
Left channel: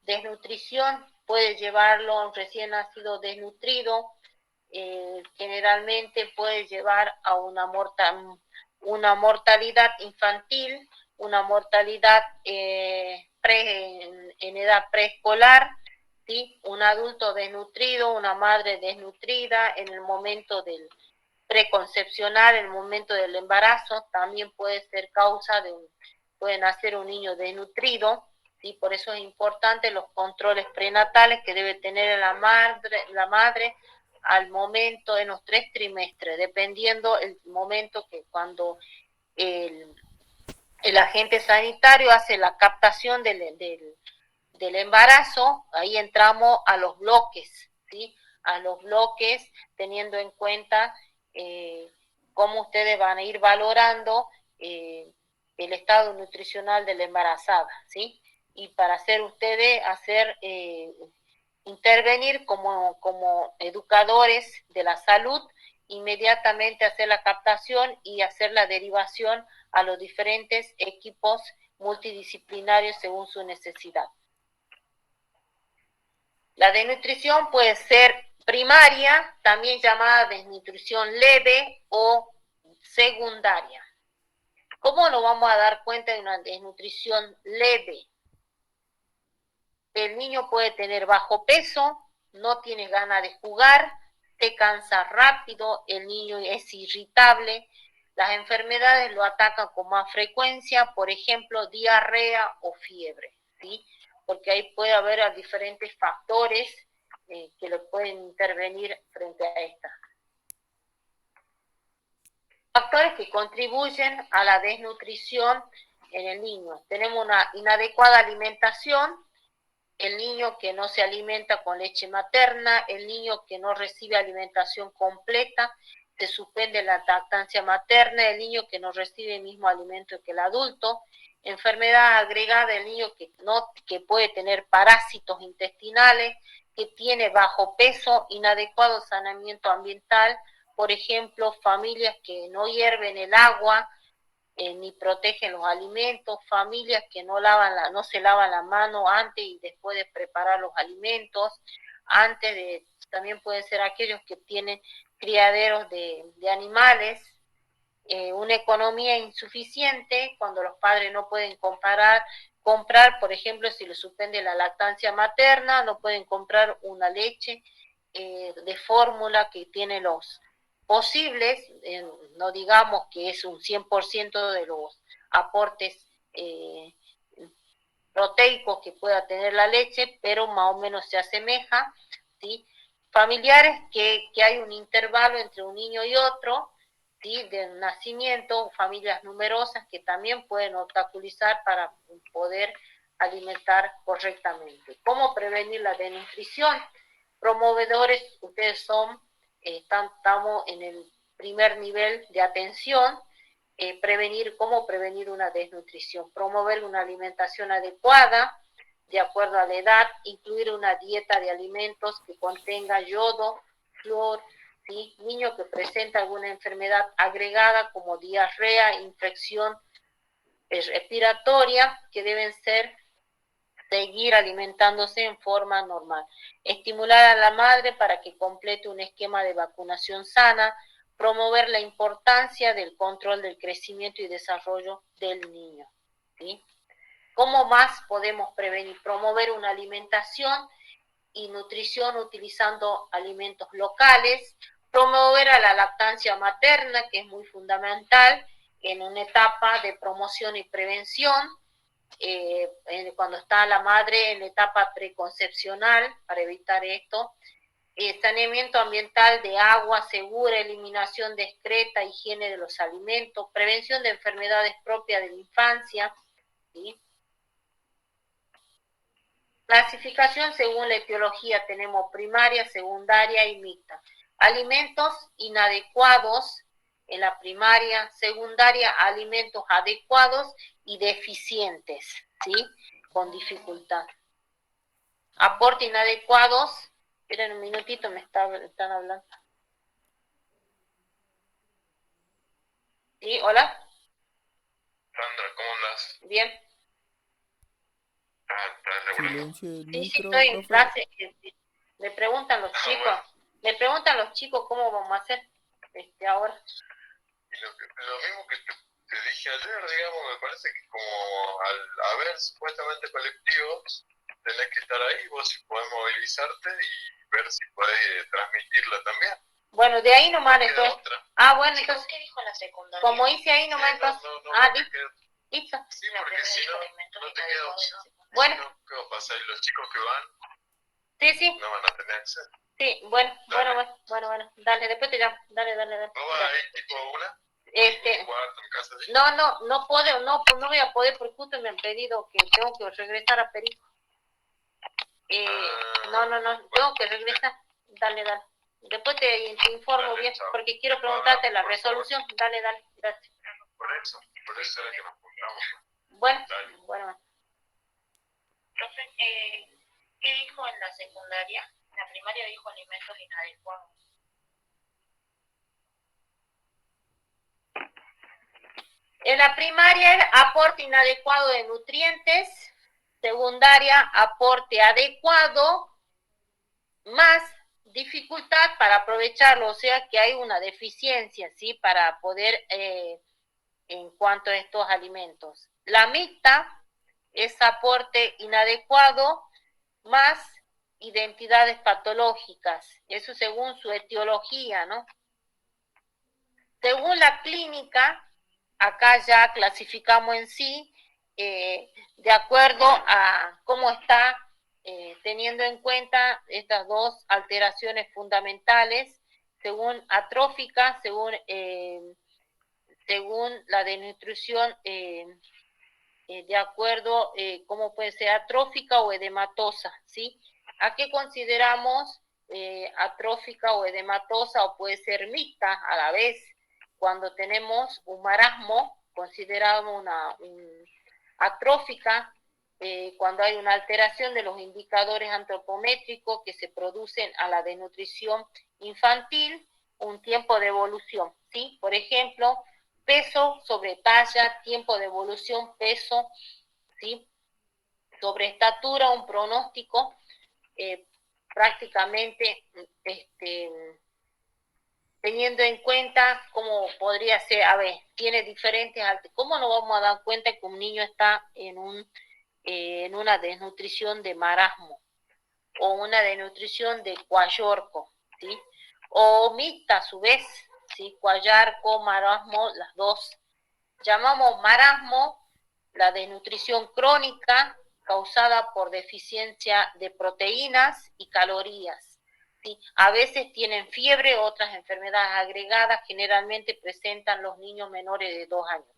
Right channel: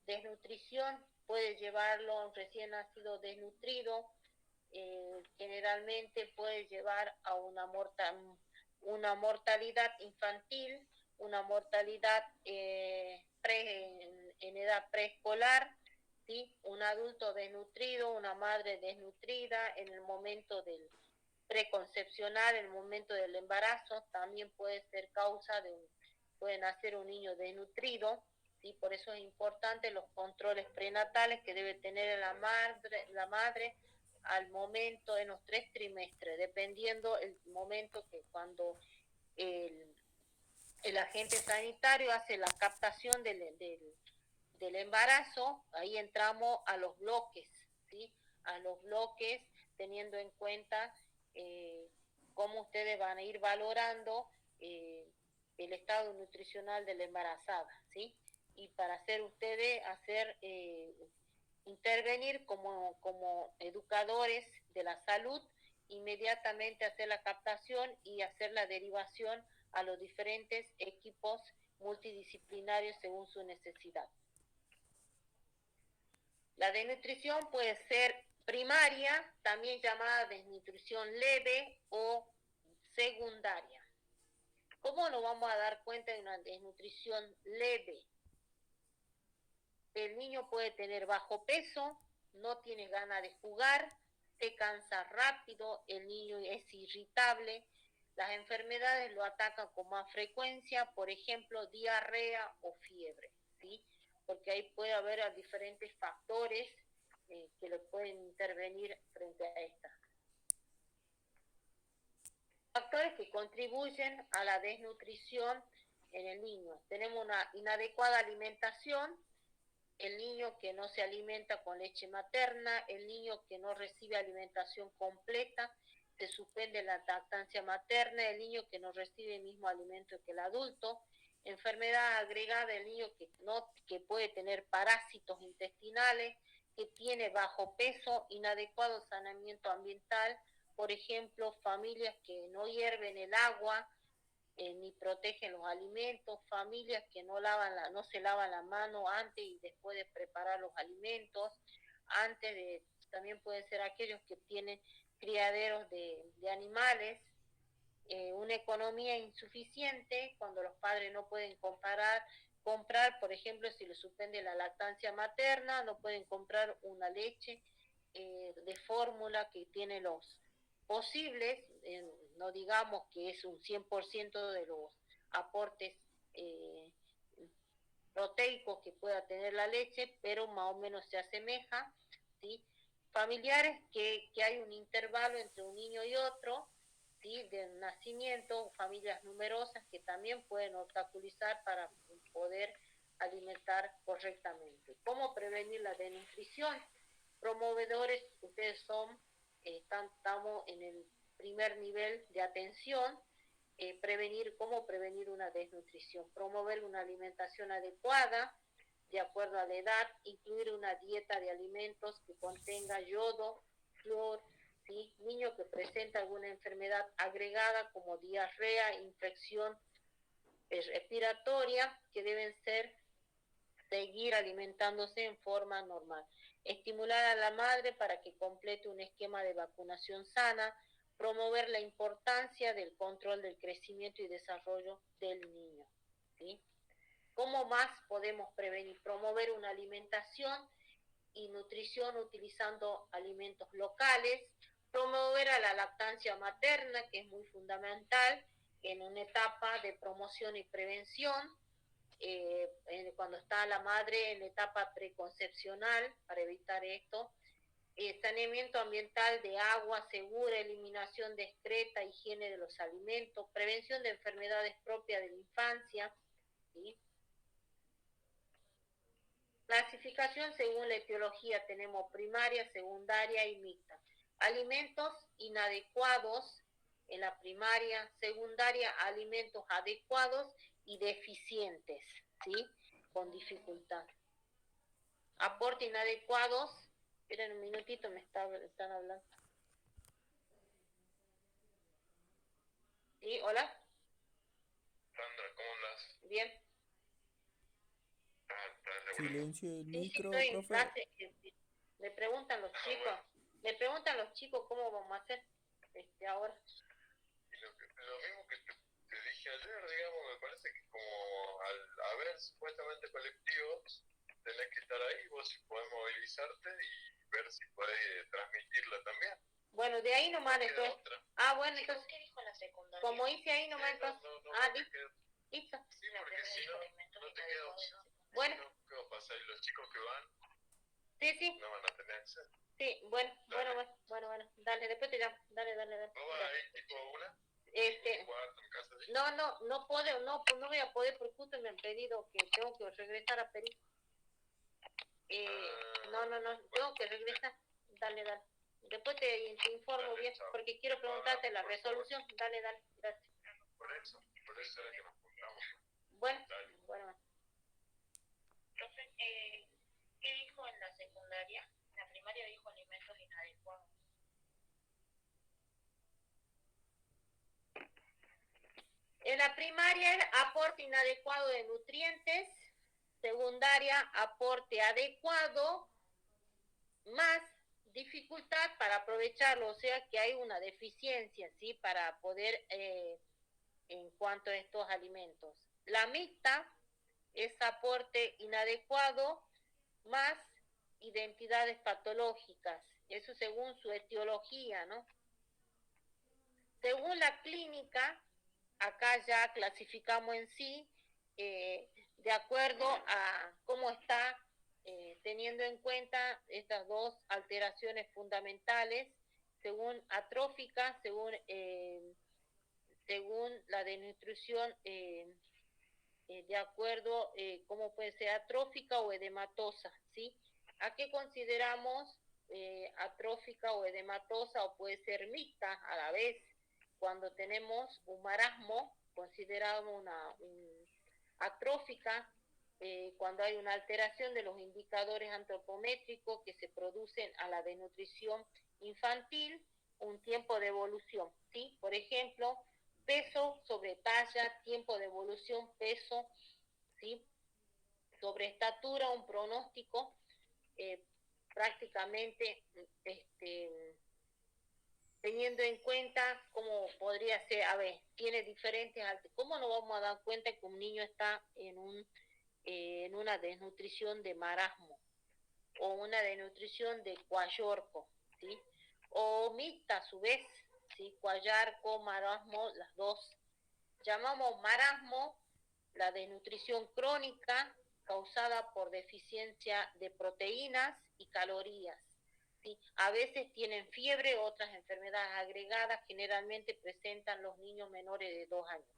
desnutrición puede llevarlo a un recién nacido desnutrido, generalmente puede llevar a una mortalidad infantil, una mortalidad en edad preescolar, ¿sí? Un adulto desnutrido, una madre desnutrida en el momento del preconcepcional, en el momento del embarazo, también puede ser causa puede nacer un niño desnutrido, ¿sí? Por eso es importante los controles prenatales que debe tener la madre al momento en los 3 trimestres, dependiendo el momento que cuando el agente sanitario hace la captación del embarazo, ahí entramos a los bloques, ¿sí? A los bloques, teniendo en cuenta cómo ustedes van a ir valorando el estado nutricional de la embarazada, ¿sí? Y para intervenir como educadores de la salud, inmediatamente hacer la captación y hacer la derivación a los diferentes equipos multidisciplinarios según su necesidad. La desnutrición puede ser primaria, también llamada desnutrición leve o secundaria. ¿Cómo nos vamos a dar cuenta de una desnutrición leve? El niño puede tener bajo peso, no tiene ganas de jugar, se cansa rápido, el niño es irritable, las enfermedades lo atacan con más frecuencia, por ejemplo, diarrea o fiebre, ¿sí? Porque ahí puede haber diferentes factores que le pueden intervenir frente a esta. Factores que contribuyen a la desnutrición en el niño. Tenemos una inadecuada alimentación, el niño que no se alimenta con leche materna, el niño que no recibe alimentación completa, se suspende la lactancia materna, el niño que no recibe el mismo alimento que el adulto, enfermedad agregada, el niño que puede tener parásitos intestinales, que tiene bajo peso, inadecuado saneamiento ambiental, por ejemplo, familias que no hierven el agua, ni protegen los alimentos, familias que no se lavan la mano antes y después de preparar los alimentos, también pueden ser aquellos que tienen criaderos de animales, una economía insuficiente, cuando los padres no pueden comprar, por ejemplo, si le suspende la lactancia materna, no pueden comprar una leche de fórmula que tiene los posibles, no digamos que es un 100% de los aportes proteicos que pueda tener la leche, pero más o menos se asemeja, ¿sí? Familiares que hay un intervalo entre un niño y otro, ¿sí? De nacimiento, familias numerosas que también pueden obstaculizar para poder alimentar correctamente. ¿Cómo prevenir la desnutrición? Promovedores, ustedes son, estamos en el primer nivel de atención. Cómo prevenir una desnutrición, promover una alimentación adecuada de acuerdo a la edad, incluir una dieta de alimentos que contenga yodo, flúor, ¿sí? Niño que presenta alguna enfermedad agregada como diarrea, infección respiratoria, que deben seguir alimentándose en forma normal. Estimular a la madre para que complete un esquema de vacunación sana, promover la importancia del control del crecimiento y desarrollo del niño, ¿sí? ¿Cómo más podemos prevenir? Promover una alimentación y nutrición utilizando alimentos locales, promover a la lactancia materna, que es muy fundamental en una etapa de promoción y prevención, cuando está la madre en la etapa preconcepcional, para evitar esto, saneamiento ambiental de agua segura, eliminación discreta, higiene de los alimentos, prevención de enfermedades propias de la infancia, ¿sí? Clasificación según la etiología, tenemos primaria, secundaria y mixta. Alimentos inadecuados en la primaria, secundaria, alimentos adecuados y deficientes, ¿sí? Con dificultad. Aporte inadecuados. Esperen un minutito, me están hablando. ¿Sí? ¿Hola? Sandra, ¿cómo andas? Bien. ¿Estás regular? Silencio del Sí, micro, estoy en profe. clase. Me preguntan los chicos. Bueno. Me preguntan los chicos cómo vamos a hacer ahora. Y lo mismo que te dije ayer, digamos, me parece que como al haber supuestamente colectivos, tenés que estar ahí, vos si podés movilizarte y ver si podés transmitirla también. Bueno, de ahí nomás No queda entonces. otra. Ah, bueno, Chicos, entonces, ¿qué dijo la secundaria? como hice ahí nomás Sí, entonces. no te Listo. queda- Listo. Sí, porque si no, no te queda opción. Bueno. Si no, ¿qué va a pasar? Y los chicos que van Sí. no van a tener acceso. Sí, bueno. Dale, después te llamo. Dale. ¿No vas ahí tipo a una? Este, ¿Cuarto, en casa de... no puedo, no voy a poder porque justo me han pedido que tengo que regresar a Perico. No, tengo que regresar. Dale. Después te informo Dale, bien, chao. porque quiero preguntarte la Por resolución. Dale, gracias. Por eso era que nos juntamos. Bueno, Dale. bueno. Profe, ¿qué dijo en la secundaria? En la primaria dijo alimentos inadecuados. En la primaria, el aporte inadecuado de nutrientes. Secundaria, aporte adecuado, más dificultad para aprovecharlo, o sea que hay una deficiencia, ¿sí? Para poder, en cuanto a estos alimentos. La mixta es aporte inadecuado, más identidades patológicas, eso según su etiología, ¿no? Según la clínica, acá ya clasificamos en sí, de acuerdo a cómo está, teniendo en cuenta estas dos alteraciones fundamentales, según atrófica, según la desnutrición, de acuerdo cómo puede ser atrófica o edematosa, ¿sí? ¿A qué consideramos atrófica o edematosa o puede ser mixta a la vez? Cuando tenemos un marasmo, consideramos una atrófica, cuando hay una alteración de los indicadores antropométricos que se producen a la desnutrición infantil, un tiempo de evolución, ¿sí? Por ejemplo, peso sobre talla, tiempo de evolución, peso, ¿sí? Sobre estatura, un pronóstico prácticamente teniendo en cuenta cómo podría ser, a ver, tiene diferentes, ¿cómo nos vamos a dar cuenta que un niño está en una desnutrición de marasmo o una desnutrición de cuayorco, ¿sí? O mixta a su vez, ¿sí? Cuayarco, marasmo, las dos. Llamamos marasmo la desnutrición crónica causada por deficiencia de proteínas y calorías. ¿Sí? A veces tienen fiebre, otras enfermedades agregadas, generalmente presentan los niños menores de 2 años.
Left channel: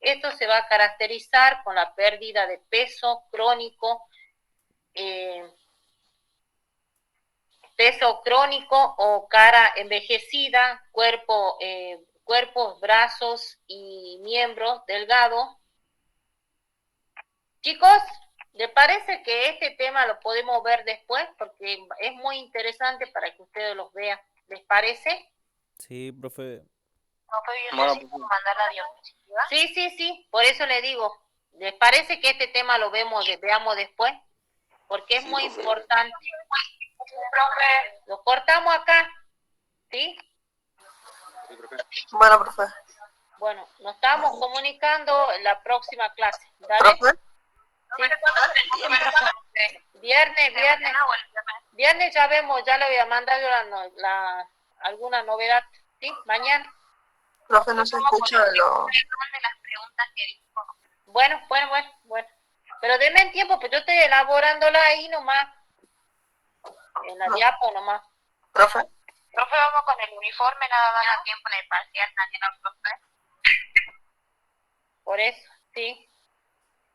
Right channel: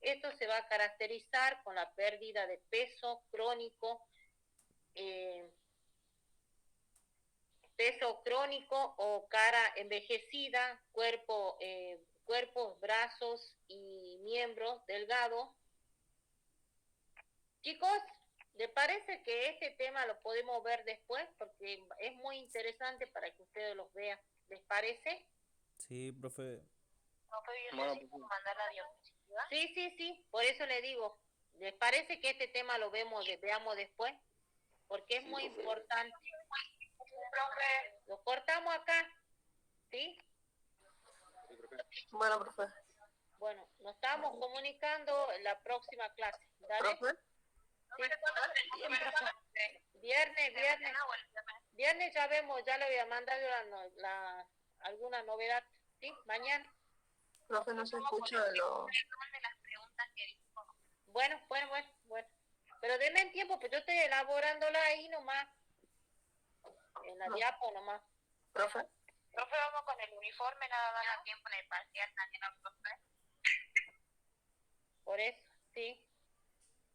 Esto se va a caracterizar con la pérdida de peso crónico, o cara envejecida, cuerpos, brazos y miembros delgados. Chicos, ¿les parece que este tema lo podemos ver después? Porque es muy interesante para que ustedes los vean. ¿Les parece? Sí, profe. Profe, yo necesito mandar la diapositiva. Sí, por eso le digo. ¿Les parece que este tema lo veamos después? Porque es muy importante. Profe. Lo cortamos acá, ¿sí? Bueno, profe. Bueno, nos estamos comunicando en la próxima clase. ¿Dale? ¿Profe? Sí. Viernes ya vemos, ya le voy a mandar alguna novedad, ¿sí? Mañana. Profe, no se escucha lo... Bueno. Pero denme tiempo, pues yo estoy elaborándola ahí nomás. En la diapo nomás. Profe. Profe, vamos con el uniforme, nada más a tiempo en el parcial mañana, profe. Por eso, sí.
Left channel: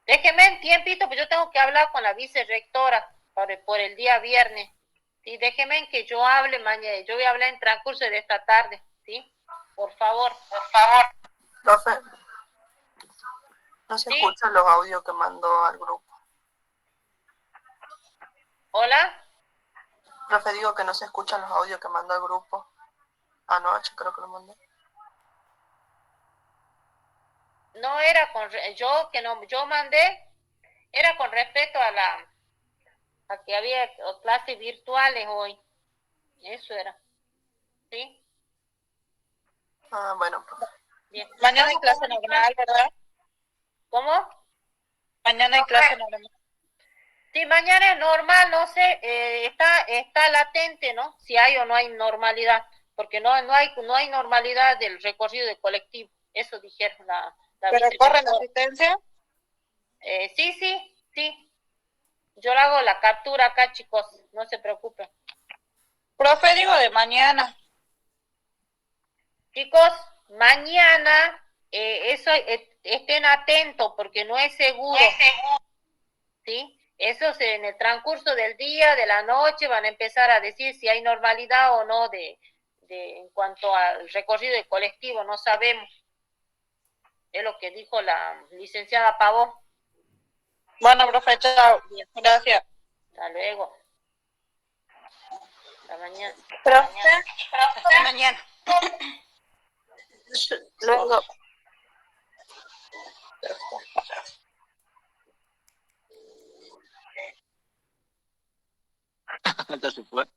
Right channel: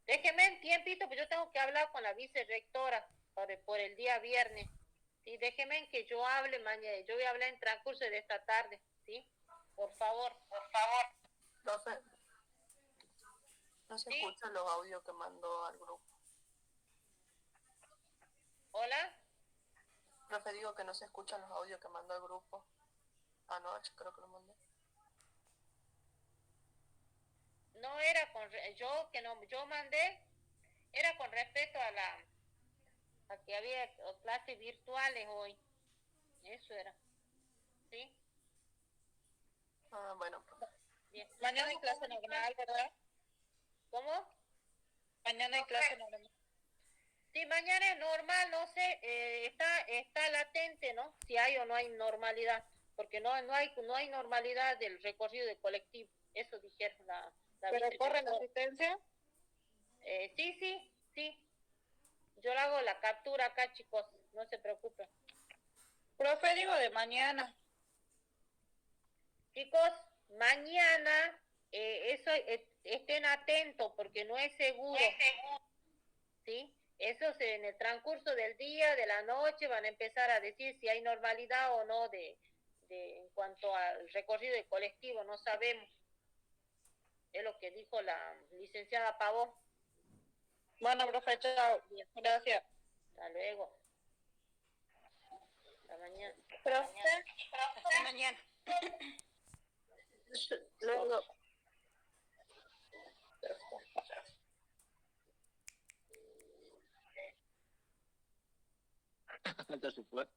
Déjeme un tiempito, pues yo tengo que hablar con la vicerrectora por el día viernes. Sí, déjeme que yo hable mañana, yo voy a hablar en transcurso de esta tarde, ¿sí? Por favor. Profe, no se ¿Sí? escuchan los audios que mandó al grupo. ¿Hola? Profe, digo que no se escuchan los audios que mandó al grupo. Anoche creo que lo mandé. No era yo mandé, era con respecto a que había clases virtuales hoy. Eso era. ¿Sí? Ah, bueno, profe. Bien. Mañana hay clase normal, ¿verdad? ¿Cómo? Mañana hay clase normal. Sí, mañana es normal, no sé, está latente, ¿no? Si hay o no hay normalidad, porque no hay normalidad del recorrido de colectivo. Eso dijeron la ¿Pero corren asistencia? Sí. Yo le hago la captura acá, chicos, no se preocupen. Profe, digo de mañana. Chicos, mañana estén atentos porque no es seguro. ¿Sí? Eso en el transcurso del día, de la noche, van a empezar a decir si hay normalidad o no en cuanto al recorrido de colectivo, no sabemos. Es lo que dijo la licenciada Pavón. Bueno, profe, chao. Gracias. Hasta luego. Hasta mañana. Profe, Hasta mañana. Luego. Ya se fue.